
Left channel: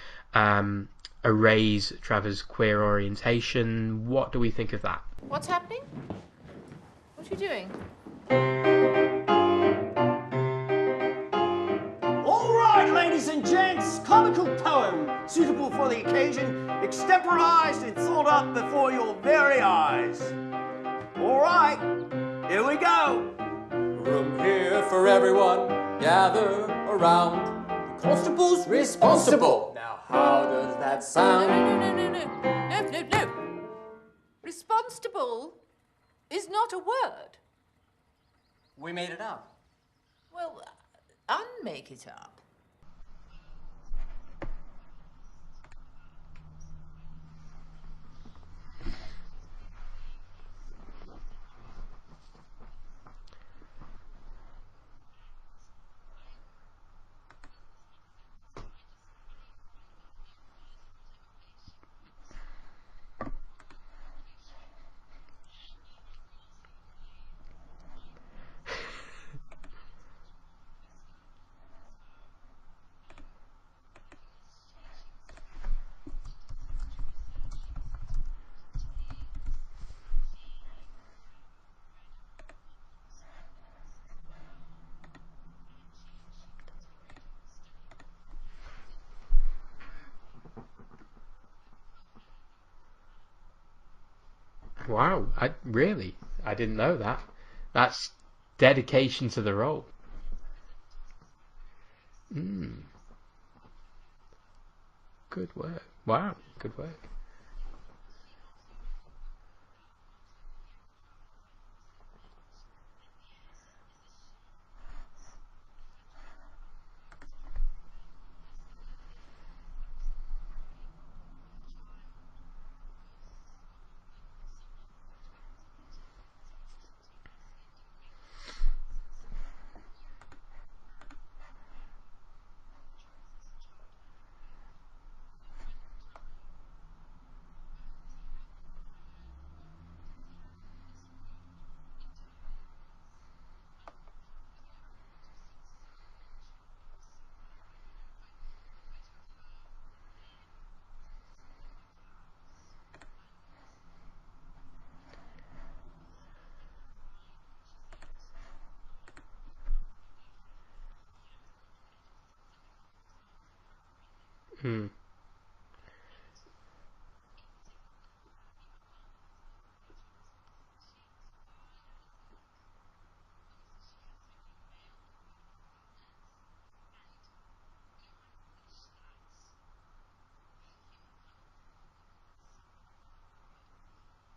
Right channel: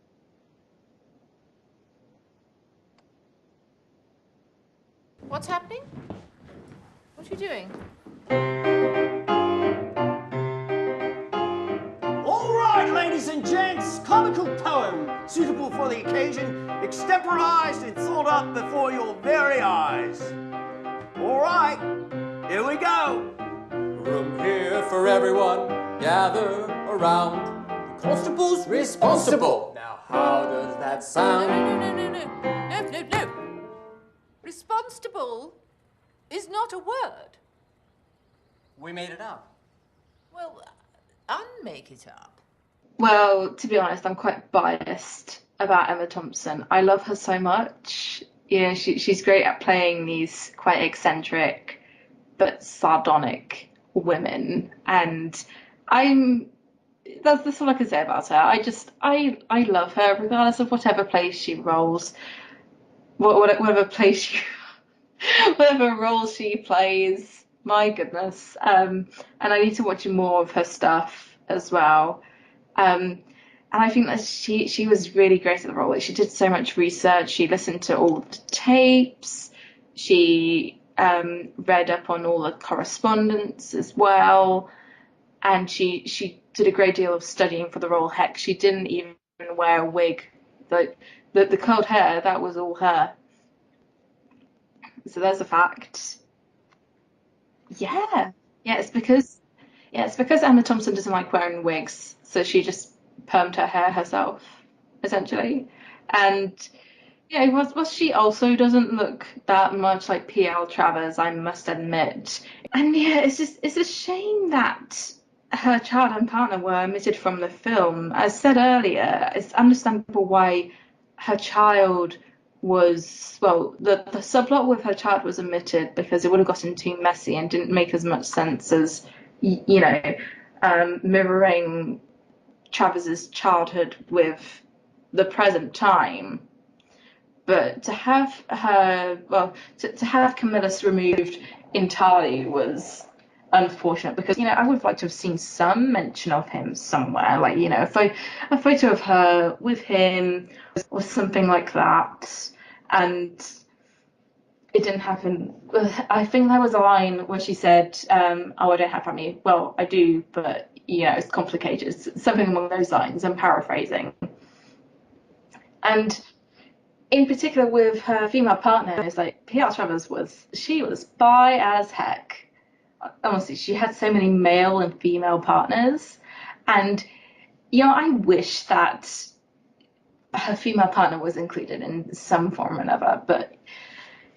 erase Travers' queer orientation? What do we think of that? What's happening? What are you doing? All right, ladies and gents, comical poem suitable for the occasion, extemporized and thought up before your very eyes. All right, here we go. Room here for everyone, gather around. The constable's responsible. Now, how does that No, sound? no. Responsible is not a word. We made it up. Well, unmake it up. Well, to be honest, I'm quite biased about Emma Thompson. I love her so much. Yeah, she's great at playing these quite eccentric but sardonic women, and I'm that's all I can say about her. I love her regardless of whatever place she rolls, whatever place she whatever role she plays. My goodness. And I need to watch more of her stuff as well. Um, and I think that she was really great at the role. Like, she did so much research. She listened to all the tapes. She read up on all the correspondence as well. And she did a great deal of studying for the role. Heck, she didn't even wear a wig. Like the curled hair, that was all her. So Wow, there's a fact. really, I didn't know that. That's Yeah. Yeah, it's dedication because to the role. yeah, it's because Emma Thompson doesn't like wearing wigs, so she just permed her hair herself, Good essentially. work. Wow, And good work. yeah, was she also doesn't look that much like P.L. Travers, I must admit. And yeah, it's a shame that her child and partner were omitted from the film. As said earlier, it's understandable why her child was, well, the subplot with her child was omitted because it would have gotten too messy and didn't make as much sense as mirroring Travis's childhood with the present time. But to have her, well, to have Camillus removed entirely was unfortunate because, I would have liked to have seen some mention of him somewhere, like, a photo of her with him or something like that. And it didn't happen. I think there was a line where she said, "Oh, I don't have family." Well, I do, but it's complicated. Something along those lines. I'm paraphrasing. Hmm. And in particular, with her female partner, it's like P.L. Travers was bi as heck. Honestly, she had so many male and female partners, and I wish that her female partner was included in some form or another, but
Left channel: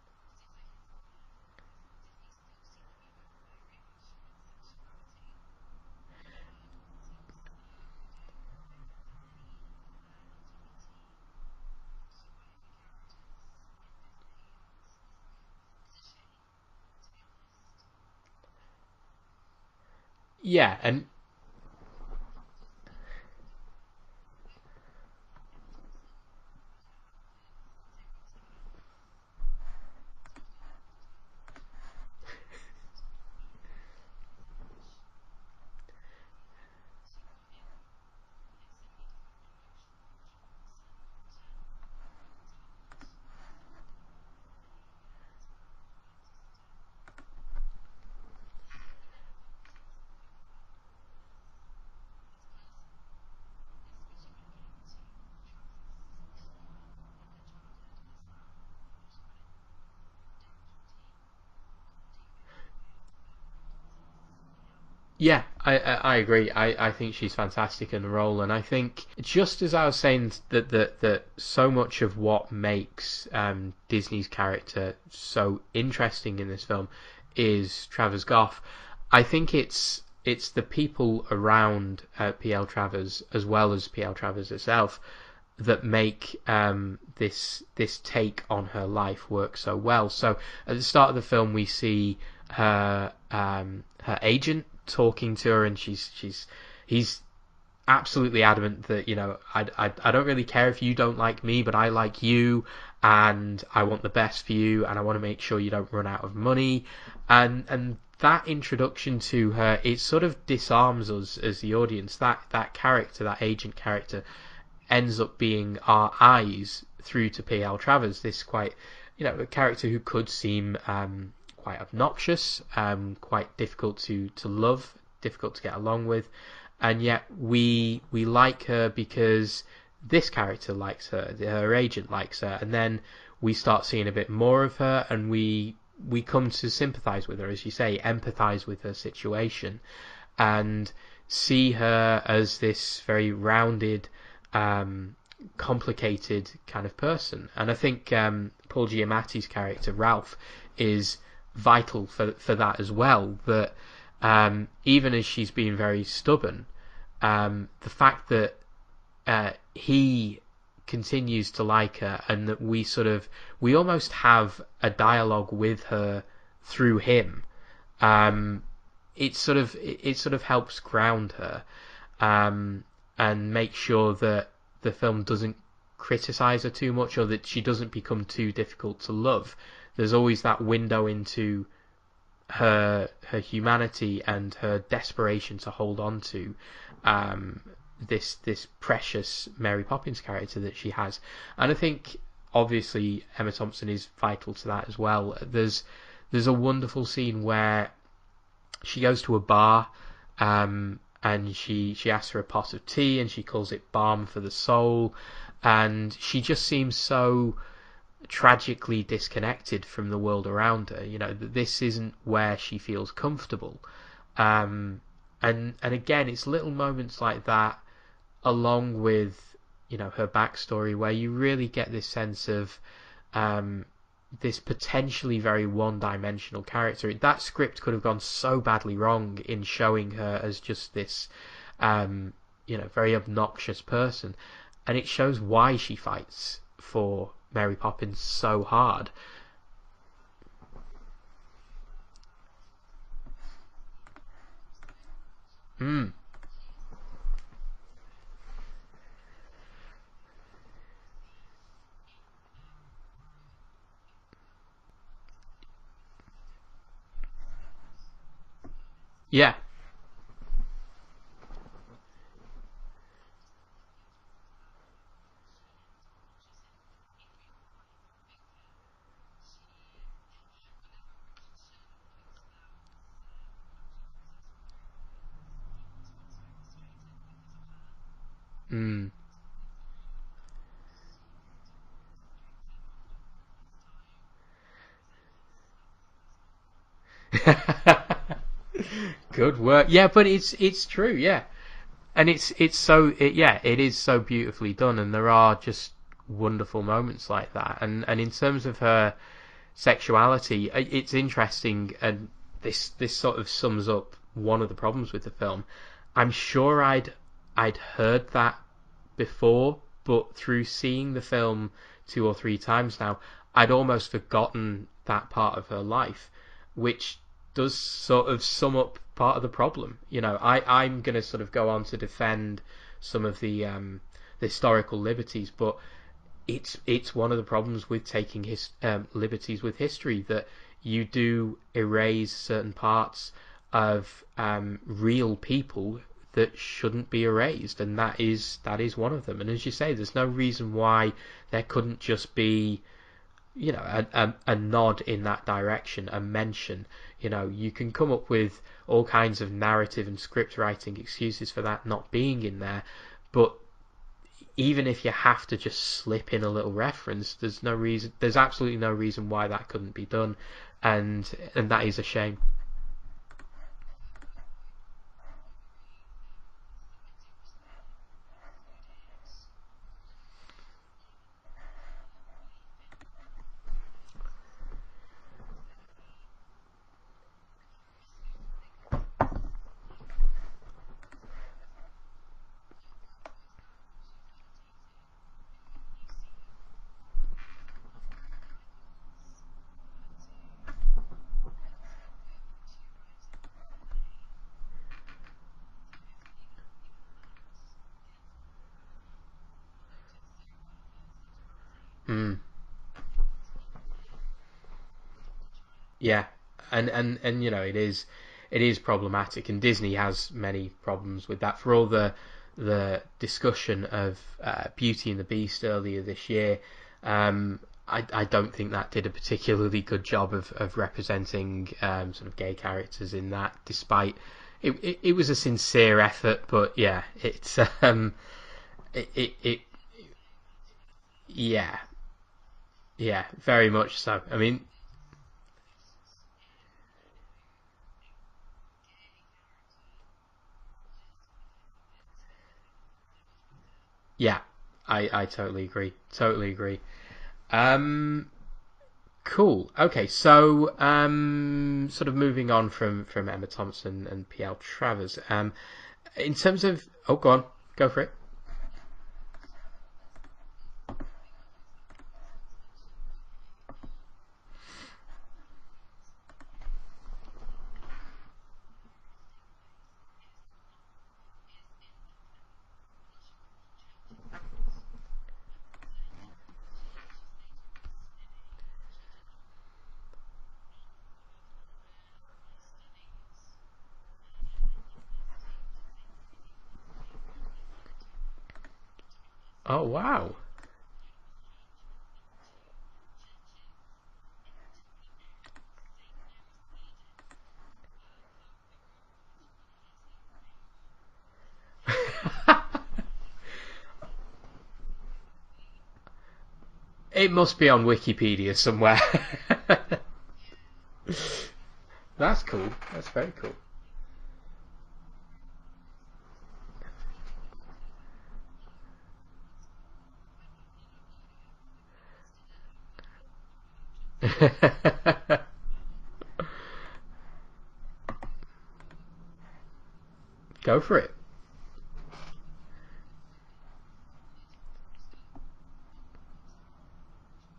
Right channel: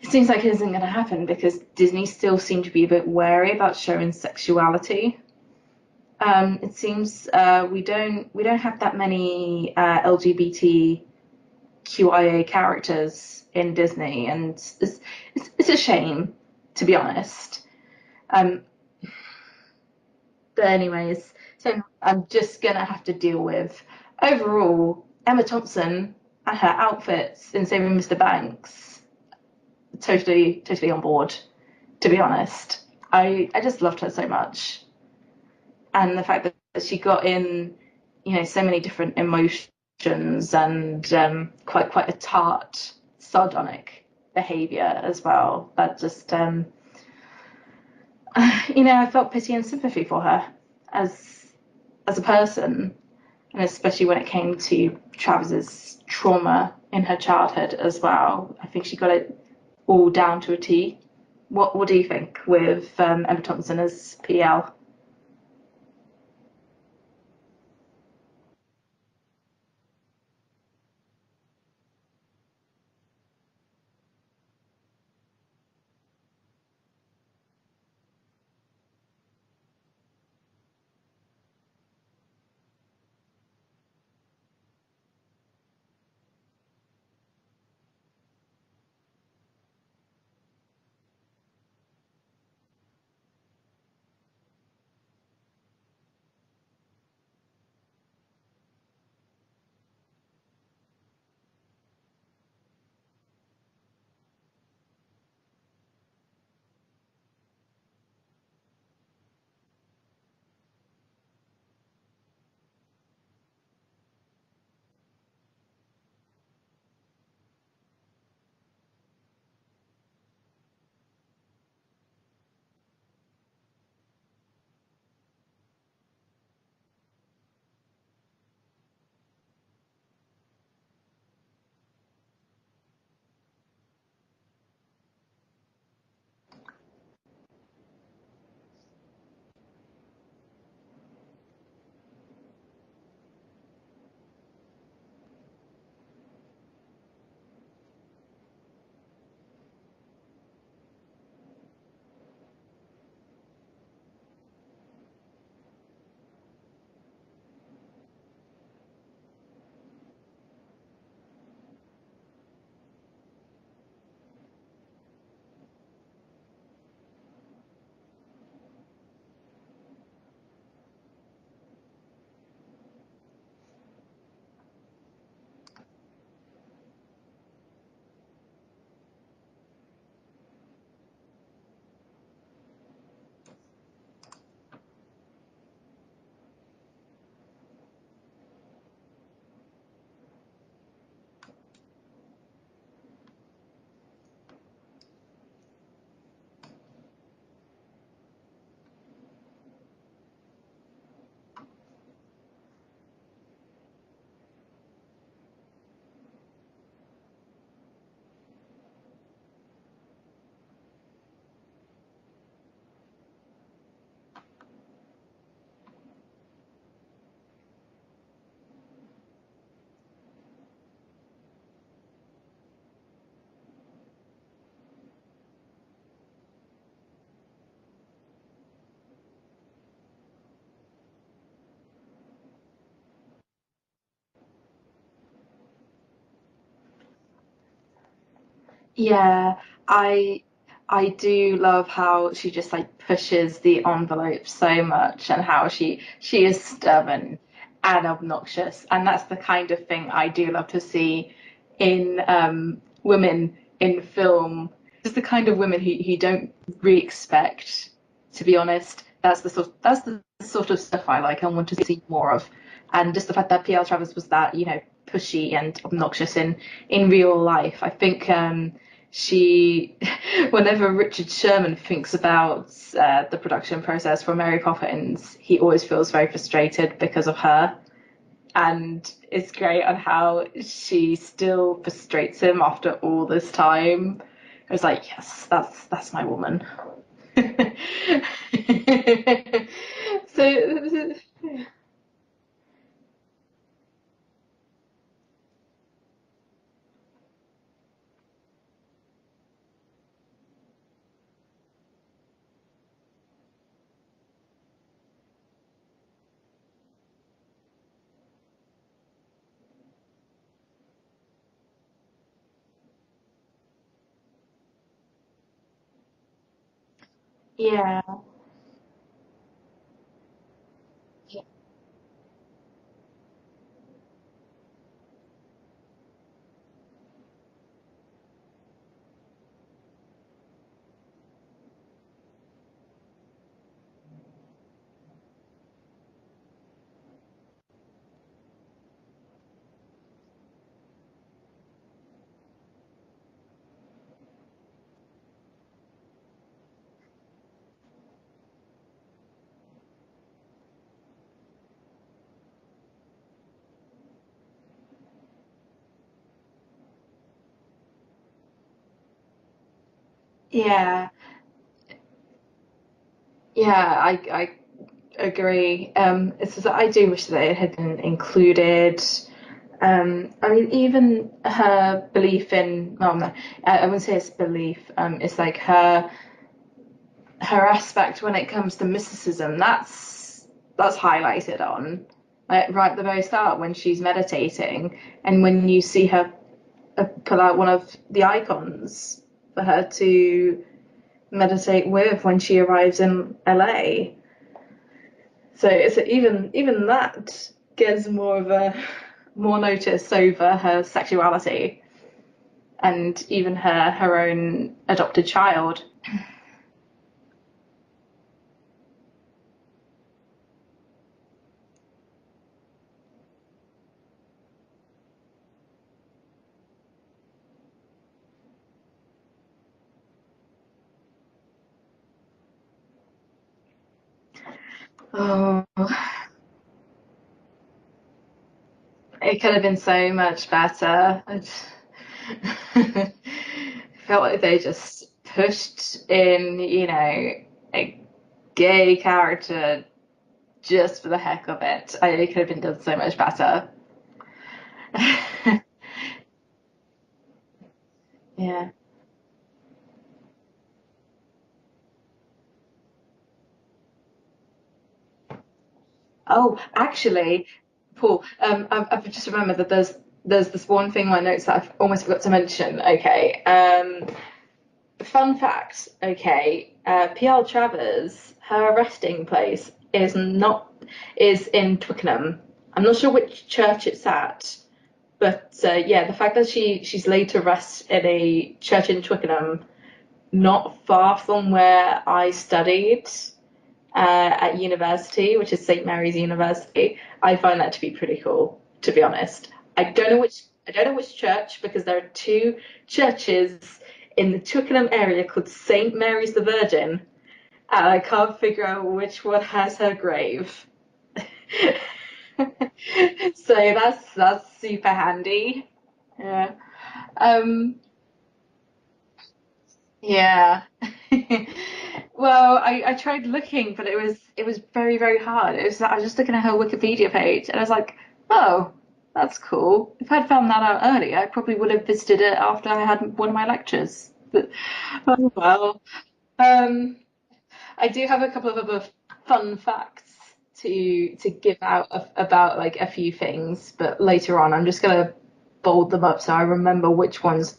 it seems like it isn't going to happen because Disney still seem to be a bit wary about showing sexuality. It seems we don't have that many LGBTQIA characters in Disney, and it's a shame, to be honest. But Yeah, and anyways, so I'm just gonna have to deal with overall Emma Thompson and her outfits in Saving Mr. Banks. Totally on board, to be honest. I just loved her so much, and the fact that she got in, so many different emotions and quite a tart, sardonic behavior as well. That just I felt pity and sympathy for her as as a person, and especially when it came to Travis's trauma in her childhood as well. I think she got it all down to a T. What do you think with Emma Thompson as PL? Yeah, I agree. I think she's fantastic in the role, and I think just as I was saying that so much of what makes Disney's character so interesting in this film is Travers Goff. I think it's the people around PL Travers as well as PL Travers herself that make this take on her life work so well. So at the start of the film, we see her agent talking to her, and he's absolutely adamant that I don't really care if you don't like me, but I like you, and I want the best for you, and I want to make sure you don't run out of money, and that introduction to her, it sort of disarms us as the audience. That character, that agent character, ends up being our eyes through to P.L. Travers, this quite, a character who could seem quite obnoxious, quite difficult to love, difficult to get along with, and yet we like her because this character likes her, her agent likes her, and then we start seeing a bit more of her, and we come to sympathise with her, as you say, empathise with her situation, and see her as this very rounded, complicated kind of person. And I think Paul Giamatti's character Ralph is vital for that as well. That even as she's being very stubborn, the fact that he continues to like her, and that we almost have a dialogue with her through him. It sort of helps ground her, and make sure that the film doesn't criticize her too much, or that she doesn't become too difficult to love. There's always that window into her humanity and her desperation to hold on to this precious Mary Poppins character that she has. And I think obviously Emma Thompson is vital to that as well. There's a wonderful scene where she goes to a bar, and she asks for a pot of tea, and she calls it balm for the soul, and she just seems so tragically disconnected from the world around her. That this isn't where she feels comfortable, and again, it's little moments like that, along with her backstory, where you really get this sense of this potentially very one-dimensional character. That script could have gone so badly wrong in showing her as just this very obnoxious person, and it shows why she fights for Mary Poppins so hard. Yeah, I I do love how she just like pushes the envelope so much, and how she is stubborn and obnoxious, and that's the kind of thing I do love to see in women in film. Just the kind of women who don't really expect, to be honest. Yeah. That's the sort of stuff I like and want to see more of. And just the fact that P.L. Travers was that, pushy and obnoxious in real life. I think she, whenever Richard Sherman thinks about the production process for Mary Poppins, he always feels very frustrated because of her. And it's great on how she still frustrates him after all this time. It's like, yes, that's my woman. Good work. Yeah, but it's true. Yeah, and it is so beautifully done, and there are just wonderful moments like that. And in terms of her sexuality, it's interesting, and this sort of sums up one of the problems with the film. I'm sure I'd heard that before, but through seeing the film 2 or 3 times now, I'd almost forgotten that part of her life, which does sort of sum up part of the problem. I'm going to sort of go on to defend some of the historical liberties, but it's one of the problems with taking liberties with history, that you do erase certain parts of real people that shouldn't be erased, and that is one of them. And as you say, there's no reason why there couldn't just be a nod in that direction, a mention You know, you can come up with all kinds of narrative and script writing excuses for that not being in there, but even if you have to just slip in a little reference, there's absolutely no reason why that couldn't be done. Yeah. And that is a shame. Yeah, I agree. It's just that I do wish that it had been included. I mean, even her belief in, well, no, I wouldn't say it's belief. It's like her aspect when it comes to mysticism. That's highlighted on, like, right at the very start when she's meditating, and when you see her pull out one of the icons for her to meditate with when she arrives in LA. So it's even that gets more notice over her sexuality and even her own adopted child. Yeah, and you know, it is problematic, and Disney has many problems with that. For all the discussion of Beauty and the Beast earlier this year, I don't think that did a particularly good job of representing sort of gay characters in that, despite it was a sincere effort. But yeah, it's it could have been so much better. Yeah, yeah, very much so. Felt like they just pushed in, a gay character just for the heck of it. It could have been done so much better. Yeah, I totally agree. Totally agree. Yeah. Cool. Okay, so sort of moving on from Emma Thompson and P.L. Travers. In terms of actually, go for cool. I've just remembered that there's this one thing in my notes that I've almost forgot to mention. Okay. Fun fact. Okay. P.L. Travers, her resting place is in Twickenham. I'm not sure which church it's at. But yeah, the fact that she's laid to rest in a church in Twickenham, not far from where I studied at university, which is St. Mary's University, I find that to be pretty cool, to be honest. Oh, I don't know wow. which church, because there are two churches in the Twickenham area called St. Mary's the Virgin, and I can't figure out which one has her grave. So that's super handy. Yeah. It must be on Wikipedia somewhere. Yeah. Well, cool. I tried looking, but it was very, very hard. I was just looking at her Wikipedia page, and I was like, oh, that's cool. If I'd found that out earlier, I probably would have visited it after I had one of my lectures. Oh well. I do have a couple of other fun facts Go for it. to give out about like a few things, but later on I'm just gonna bold them up so I remember which ones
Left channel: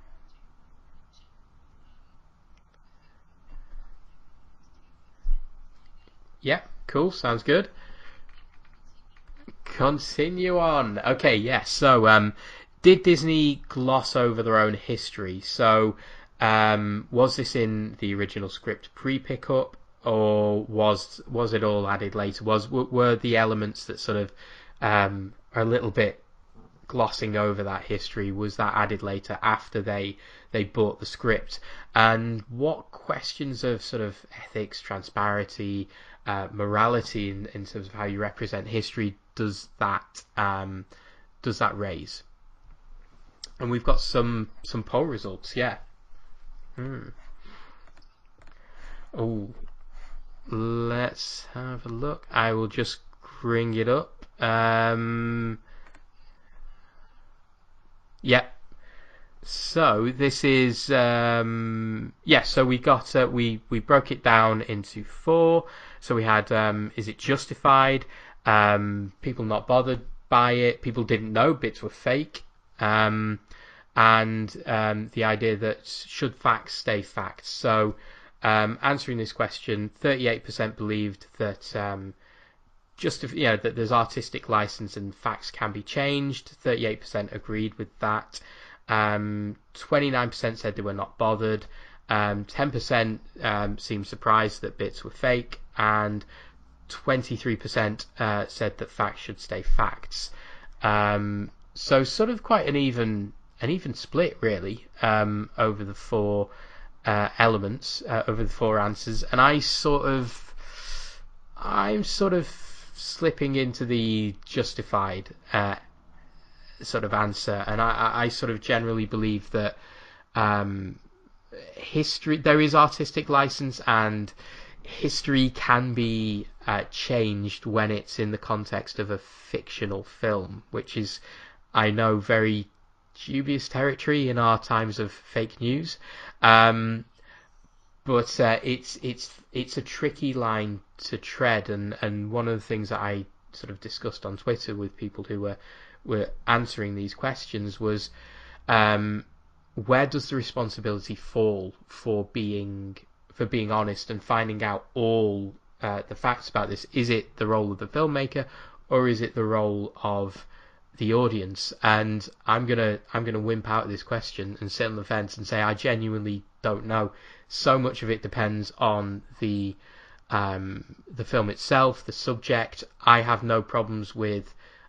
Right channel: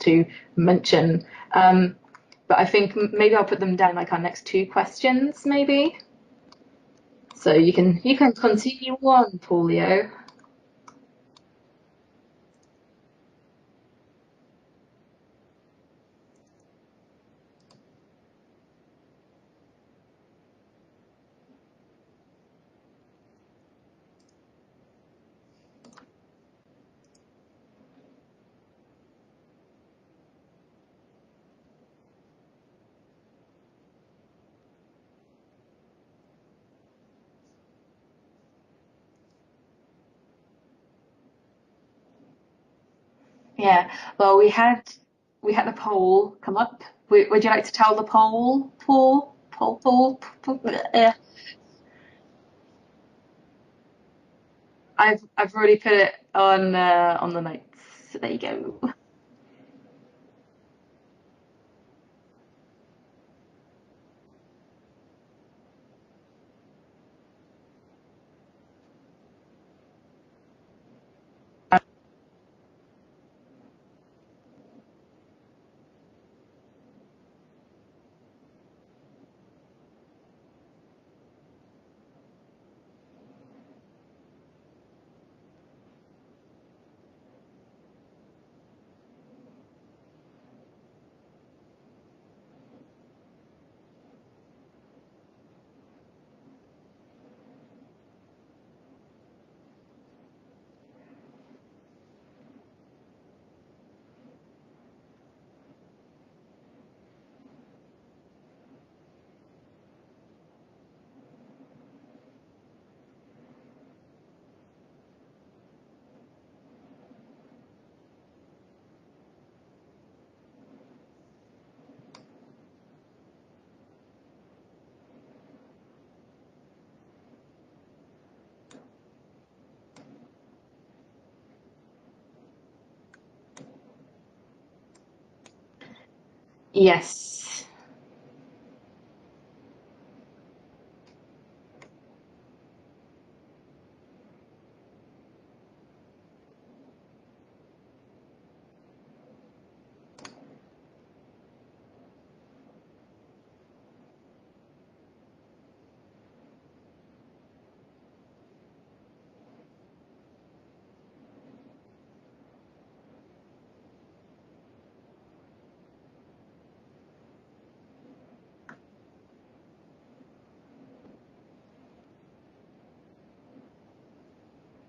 to mention. But I think maybe I'll put them down like our next two questions, maybe. Yeah, cool. Sounds So good. you can continue on, Paulio. Continue on. Okay, yes. So, did Disney gloss over their own history? So, was this in the original script pre-pickup, or was it all added later? Were the elements that sort of are a little bit glossing over that history, was that added later after they bought the script? And what questions of sort of ethics, transparency, morality in terms of how you represent history does that raise? And Yeah. we've got Well, some poll results. we had Yeah. a poll come up. Would you like to tell the poll? Ooh. Poll. Let's have a look. I will just bring it up. I've already put it on the notes. There Yeah. you go. So this is so we got we broke it down into 4. So we had is it justified? People not bothered by it. People didn't know bits were fake. And the idea that should facts stay facts. So answering this question, 38% believed that that there's artistic license and facts can be changed. 38% agreed with that. 29% said they were not bothered. 10% seemed surprised that bits were fake, and 23% said that facts should stay facts. So sort of quite an even split really over the 4 elements over the four answers, and I'm sort of slipping into the justified sort of answer, and I sort of generally believe that history, there is artistic license, and history can be changed when it's in the context of a fictional film, which is, I know, very dubious territory in our times of fake news. Yes. But it's a tricky line to tread, and one of the things that I sort of discussed on Twitter with people who were answering these questions was, where does the responsibility fall for being honest and finding out all the facts about this? Is it the role of the filmmaker, or is it the role of the audience? And I'm gonna wimp out this question and sit on the fence and say I genuinely don't know. So much of it depends on the film itself, the subject. I have no problems with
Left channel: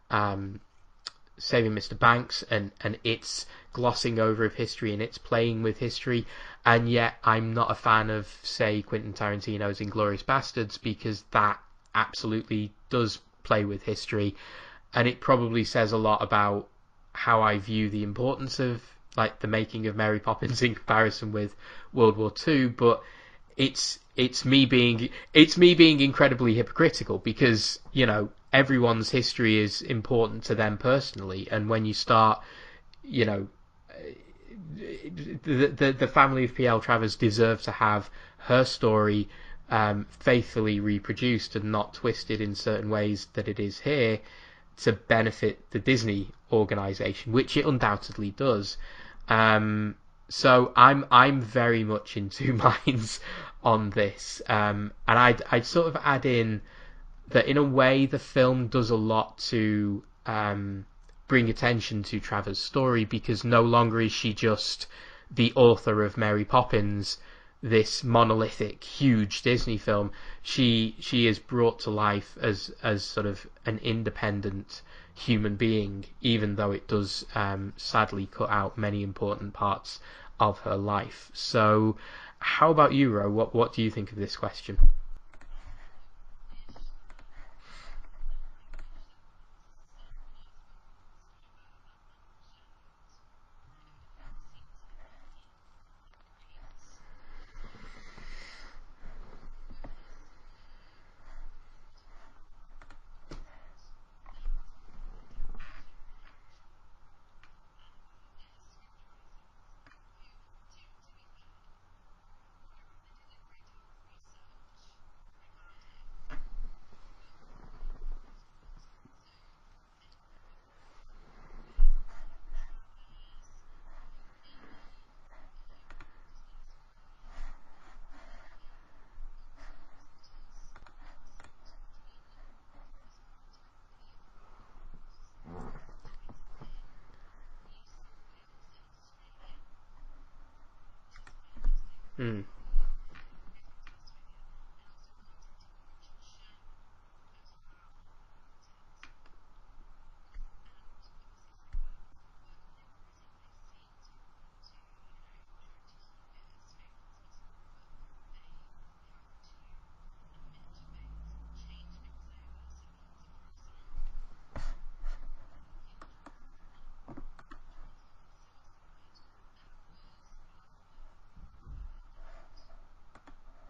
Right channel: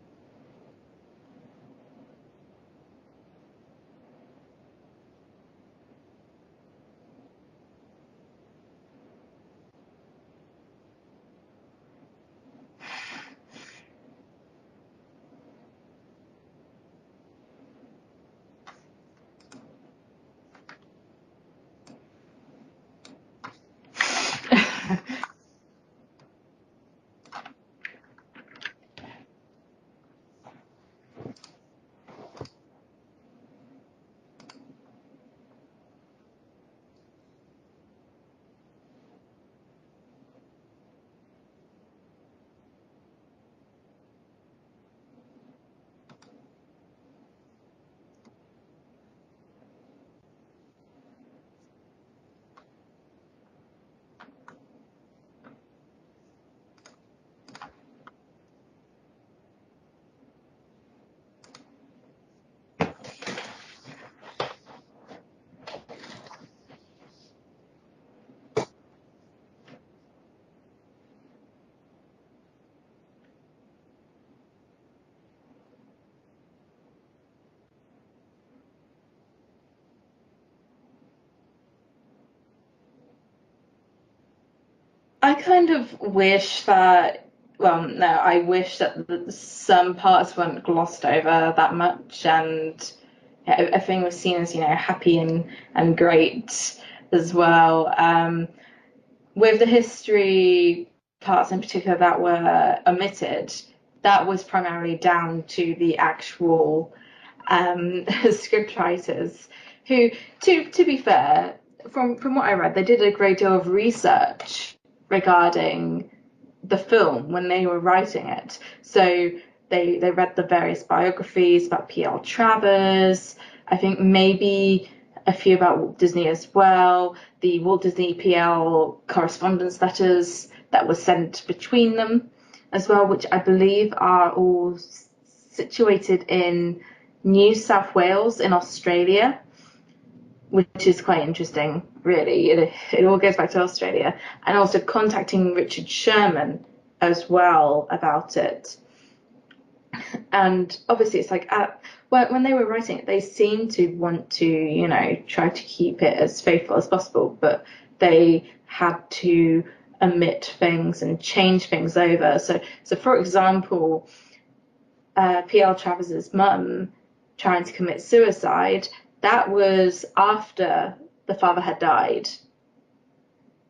Saving Mr. Banks and its glossing over of history and its playing with history, and yet I'm not a fan of, say, Quentin Tarantino's Inglourious Bastards, because that absolutely does play with history, and it probably says a lot about how I view the importance of, like, the making of Mary Poppins in comparison with World War II. But it's me being incredibly hypocritical, because, you know, everyone's history is important to them personally, and when you start, you know, the family of P.L. Travers deserve to have her story faithfully reproduced and not twisted in certain ways that it is here, to benefit the Disney organisation, which it undoubtedly does. So I'm very much in two minds on this, and I'd sort of add in that in a way the film does a lot to bring attention to Travers' story, because no longer is she just the author of Mary Poppins, this monolithic, huge Disney film. She is brought to life as sort of an independent human being, even though it does sadly cut out many important parts of her life. So how about you, Ro? What do you think of this question? I kind of wish that, well, no, I wish that some parts weren't glossed over that much, and everything was seen as, you know, happy and great as well. With the history parts in particular that were omitted, that was primarily down to the actual script writers, who, to be fair, from what I read, they did a great deal of research regarding the film when they were writing it. So they read the various biographies about P.L. Travers, I think maybe a few about Walt Disney as well, the Walt Disney P.L. correspondence letters that were sent between them as well, which I believe are all situated in New South Wales in Australia, which is quite interesting, really. It all goes back to Australia. And also contacting Richard Sherman as well about it. And obviously it's like, when they were writing it, they seemed to want to, you know, try to keep it as faithful as possible, but they had to omit things and change things over. So for example, P.L. Travers's mum trying to commit suicide, that was after the father had died,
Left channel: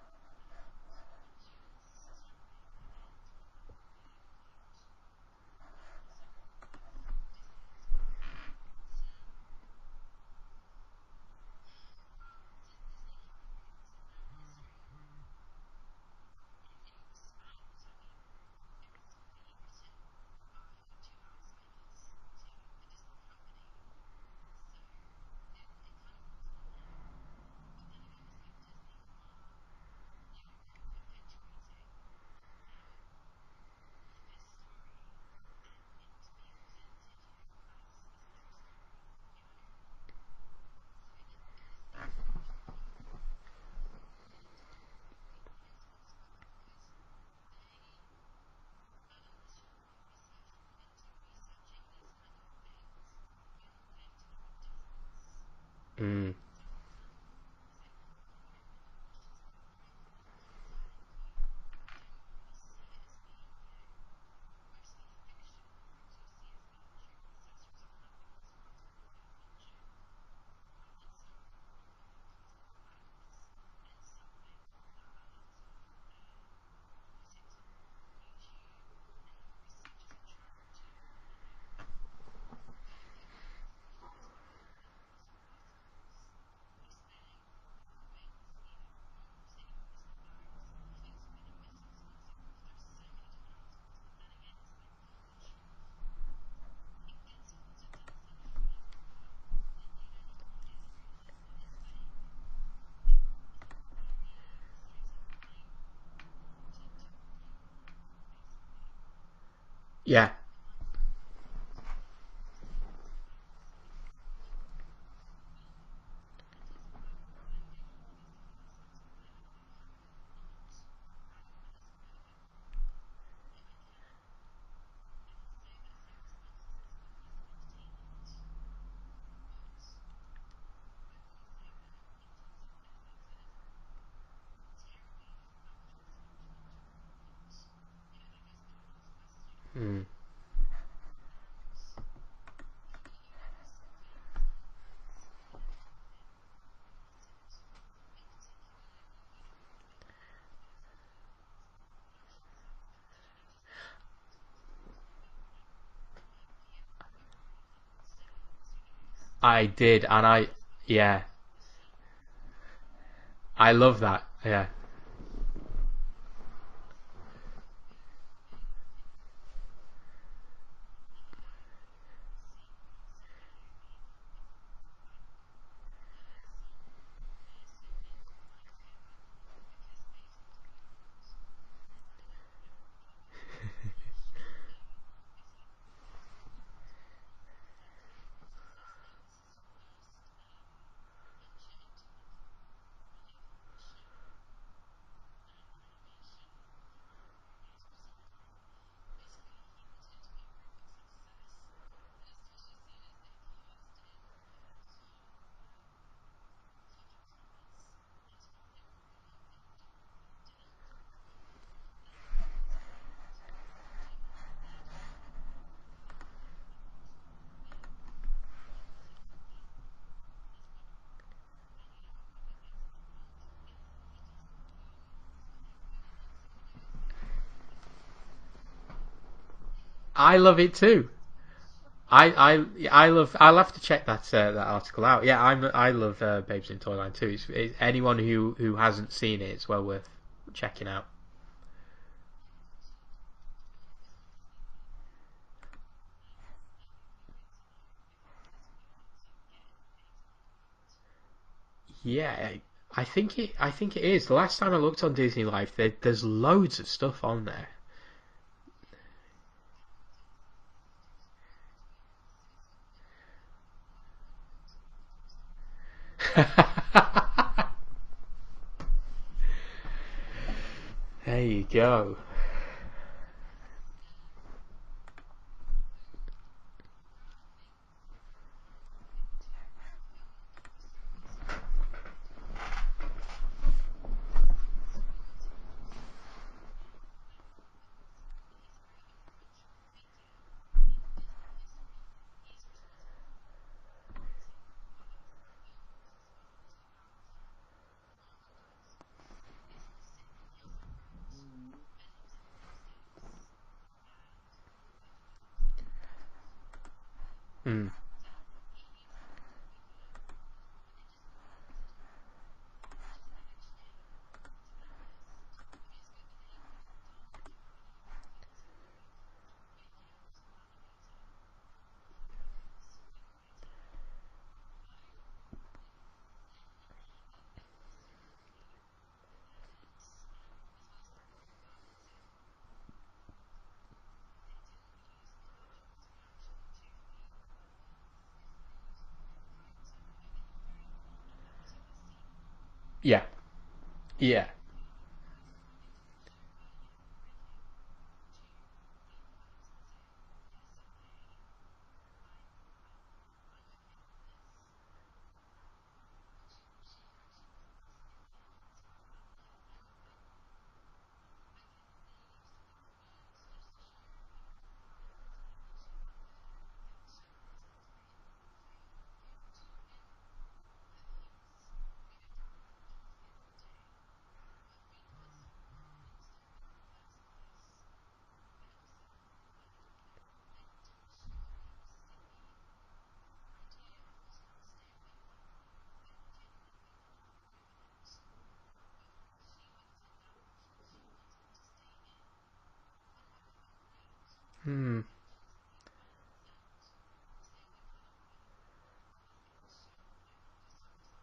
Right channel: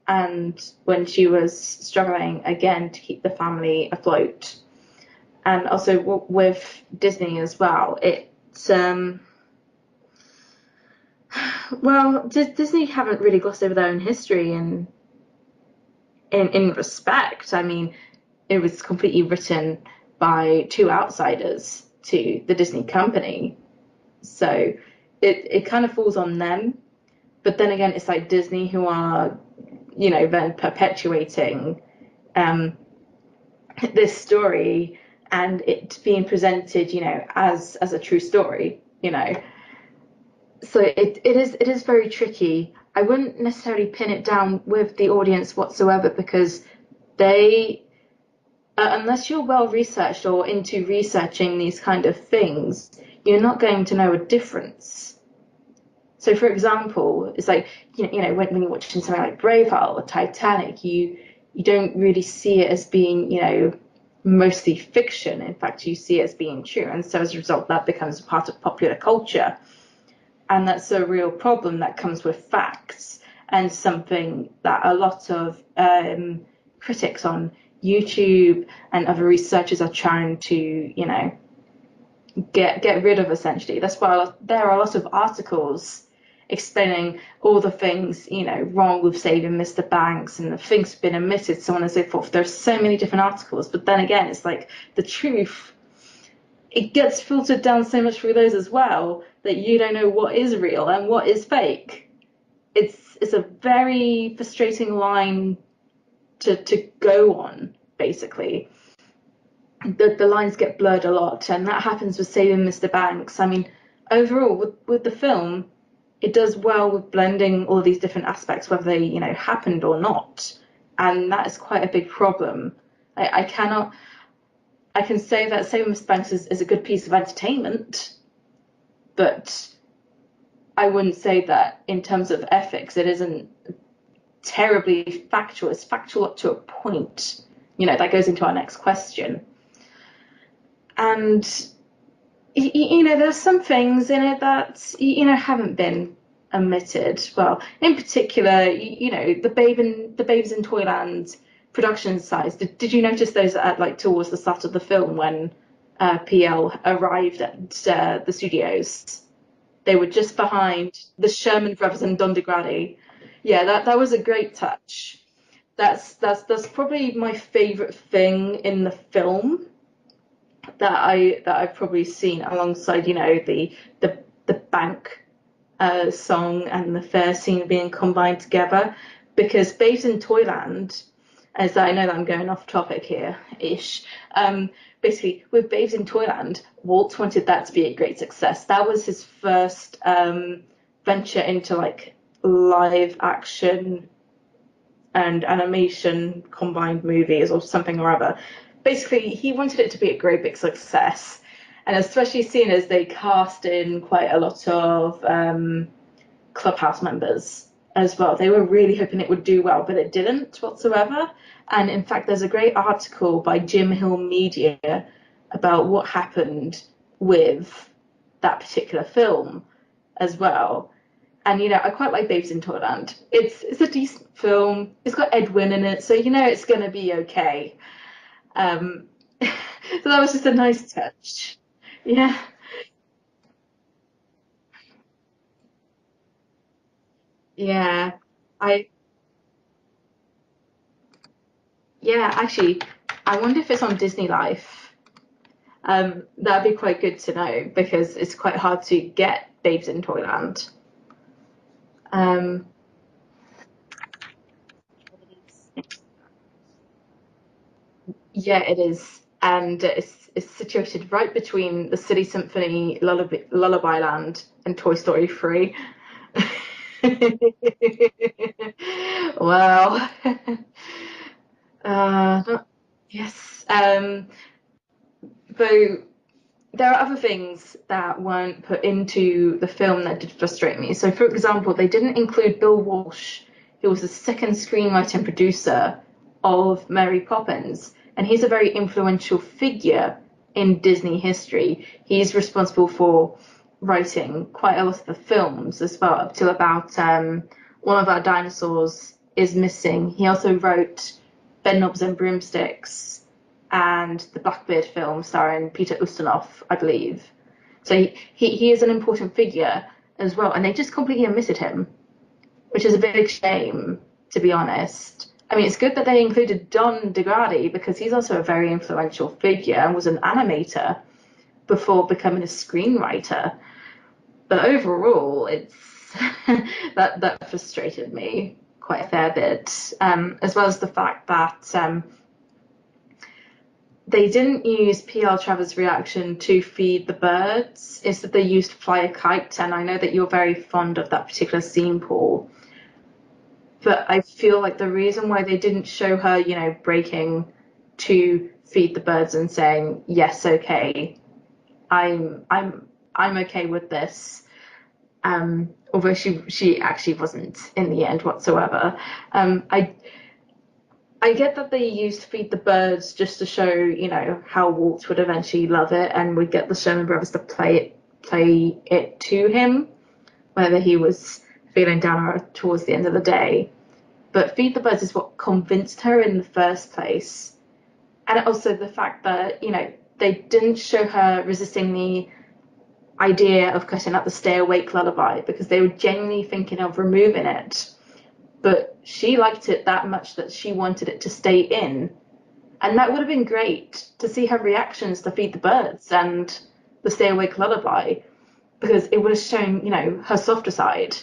and when she was struggling again to keep the family afloat. And also with Disney as well, well, Disney haven't really glossed over their own history in respect. I mean, it was completely written by two outsiders to the Disney company, so it kind of falls on them. But then again, it's like Disney who are, you know, then perpetuating this story and it being presented, you know, as a true story, you know. So it is very tricky. I wouldn't necessarily pin it down with the audience whatsoever, because they, unless you're well researched or into researching these kind of things, you're not going to know a difference So, for example, it's like when you're watching something like Braveheart or Titanic, you don't really see it as being mostly fiction. In fact, you see it as being true, and so as a result, that becomes a part of popular culture, and that's a real problem that comes with facts, and something that a lot of critics on YouTube and other researchers are trying to get rid of. Essentially, that's why there are a lot of articles explaining all the things wrong with saving Mr. Banks and the things have been omitted, so on and so forth. There's so many different articles, but then again, it's like the truth, it gets filtered down so much through those as well that you don't know what is real and what is fake. It's a very frustrating line to go on, basically. The lines get blurred a lot, and that happens with Saving Mr. Banks. I mean, overall, with the film, it does well with blending all of these different aspects, whether they, happened or not. And that is quite a big problem. I can say that Saving Mr. Banks is a good piece of entertainment, but I wouldn't say that in terms of ethics, it isn't terribly factual. It's factual up to a point. That goes into our next question. And there's some things in it that haven't been omitted. Well, in particular, the Babes in Toyland production size. Did you notice those at towards the start of the film when PL arrived at the studios? I did. They were just behind the Sherman Brothers and Don DeGrady. Yeah, that was a great touch. That's probably my favorite thing in the film that I've probably seen, alongside the bank song and the fair scene being combined together, because Babes in Toyland, as I know that I'm going off topic here ish, basically with Babes in Toyland, Walt wanted that to be a great success. That was his first venture into live action and animation combined movies or something or other. Basically, he wanted it to be a great big success, and especially seeing as they cast in quite a lot of Clubhouse members as well. They were really hoping it would do well, but it didn't whatsoever. And in fact, there's a great article by Jim Hill Media about what happened with that particular film as well. And I quite like Babes in Toyland. It's a decent film. It's got Edwin in it, so it's going to be okay. So that was just a nice touch. Yeah. I'll have to check that article out. Yeah, I love Babes in Toyland too. Anyone who hasn't seen it, it's well worth checking out. Yeah, actually, I wonder if it's on Disney Life. That'd be quite good to know, because it's quite hard to get Babes in Toyland. Yeah, I think it is. The last time I looked on Disney Life, there's loads of stuff on there. Yeah, it is, and it's situated right between the Silly Symphony, Lullaby Land, and Toy Story 3. Well, there you go. Yes. Though there are other things that weren't put into the film that did frustrate me. So, for example, they didn't include Bill Walsh, who was the second screenwriter and producer of Mary Poppins, and he's a very influential figure in Disney history. He's responsible for writing quite a lot of the films as well, up to about One of Our Dinosaurs is Missing. He also wrote Bedknobs and Broomsticks and the Blackbeard film starring Peter Ustinov, I believe. So he is an important figure as well, and they just completely omitted him, which is a big shame, to be honest. I mean, it's good that they included Don DeGrady, because he's also a very influential figure and was an animator before becoming a screenwriter. But overall, it's that frustrated me quite a fair bit, as well as the fact that they didn't use P.L. Travers' reaction to feed the birds. Instead, they used Fly a Kite, and I know that you're very fond of that particular scene, Paul. Yeah. But I feel like the reason why they didn't show her, breaking to feed the birds and saying, yes, okay, I'm okay with this, although she actually wasn't in the end whatsoever. I get that they used Feed the Birds just to show, how Walt would eventually love it, and would get the Sherman Brothers to play it to him, whether he was feeling down or towards the end of the day. But Feed the Birds is what convinced her in the first place. And also the fact that, they didn't show her resisting the idea of cutting out the Stay Awake lullaby because they were genuinely thinking of removing it. But she liked it that much that she wanted it to stay in. And that would have been great to see her reactions to Feed the Birds and the Stay Awake lullaby, because it would have shown, her softer side,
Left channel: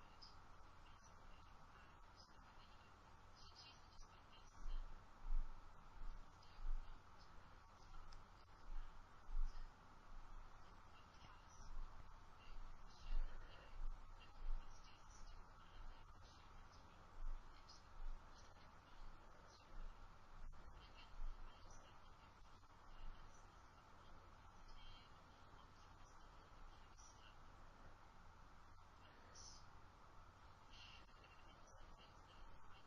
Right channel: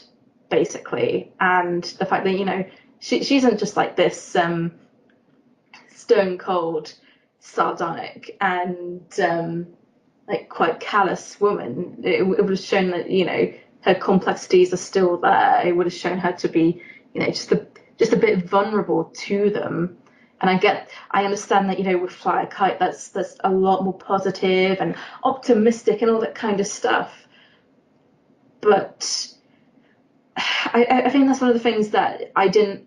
basically. And the fact that, she isn't just like this stone cold, sardonic, and like quite callous woman. It would have shown that, her complexities are still there. It would have shown her to be, just a bit vulnerable to them. And I understand that, with Fly a Kite, that's a lot more positive and optimistic and all that kind of stuff. But I think that's one of the things that I didn't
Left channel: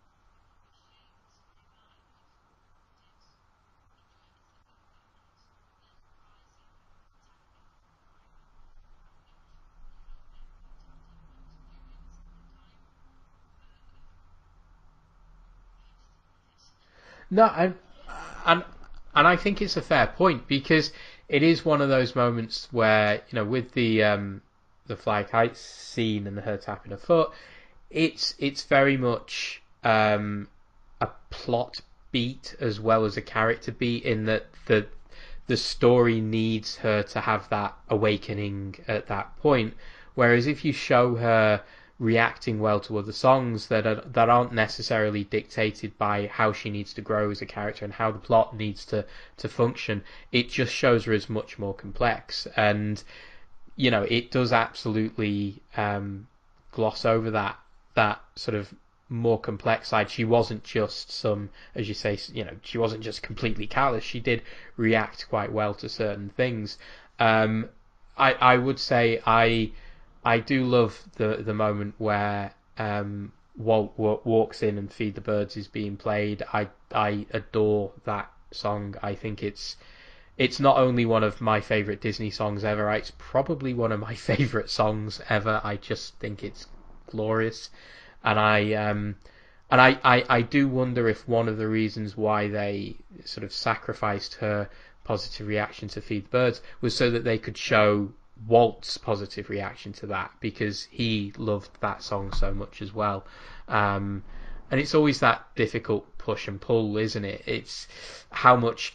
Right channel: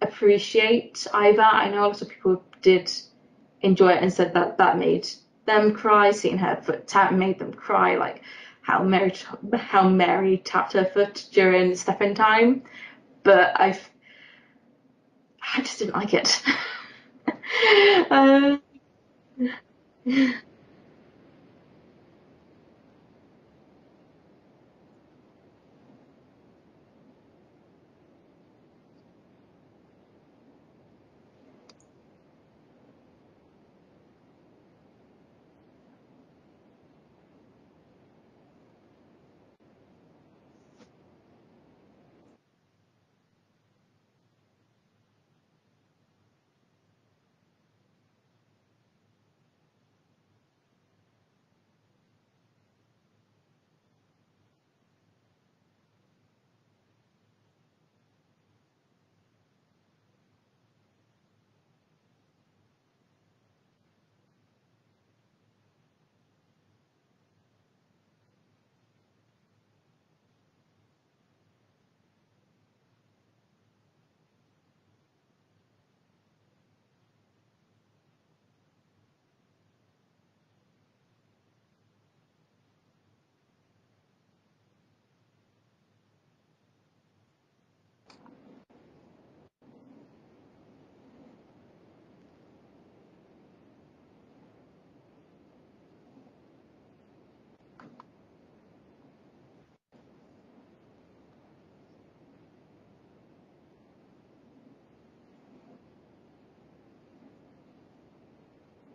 appreciate either. I know a lot of people did enjoy it and said that made them cry, seeing her foot tap made them cry, like how Mary tapped her foot during Step-In Time. But I just didn't like it. No, and I think it's a fair point, because it is one of those moments where, with the Fly Kite scene and her tapping her foot, it's very much a plot beat as well as a character beat, in that the story needs her to have that awakening at that point. Whereas if you show her reacting well to other songs that aren't necessarily dictated by how she needs to grow as a character and how the plot needs to function, it just shows her as much more complex. And it does absolutely gloss over that sort of more complex side. She wasn't just some, as you say, she wasn't just completely callous. She did react quite well to certain things. I would say I do love the moment where Walt walks in and Feed the Birds is being played. I adore that song. I think it's not only one of my favourite Disney songs ever, it's probably one of my favourite songs ever. I just think it's glorious. And I do wonder if one of the reasons why they sort of sacrificed her positive reaction to Feed the Birds was so that they could show Walt's positive reaction to that, because he loved that song so much as well. And it's always that difficult push and pull, isn't it? It's how much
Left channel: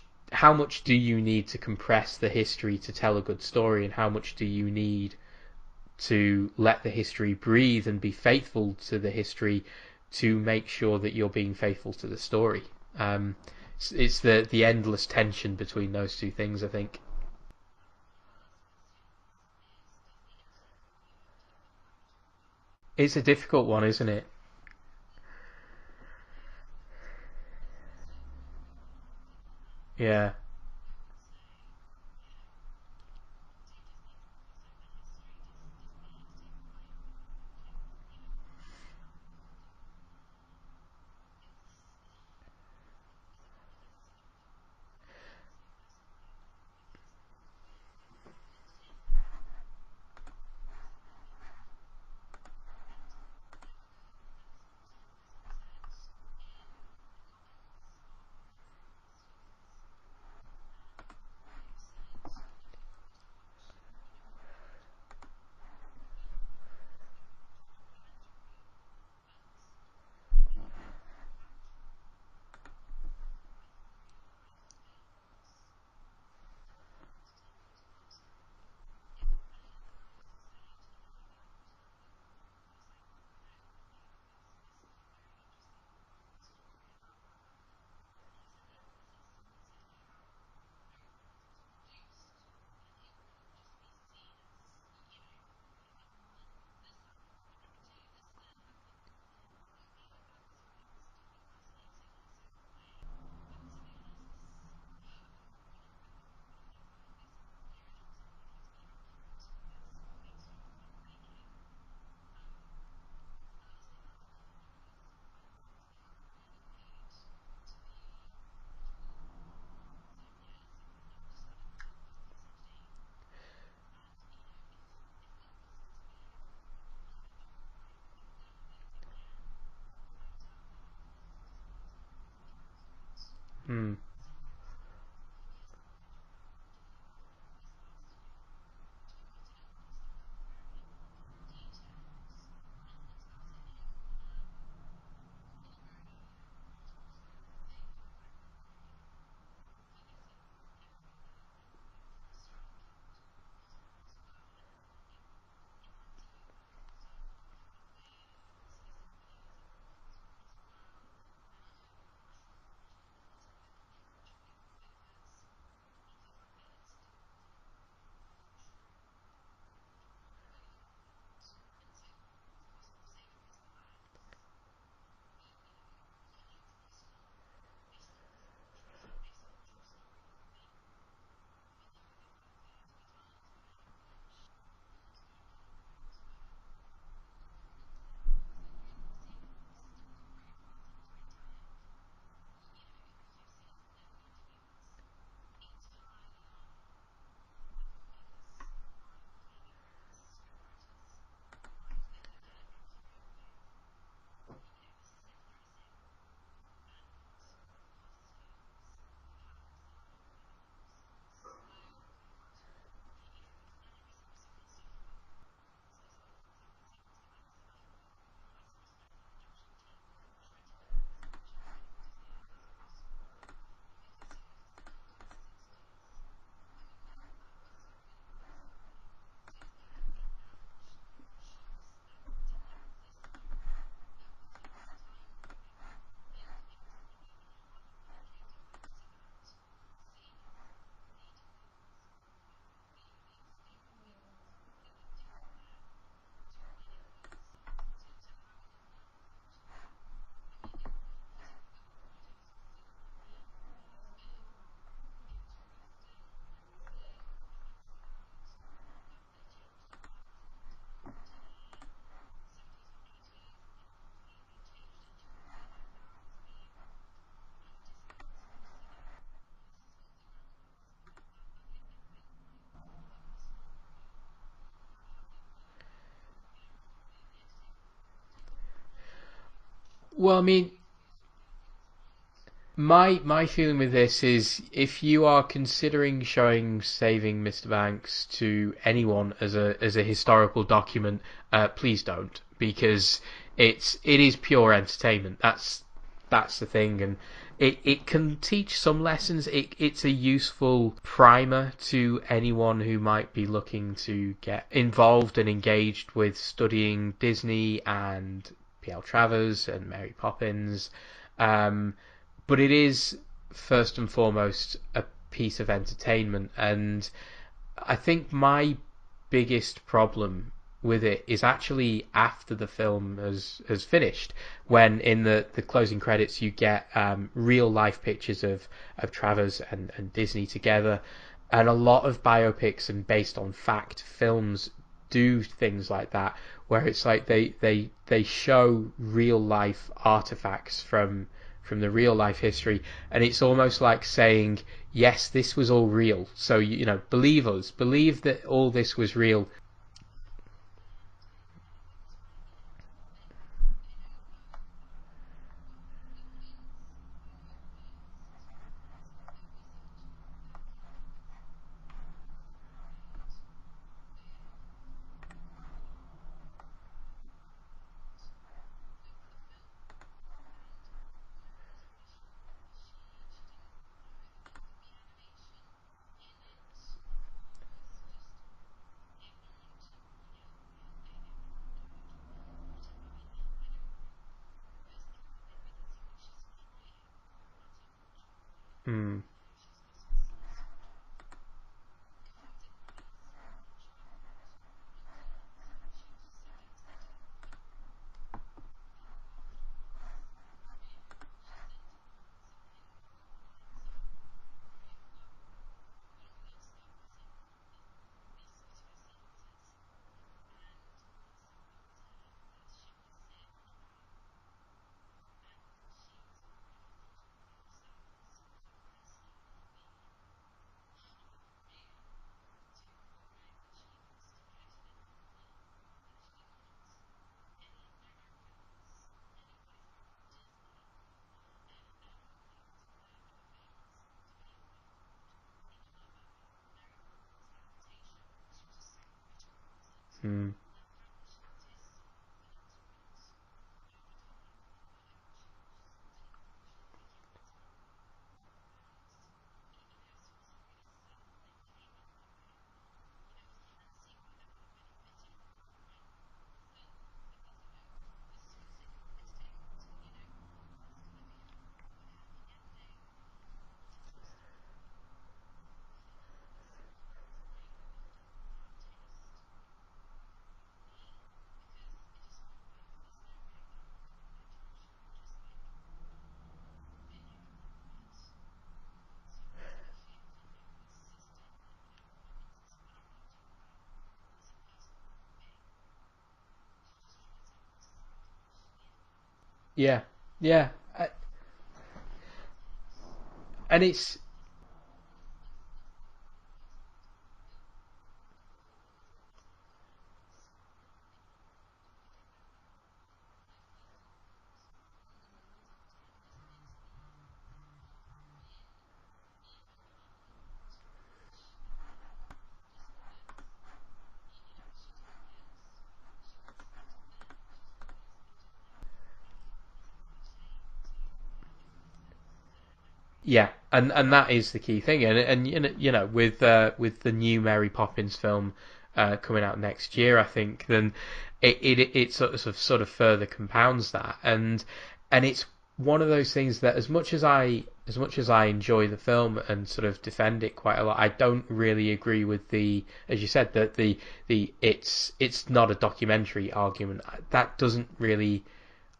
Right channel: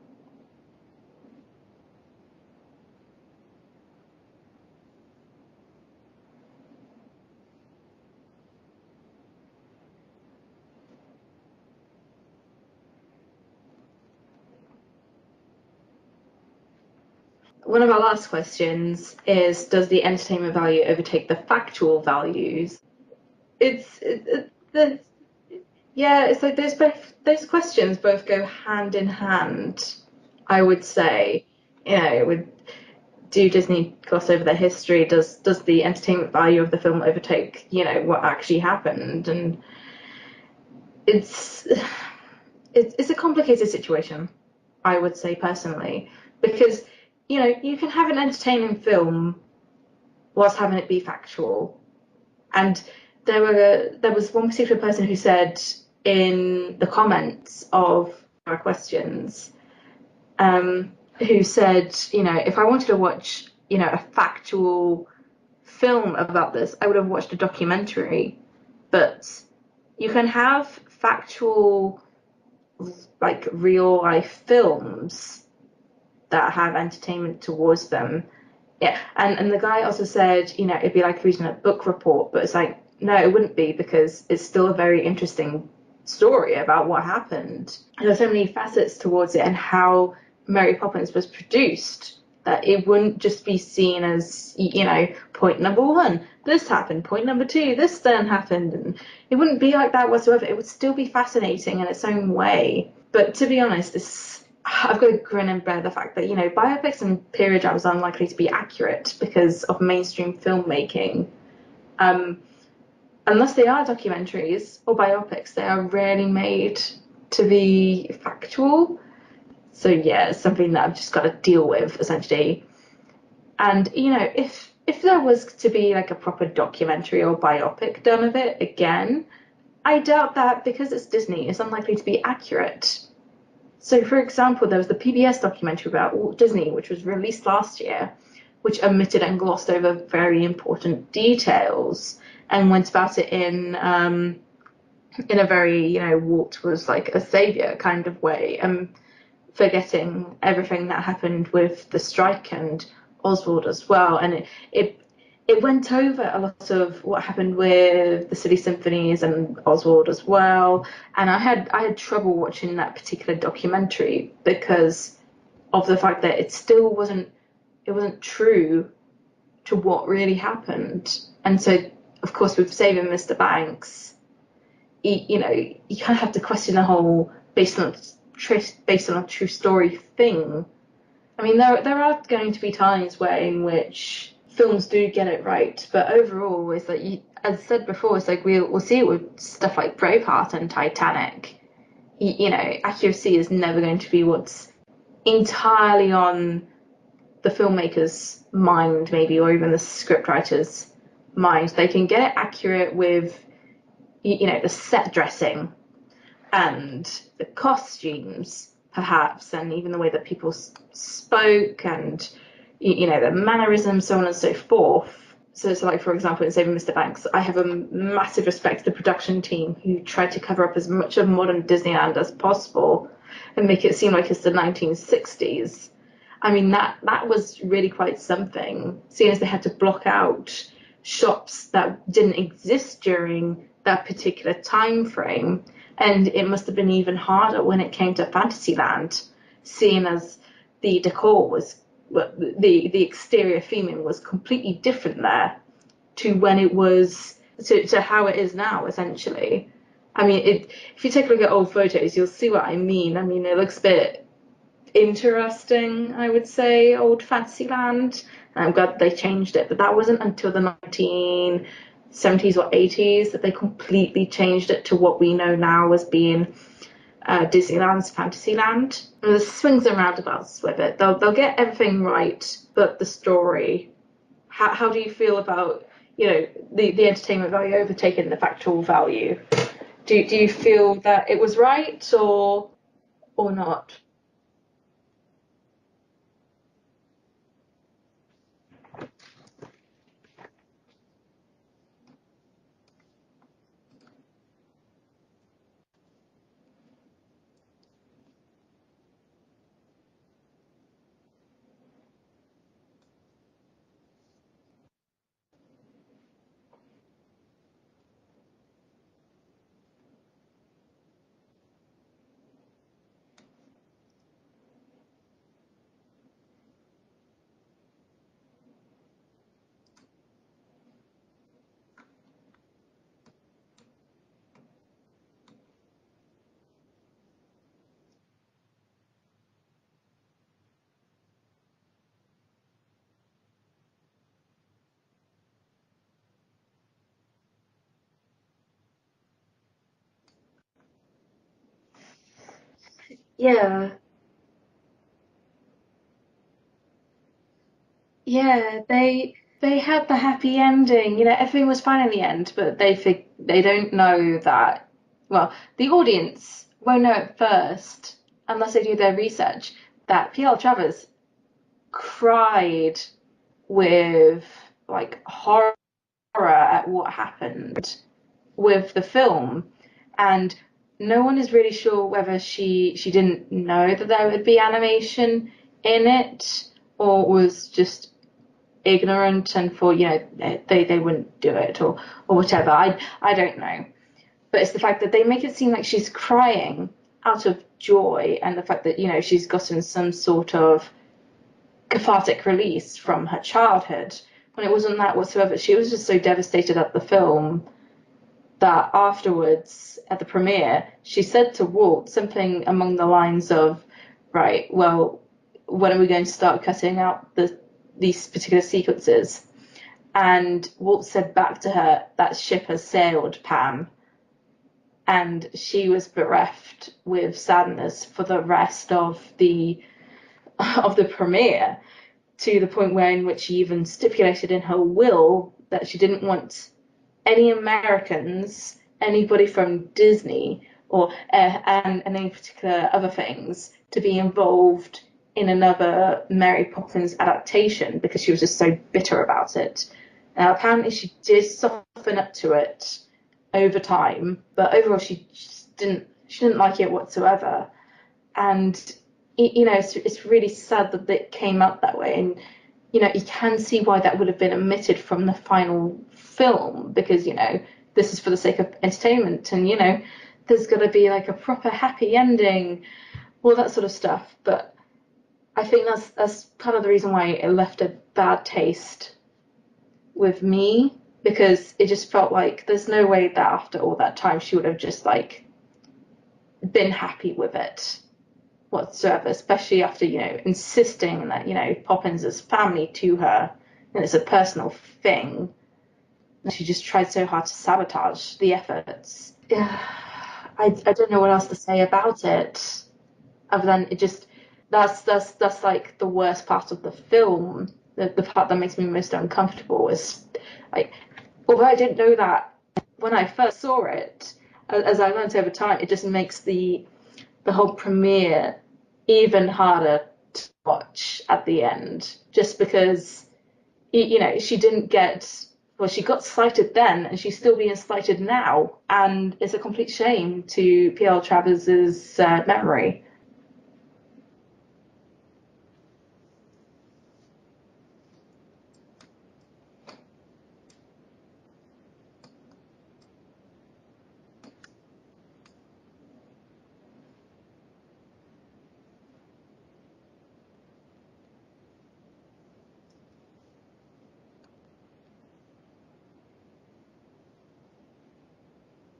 do you need to compress the history to tell a good story, and how much do you need to let the history breathe and be faithful to the history to make sure that you're being faithful to the story. It's the endless tension between those two things, I think. One of our last questions is, does the entertainment value overtake the factual values? It's a difficult one, isn't it? Yeah, it's like those questions both go hand in hand. Yeah. I would say, do Disney gloss over their history? Does the entertainment value of the film overtake, what actually happened? And it's a complicated situation, I would say personally, because you can have an entertaining film whilst having it be factual. And there was one particular person who said in the comments of our questions, who said, if I wanted to watch, a factual film about this, I would have watched a documentary. But you can have factual, like, real life films that have entertainment towards them. Yeah, and the guy also said, it'd be like reading a book report, but it's like, no, it wouldn't be, because it's still a very interesting story about what happened. There's so many facets towards it, and how Mary Poppins was produced, that it wouldn't just be seen as, point number one, this happened, point number two, this then happened, and it wouldn't be like that whatsoever. It would still be fascinating in its own way. But to be honest, I've got to grin and bear the fact that, biopics and period dramas are unlikely to be accurate because of mainstream filmmaking. Unless they are documentaries or biopics, they are rarely made to be factual. So yeah, it's something that I've just got to deal with, essentially. And, if there was to be like a proper documentary or biopic done of it again, I doubt that because it's Disney, it's unlikely to be accurate. So, for example, there was the PBS documentary about Walt Disney, which was released last year, which omitted and glossed over very important details and went about it in a very, Walt was like a savior kind of way, forgetting everything that happened with the strike and Oswald as well. And it went over a lot of what happened with the City Symphonies and Oswald as well. And I had trouble watching that particular documentary because of the fact that it still wasn't true to what really happened. And so, of course, with Saving Mr. Banks, you kind of have to question the whole based on a true story thing. I mean, there are going to be times in which films do get it right, but overall, it's like, as I said before, it's like we'll see it with stuff like Braveheart and Titanic. Accuracy is never going to be what's entirely on the filmmaker's mind, maybe, or even the scriptwriter's mind. They can get it accurate with, the set dressing and the costumes, perhaps, and even the way that people spoke and, the mannerisms, so on and so forth. So like, for example, in Saving Mr. Banks, I have a massive respect to the production team who tried to cover up as much of modern Disneyland as possible and make it seem like it's the 1960s. I mean, that was really quite something, seeing as they had to block out shops that didn't exist during that particular time frame. And it must have been even harder when it came to Fantasyland, seeing as the decor was, the exterior theming was completely different there to when it was, to how it is now, essentially. I mean, if you take a look at old photos, you'll see what I mean. I mean, it looks a bit interesting, I would say, old Fantasyland. And I'm glad they changed it, but that wasn't until the 1970s or 80s that they completely changed it to what we know now as being Disneyland's Fantasyland. And there's swings and roundabouts with it. They'll get everything right, but the story. How do you feel about the entertainment value overtaking the factual value? Do you feel that it was right, or my or feeling not? with this is, if you are considering showing Saving Mr. Banks to anyone as a historical document, please don't, because it is pure entertainment. That's the thing, and it can teach some lessons. It's a useful primer to anyone who might be looking to get involved and engaged with studying Disney and Travers and Mary Poppins, but it is first and foremost a piece of entertainment. And I think my biggest problem with it is actually after the film has finished, when in the closing credits you get real life pictures of Travers and Disney together. And a lot of biopics and based on fact films do things like that, where it's like they show real life artifacts from the real life history, and it's almost like saying, yes, this was all real, so believe us, believe that all this was real. They had the happy ending. Everything was fine in the end, but they don't know that. Well, the audience won't know at first unless they do their research that P.L. Travers cried with like horror at what happened with the film, and no one is really sure whether she didn't know that there would be animation in it, or was just ignorant and for they wouldn't do it, or whatever. I don't know, but it's the fact that they make it seem like she's crying out of joy, and the fact that she's gotten some sort of cathartic release from her childhood, when it wasn't that whatsoever. She was just so devastated at the film that afterwards, at the premiere, she said to Walt something along the lines of, right, well, when are we going to start cutting out these particular sequences? And Walt said back to her, that ship has sailed, Pam. And she was bereft with sadness for the rest of the premiere, to the point where in which she even stipulated in her will that she didn't want any Americans, anybody from Disney, or and any particular other things to be involved in another Mary Poppins adaptation, because she was just so bitter about it. Now, apparently she did soften up to it over time, but overall she didn't like it whatsoever. And it's really sad that it came out that way. And you can see why that would have been omitted from the final film, because this is for the sake of entertainment, and there's got to be like a proper happy ending, all that sort of stuff. But I think that's part of the reason why it left a bad taste with me, because it just felt like there's no way that after all that time she would have just like been happy with it whatsoever, especially after insisting that Poppins is family to her and it's a personal thing. And she just tried so hard to sabotage the efforts. Yeah. I don't know what else to say about it, other than it just that's like the worst part of the film. The part that makes me most uncomfortable is like, although I didn't know that when I first saw it, as I learned over time, it just makes the whole premiere even harder to watch at the end, just because she didn't get, well, she got slighted then and she's still being slighted now, and it's a complete shame to P.L. Travers's memory. Yeah, and that is the key thing, and with the new Mary Poppins film coming out next year, I think, then it sort of further compounds that, and it's one of those things that as much as I enjoy the film and sort of defend it quite a lot, I don't really agree with the, as you said, that the it's not a documentary argument. That doesn't really,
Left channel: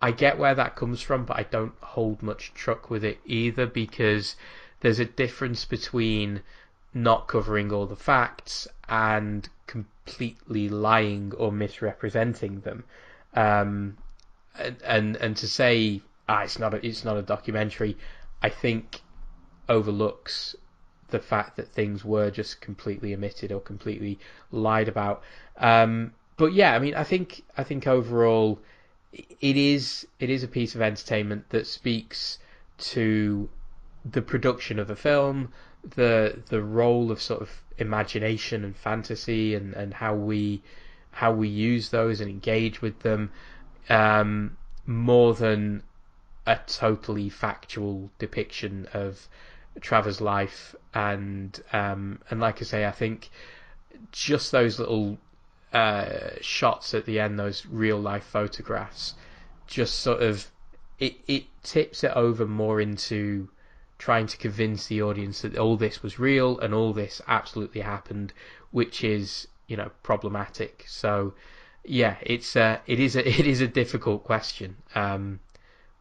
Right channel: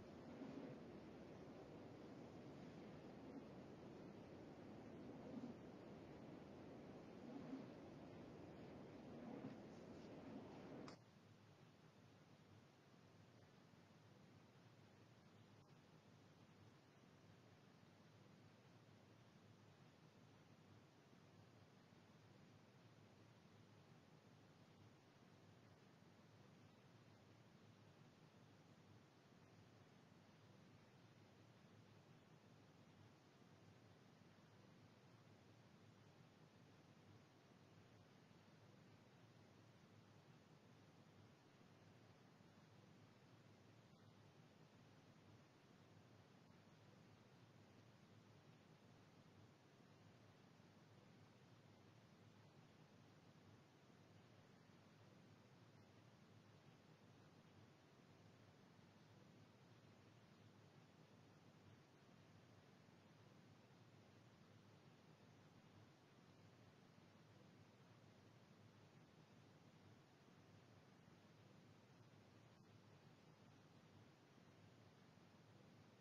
I get where that comes from, but I don't hold much truck with it either, because there's a difference between not covering all the facts and completely lying or misrepresenting them. And to say it's not a documentary, I think overlooks the fact that things were just completely omitted or completely lied about. But yeah, I mean, I think overall it is a piece of entertainment that speaks to the production of a film, the role of sort of imagination and fantasy, and how we use those and engage with them, more than a totally factual depiction of Travers' life. And like I say, I think just those little shots at the end, those real life photographs, just sort of it tips it over more into trying to convince the audience that all this was real and all this absolutely happened, which is problematic. So yeah, it is a difficult question,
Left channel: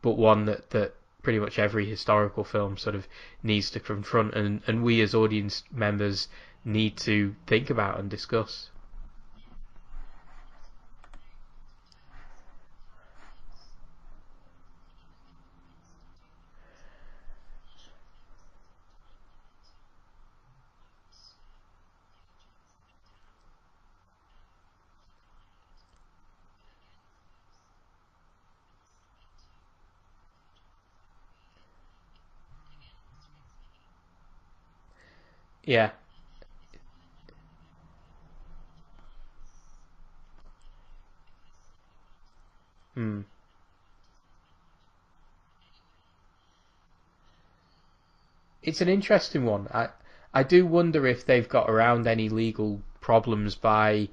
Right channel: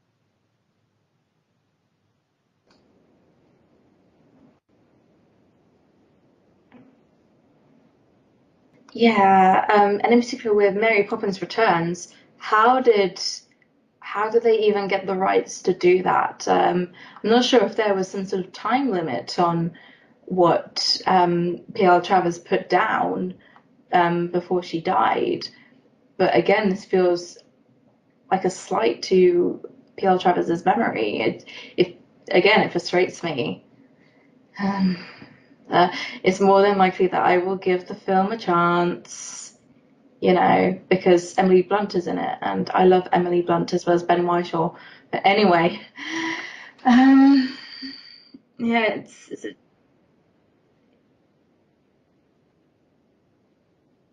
but one that pretty much every historical film sort of needs to confront, and we as audience members need to think about and discuss. Yeah, and in particular with Mary Poppins Returns, how did they even get the rights to do that? I'm not sure if there was some sort of time limit on what P.L. Travers put down before she died. But again, this feels like a slight to P.L. Travers's memory. It frustrates me. It's more than likely that I will give the film a chance, because Emily Blunt is in it, and I love Emily Blunt as well as Ben Whishaw. But anyway, it's an interesting one. I do wonder if they've got around any legal problems by,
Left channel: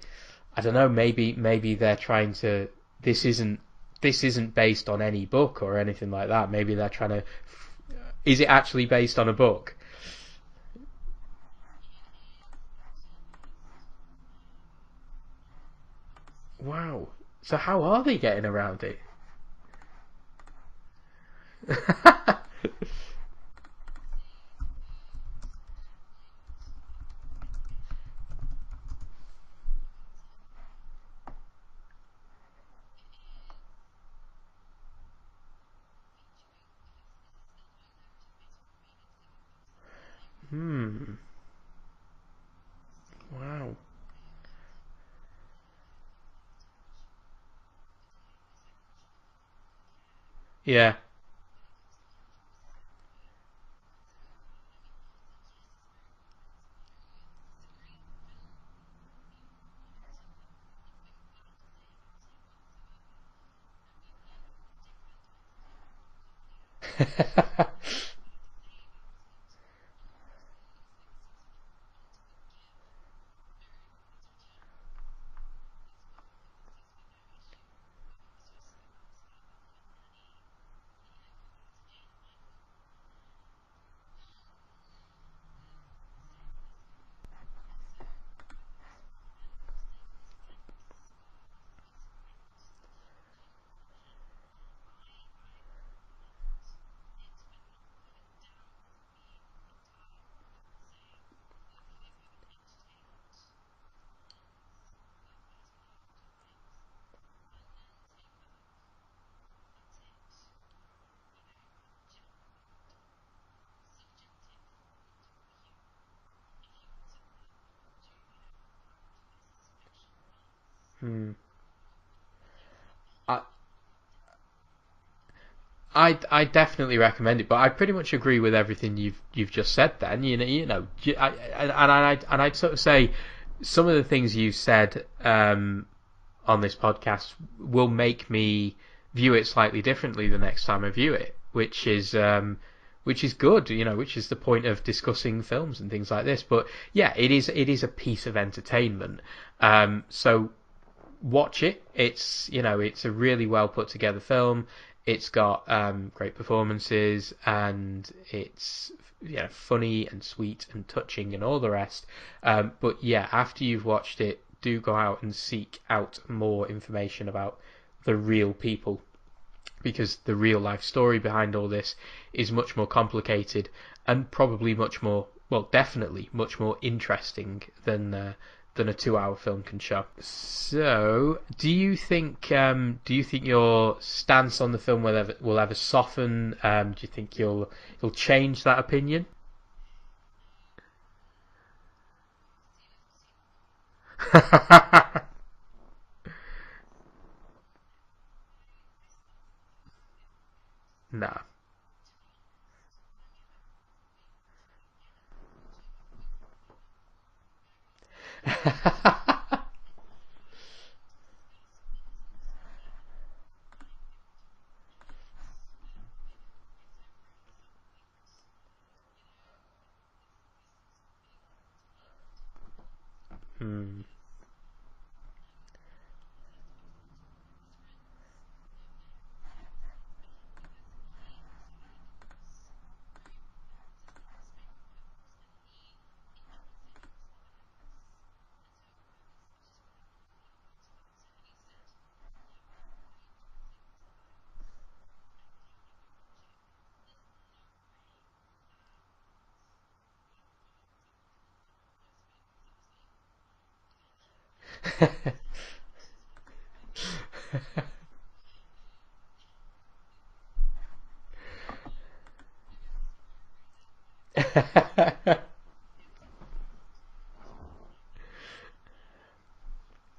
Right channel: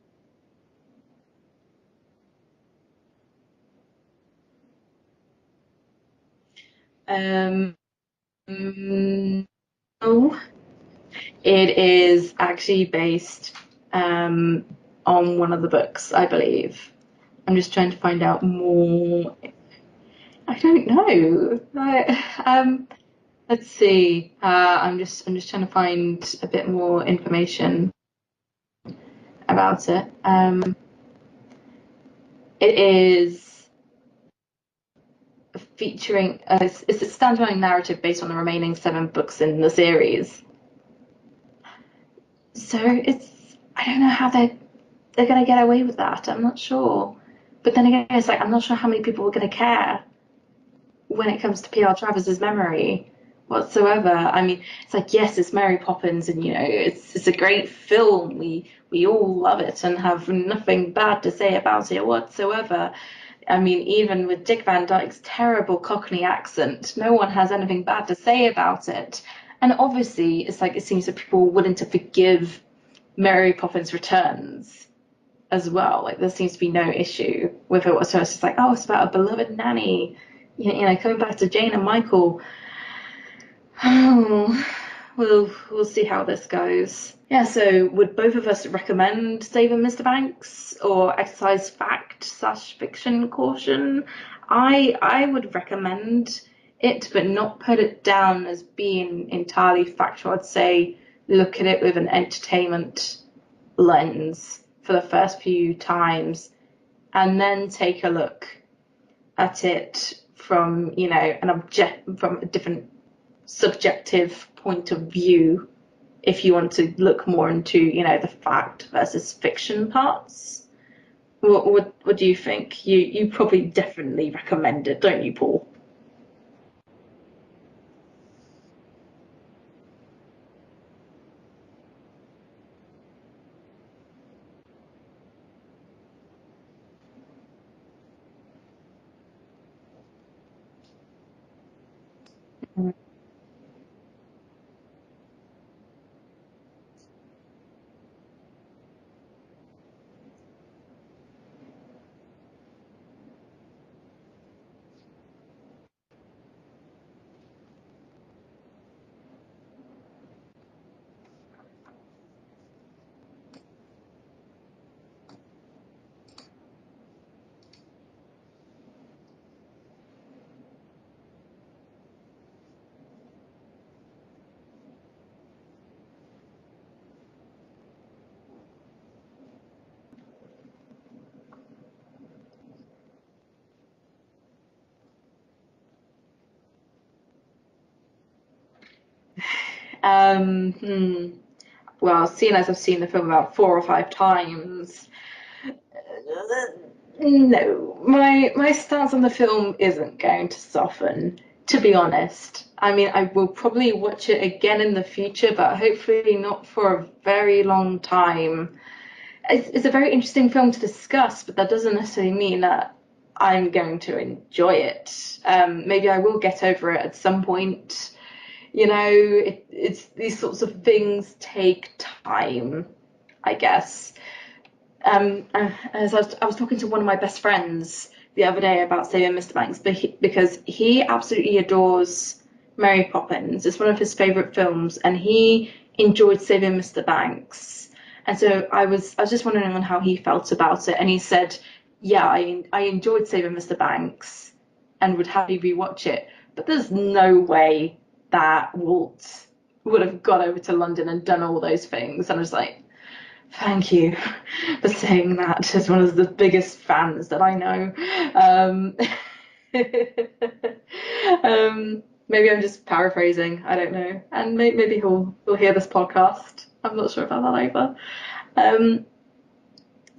I don't know, maybe they're trying to, this isn't based on any book or anything like that. Maybe they're trying to, is it actually based on a book? Oh, it is actually based on one of the books, I believe. Wow. So I'm just how trying are to find they out getting around more. I don't know. Let's see. I'm just trying to find a bit more information about it. It is featuring it's a standalone narrative based on the remaining 7 books in the series. So it's Wow. I don't know how they're gonna get away with that. I'm not sure. But then again, it's like I'm not sure how many people are gonna care Yeah. when it comes to P.R. Travis's memory whatsoever. I mean, it's like yes, it's Mary Poppins, and it's a great film. We all love it and have nothing bad to say about it whatsoever. I mean, even with Dick Van Dyke's terrible Cockney accent, no one has anything bad to say about it. And obviously, it's like it seems that people are willing to forgive Mary Poppins Returns as well. Like there seems to be no issue with it whatsoever. It's just like, oh, it's about a beloved nanny, coming back to Jane and Michael. Oh, we'll see how this goes. Yeah, so would both of us recommend Saving Mr. Banks or exercise fact/fiction caution? I would recommend it, but not put it down as being entirely factual. I'd say look at it with an entertainment lens for the first few times, and then take a look at it from from a different subjective point of view if you want to look more into the fact versus fiction parts. What do you think? You probably definitely recommend it, don't you, Paul? I definitely recommend it, but I pretty much agree with everything you've just said. Then I'd sort of say some of the things you said on this podcast will make me view it slightly differently the next time I view it, which is good, which is the point of discussing films and things like this. But yeah, it is a piece of entertainment. So watch it. It's a really well put together film. It's got great performances, and it's funny and sweet and touching and all the rest. But yeah, after you've watched it, do go out and seek out more information about the real people, because the real life story behind all this is much more complicated and probably much more, well, definitely much more interesting than a 2-hour film can show. So, do you think your stance on the film will ever soften? Do you think you'll change that opinion? Well, seeing as I've seen the film about 4 or 5 times, no, my stance on the film isn't going to soften, No. to be honest. I mean, I will probably watch it again in the future, but hopefully not for a very long time. It's a very interesting film to discuss, but that doesn't necessarily mean that I'm going to enjoy it. Maybe I will get over it at some point. It's these sorts of things take time, I guess. As I was talking to one of my best friends the other day about Saving Mr. Banks, because he absolutely adores Mary Poppins. It's one of his favorite films, and he enjoyed Saving Mr. Banks. And so I was just wondering on how he felt about it, and he said, "Yeah, I enjoyed Saving Mr. Banks, and would happily rewatch it, but there's no way that Walt would have got over to London and done all those things." And I was like, thank you for saying that as one of the biggest fans that I know. Maybe I'm just paraphrasing. I don't know. And maybe he'll hear this podcast. I'm not sure about that either.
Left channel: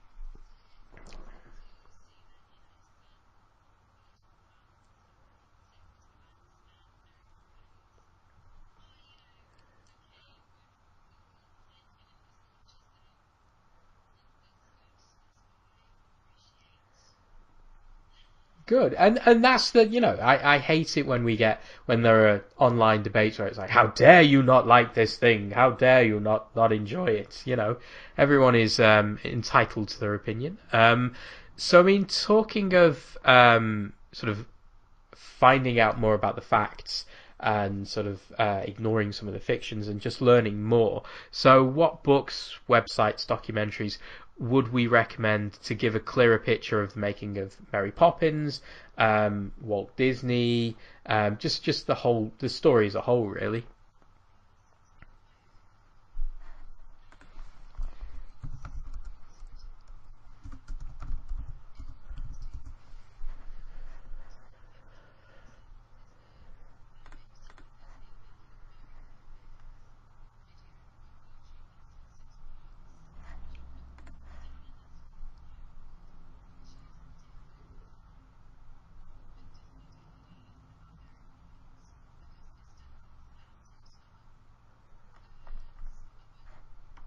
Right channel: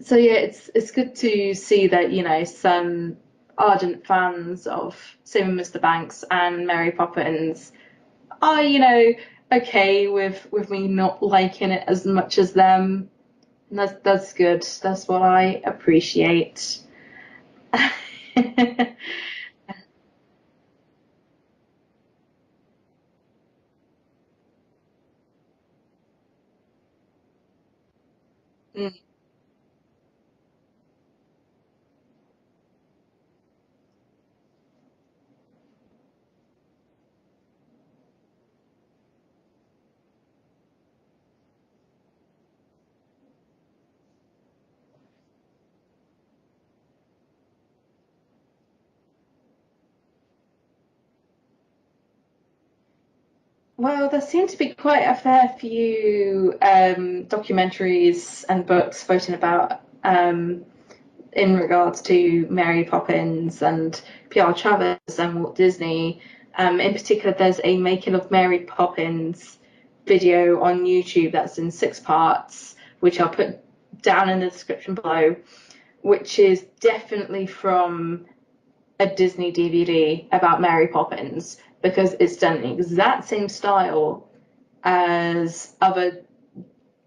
So yeah, it's good to see that some ardent fans of Saving Mr. Banks and Mary Poppins are okay with me not liking it as much as them. That's good. That's what I appreciate. Good, and that's I hate it when there are online debates where it's like, how dare you not like this thing? How dare you not enjoy it? Everyone is entitled to their opinion. So I mean, talking of sort of finding out more about the facts and sort of ignoring some of the fictions and just learning more. So what books, websites, documentaries would we recommend to give a clearer picture of the making of Mary Poppins Walt Disney, just the story as a whole, really. Well, there seem to be quite a fair few documentaries and books floating about in regards to Mary Poppins and P.R. Travers and Walt Disney. In particular, there's a Making of Mary Poppins video on YouTube that's in 6 parts, which I'll put down in the description below, which is definitely from a Disney DVD about Mary Poppins, because it's done in the exact same style as other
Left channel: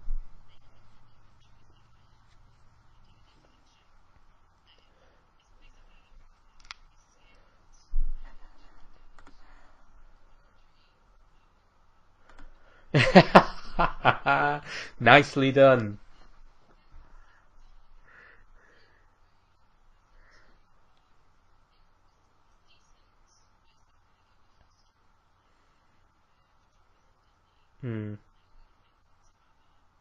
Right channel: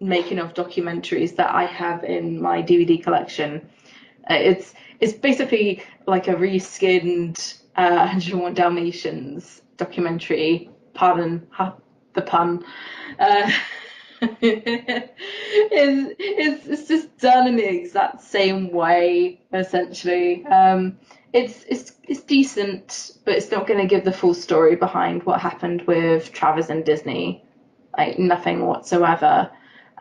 making of documentaries that I have in my DVD collection. It's basically like a reskinned 101 Dalmatians documentary. Pardon the pun. Nicely done. It's just done in the exact same way, essentially. It's decent, but it's not going to give the full story behind what happened with Travers and Disney. Like, nothing whatsoever.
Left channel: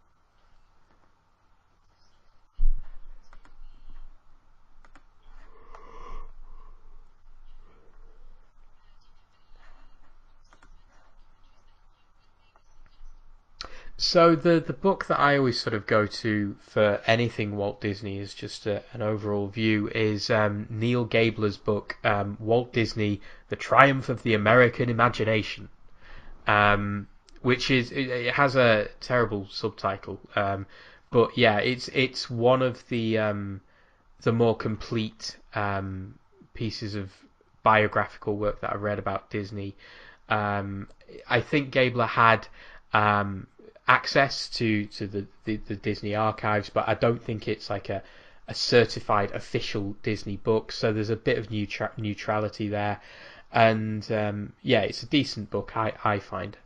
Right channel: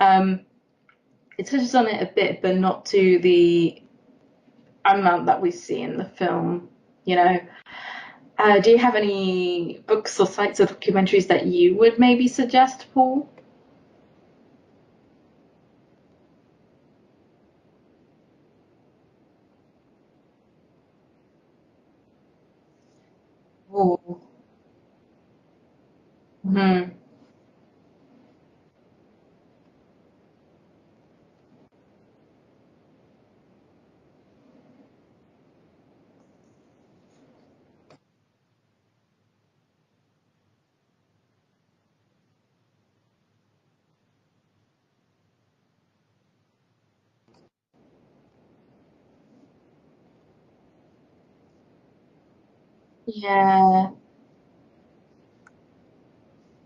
It touches on it a bit, but not to the amount that we see in the film, you know. Do you have any books or sites or documentaries that you would maybe suggest, Paul? So the book that I always sort of go to for anything Walt Disney is just an overall view is Neil Gabler's book, Walt Disney, The Triumph of the American Imagination, which is, it has a terrible subtitle, but yeah, it's one of the more complete pieces of biographical work that I've read about Disney. I think Gabler had access to the Disney archives, but I don't think it's like a certified official Disney book, so there's a bit of neutrality there. Yeah. And yeah, it's a decent book, I find.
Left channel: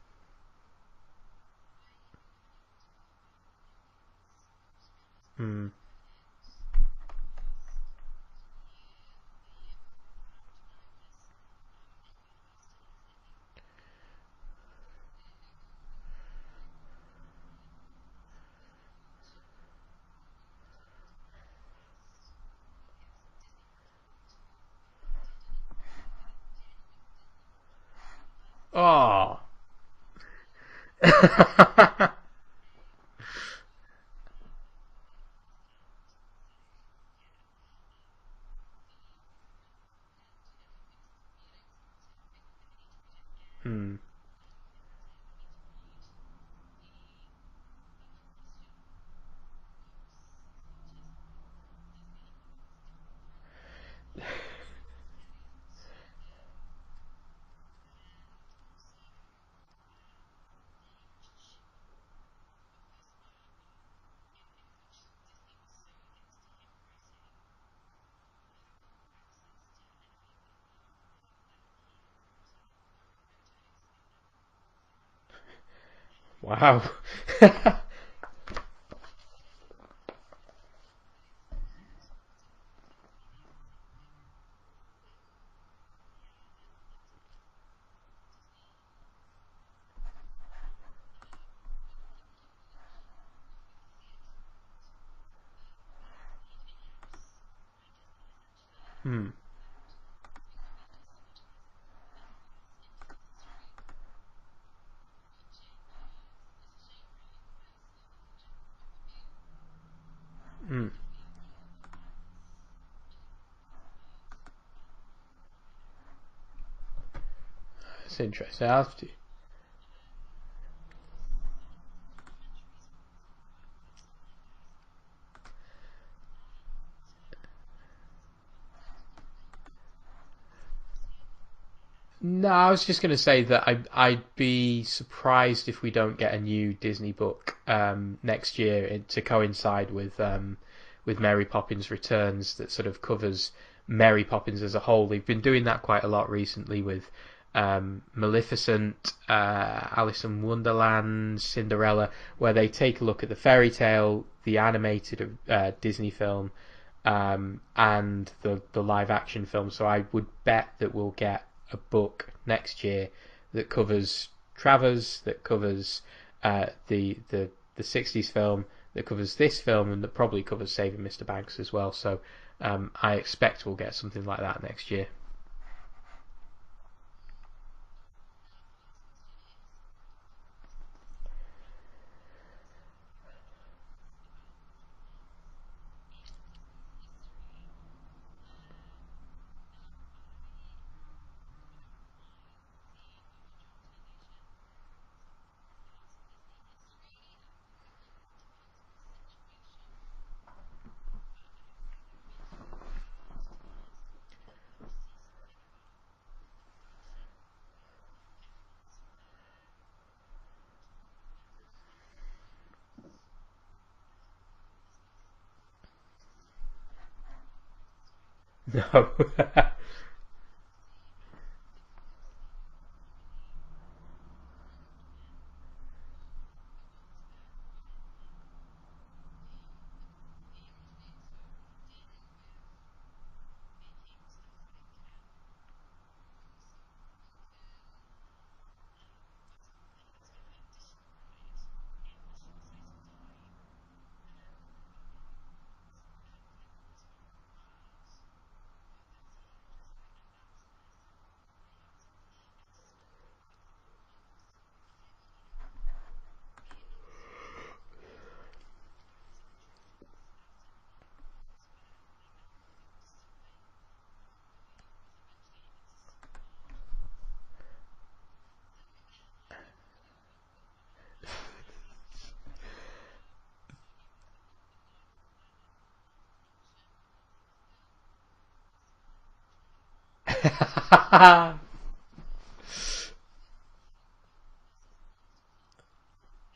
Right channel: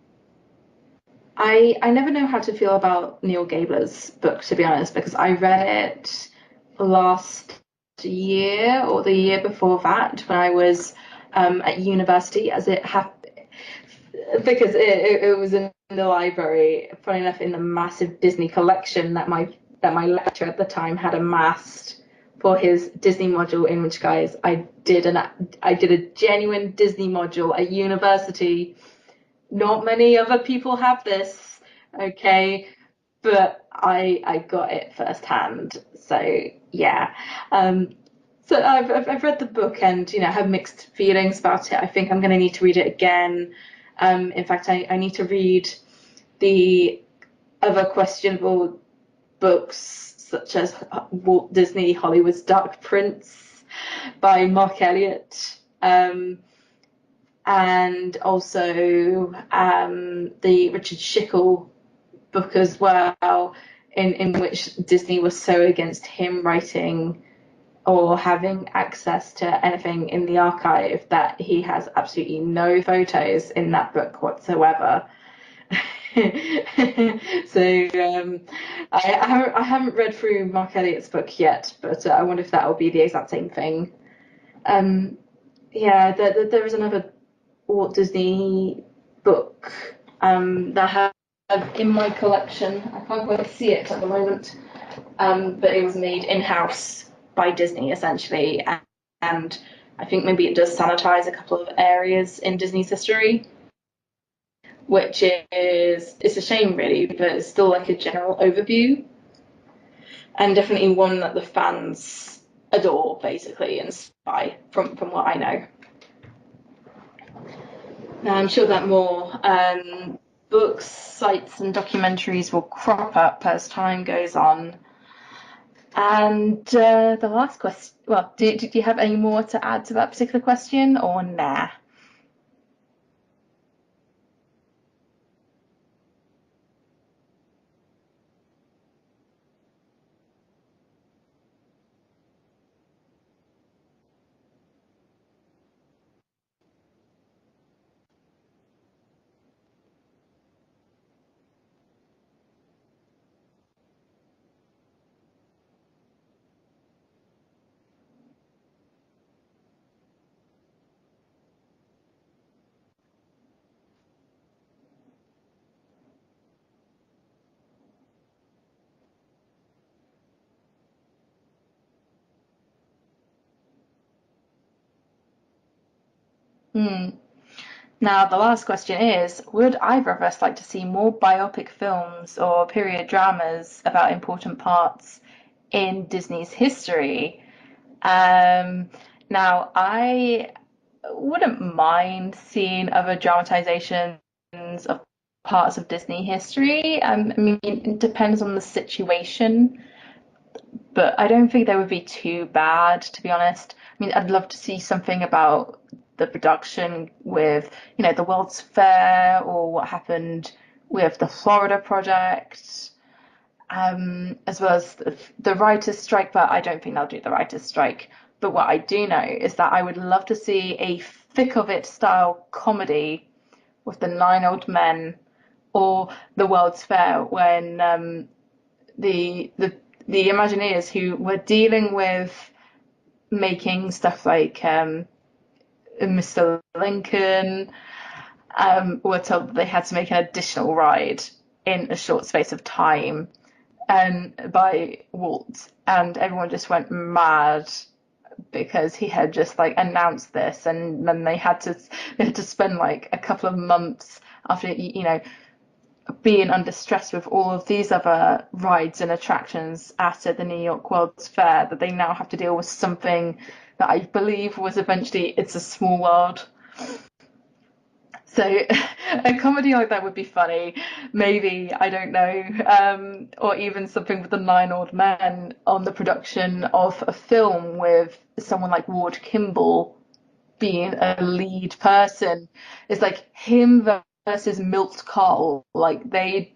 I never know how to feel about Neil Gabler's book, to be honest, because I read it last year or the year before that when I was at university, as it happened, because it was in the library, funny enough, in the massive Disney collection that my lecturer at the time had amassed for his Disney module, in which, guys, I did a genuine Disney module at university. Oh. Not many other people have this, okay, but I got it firsthand. So yeah, so I've read the book and, you know, have mixed feelings about it. I think I'm going to need to read it again. In fact, I need to read the other questionable books, such as Walt Disney, Hollywood's Dark Prince by Mark Elliott, and also the Richard Schickel book as well, in which Disney was so against him writing or having access to anything in the archive that he has absolutely no photos in that book whatsoever. Wow. So I haven't read through Mark Elliott's book yet, but I wonder if that will be the exact same thing. Yeah, there is another Walt Disney book that I have in my collection. I can't quite see it at the moment, but it was made in-house by Disney, essentially, and I think maybe it does sanitize a couple of areas in Disney's history, which it's a shame, really, but it's still like a general overview, and definitely one that the fans adore, basically, and spy from what I know. I'm sure that more books, sites, and documentaries will crop up as time goes on. And the last question, well, did you have any more to add to that particular question, or nah? No, I was just going to say that I'd be surprised if we don't get a new Disney book next year to coincide with Mary Poppins Returns that sort of covers Mary Poppins as a whole. They've been doing that quite a lot recently with Maleficent, Alice in Wonderland, Cinderella, where they take a look at the fairy tale, the animated Disney film, and the live action film. So I would bet that we'll get a book next year that covers Travers, that covers the 60s film, that covers this film, and that probably covers Saving Mr. Banks as well. So I expect we'll get something like that next year. Now, the last question is, would either of us like to see more biopic films or period dramas about important parts in Disney's history? Now, I wouldn't mind seeing other dramatizations of parts of Disney history. I mean, it depends on the situation, but I don't think they would be too bad, to be honest. I mean, I'd love to see something about the production with, the World's Fair or what happened with the Florida project, as well as the writers' strike, but I don't think they'll do the writers' strike. But what I do know is that I would love to see a thick of it style comedy with the Nine Old Men or the World's Fair when the Imagineers who were dealing with making stuff like Mr. Lincoln were told that they had to make an additional ride in a short space of time by Walt, and everyone just went mad because he had just like announced this, and then they had to spend like a couple of months after being under stress with all of these other rides and attractions at the New York World's Fair, that they now have to deal with something that I believe was eventually It's a Small World. So a comedy like that would be funny. Maybe, I don't know, or even something with the Nine Old Men on the production of a film with someone like Ward Kimball being a lead person. It's like him versus Milt Kahl. Like they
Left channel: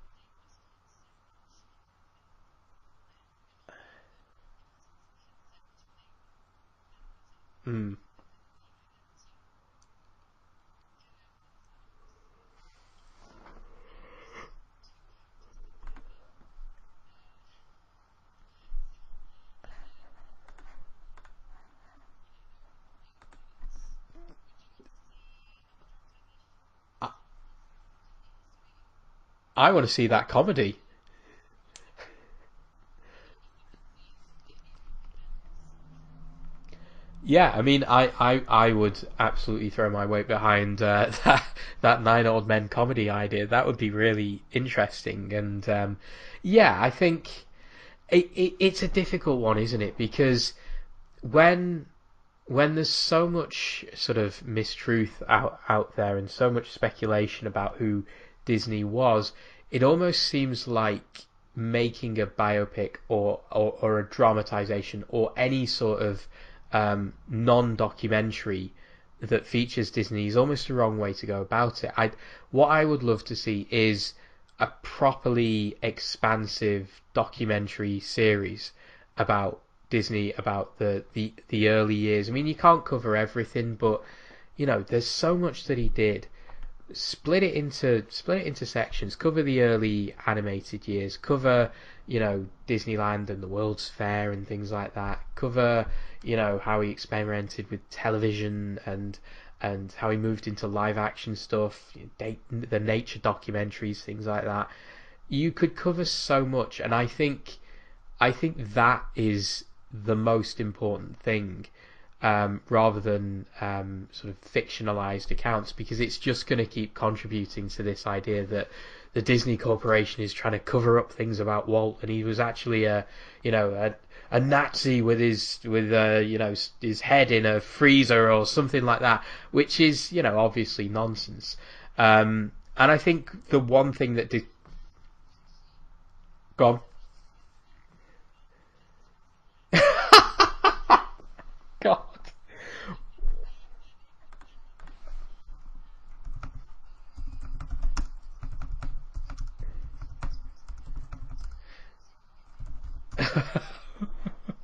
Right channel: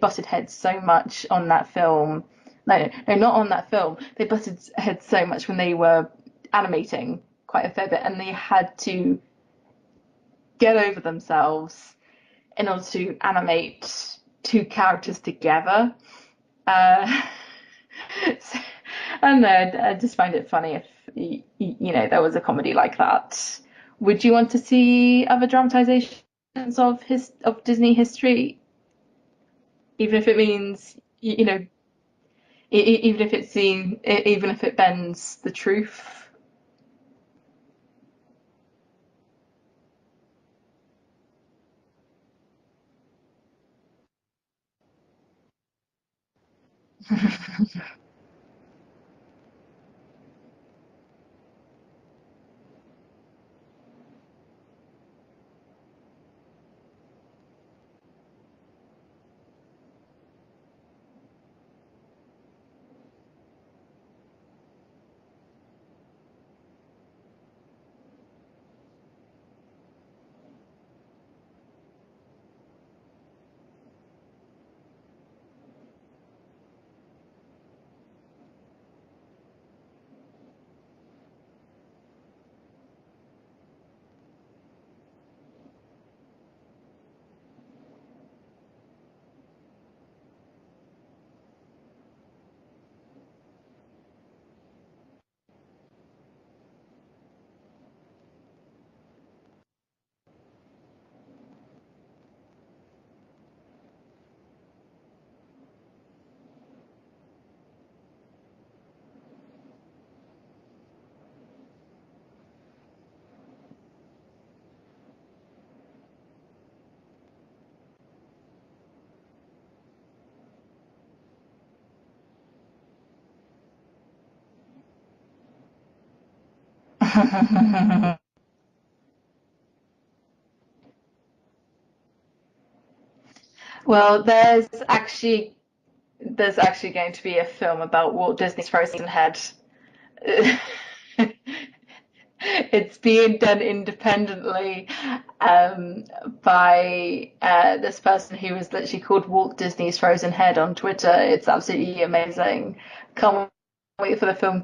butted heads so much on that film. No, not on that film. They butted heads so much when they were animating quite a fair bit, and they had to get over themselves in order to animate two characters together. So, I don't know, I just find it funny if there was a comedy like that. Would you want to see other dramatizations of Disney history? I want to see Even that if it comedy. means, even if it bends the truth. Yeah, I mean, I would absolutely throw my weight behind that Nine Old Men comedy idea. That would be really interesting, and yeah, I think it's a difficult one, isn't it? Because when there's so much sort of mistruth out there and so much speculation about who Disney was, it almost seems like making a biopic or a dramatization or any sort of non-documentary that features Disney is almost the wrong way to go about it. What I would love to see is a properly expansive documentary series about Disney, about the early years. I mean, you can't cover everything, but there's so much that he did. Split it into sections. Cover the early animated years. Cover Disneyland and the World's Fair and things like that. Cover how he experimented with television and how he moved into live action stuff, the nature documentaries, things like that. You could cover so much, and I think that is the most important thing, rather than sort of fictionalized accounts, because it's just going to keep contributing to this idea that the Disney Corporation is trying to cover up things about Walt, and he was actually a Nazi with his head in a freezer or something like that, which is obviously nonsense. And I think the one Well, thing that there's actually going to be a film about Walt Disney's frozen head. God. It's being done independently by this person who is literally called Walt Disney's Frozen Head on Twitter. It's absolutely amazing. Can't wait for the film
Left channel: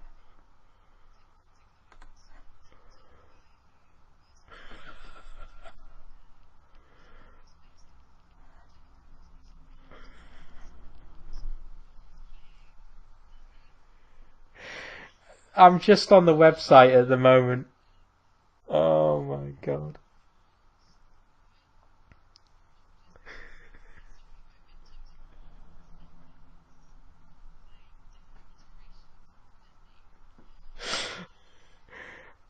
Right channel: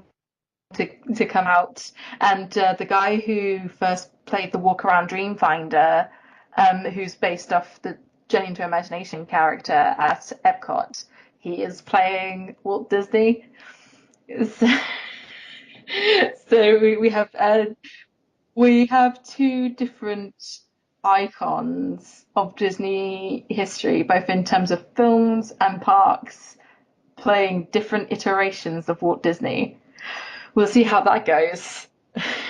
to come out. And the guy who first played the Walk Around Dreamfinder, who's based off the Journey into Imagination character at Epcot, he is playing Walt Disney. I'm just on the website So at the moment. We Oh have my two God. different icons of Disney history, both in terms of films and parks, playing different iterations of Walt Disney. We'll see how that goes.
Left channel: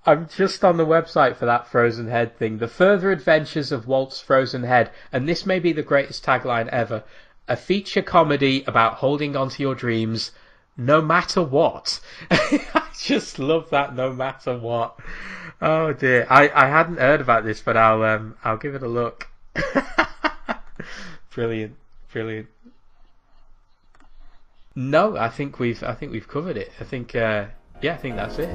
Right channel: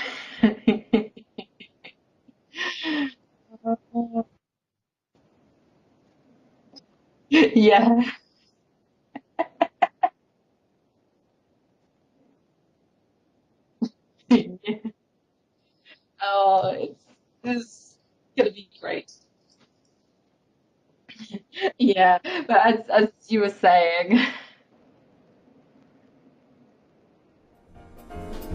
I'm just on the website for that Frozen Head thing. The Further Adventures of Walt's Frozen Head. And this may be the greatest tagline ever. A Yeah. feature comedy about holding on to your dreams no matter what. I just love that no matter what. Oh dear. I hadn't heard about this, but I'll give it a look. Brilliant. Yeah, Brilliant. but as you were saying. No, I think we've covered it. I think I think that's it.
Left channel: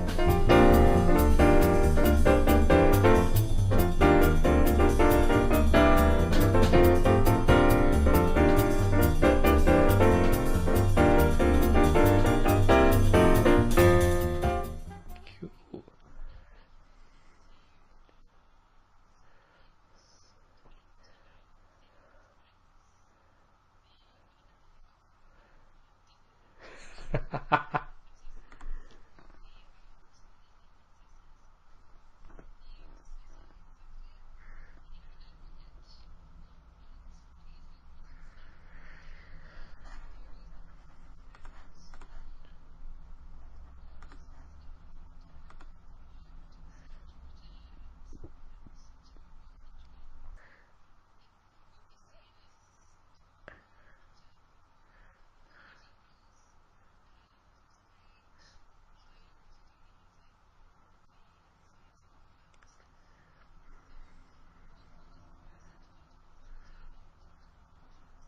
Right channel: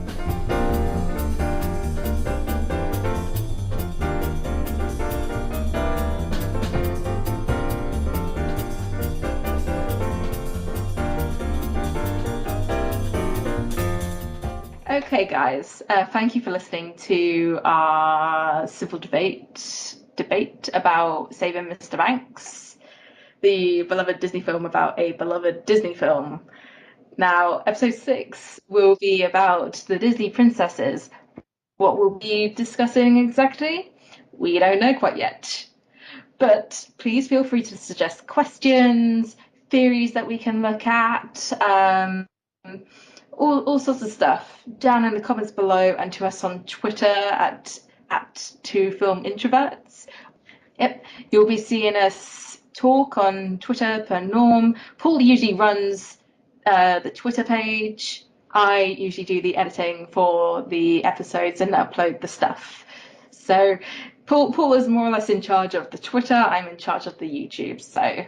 Okay, guys, thank you for listening to our civil debate about Saving Mr. Banks, the beloved Disney film about a beloved Disney film. Now, episode 6 will be about the Disney princesses. What we'll be discussing exactly, we don't know quite yet. But please feel free to suggest questions, theories that we can look at, all sorts of stuff down in the comments below, and to us on Twitter at Two Film Introverts. Yep, you'll be seeing us talk on Twitter per norm. Paul usually runs the Twitter page. I usually do the editing for the episodes and upload the stuff. So Paul is more or less in charge of the Twitter. I'm in charge of the YouTube. So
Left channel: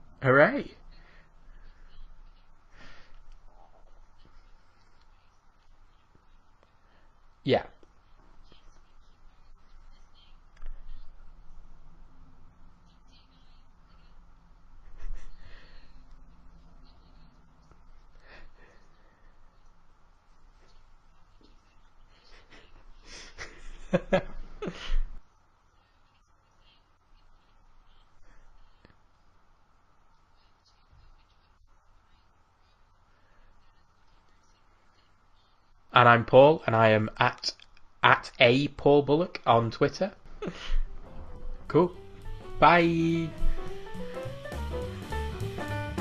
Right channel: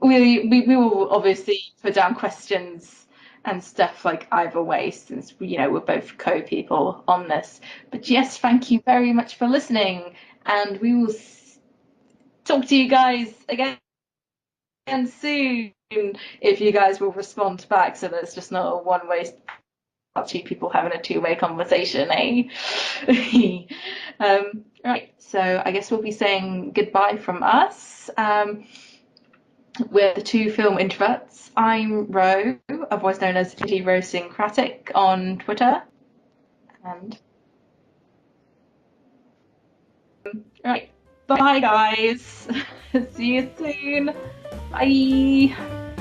we will obviously put down questions and stuff like either way, since we're both co-people on this. Yeah. But yes, thank you very much for listening, and we will talk to you guys again soon, if you guys will respond back, so that it's just not a one-way, two people having a two-way conversation, eh? Right, so I guess we'll be saying goodbye from us. We're the Two Film Introverts. I'm Rowe, otherwise known as Idiosyncratic on Twitter. And I'm Paul, and I am at a Paul Bullock on Twitter. Right, bye guys. Bye. See you soon. Bye.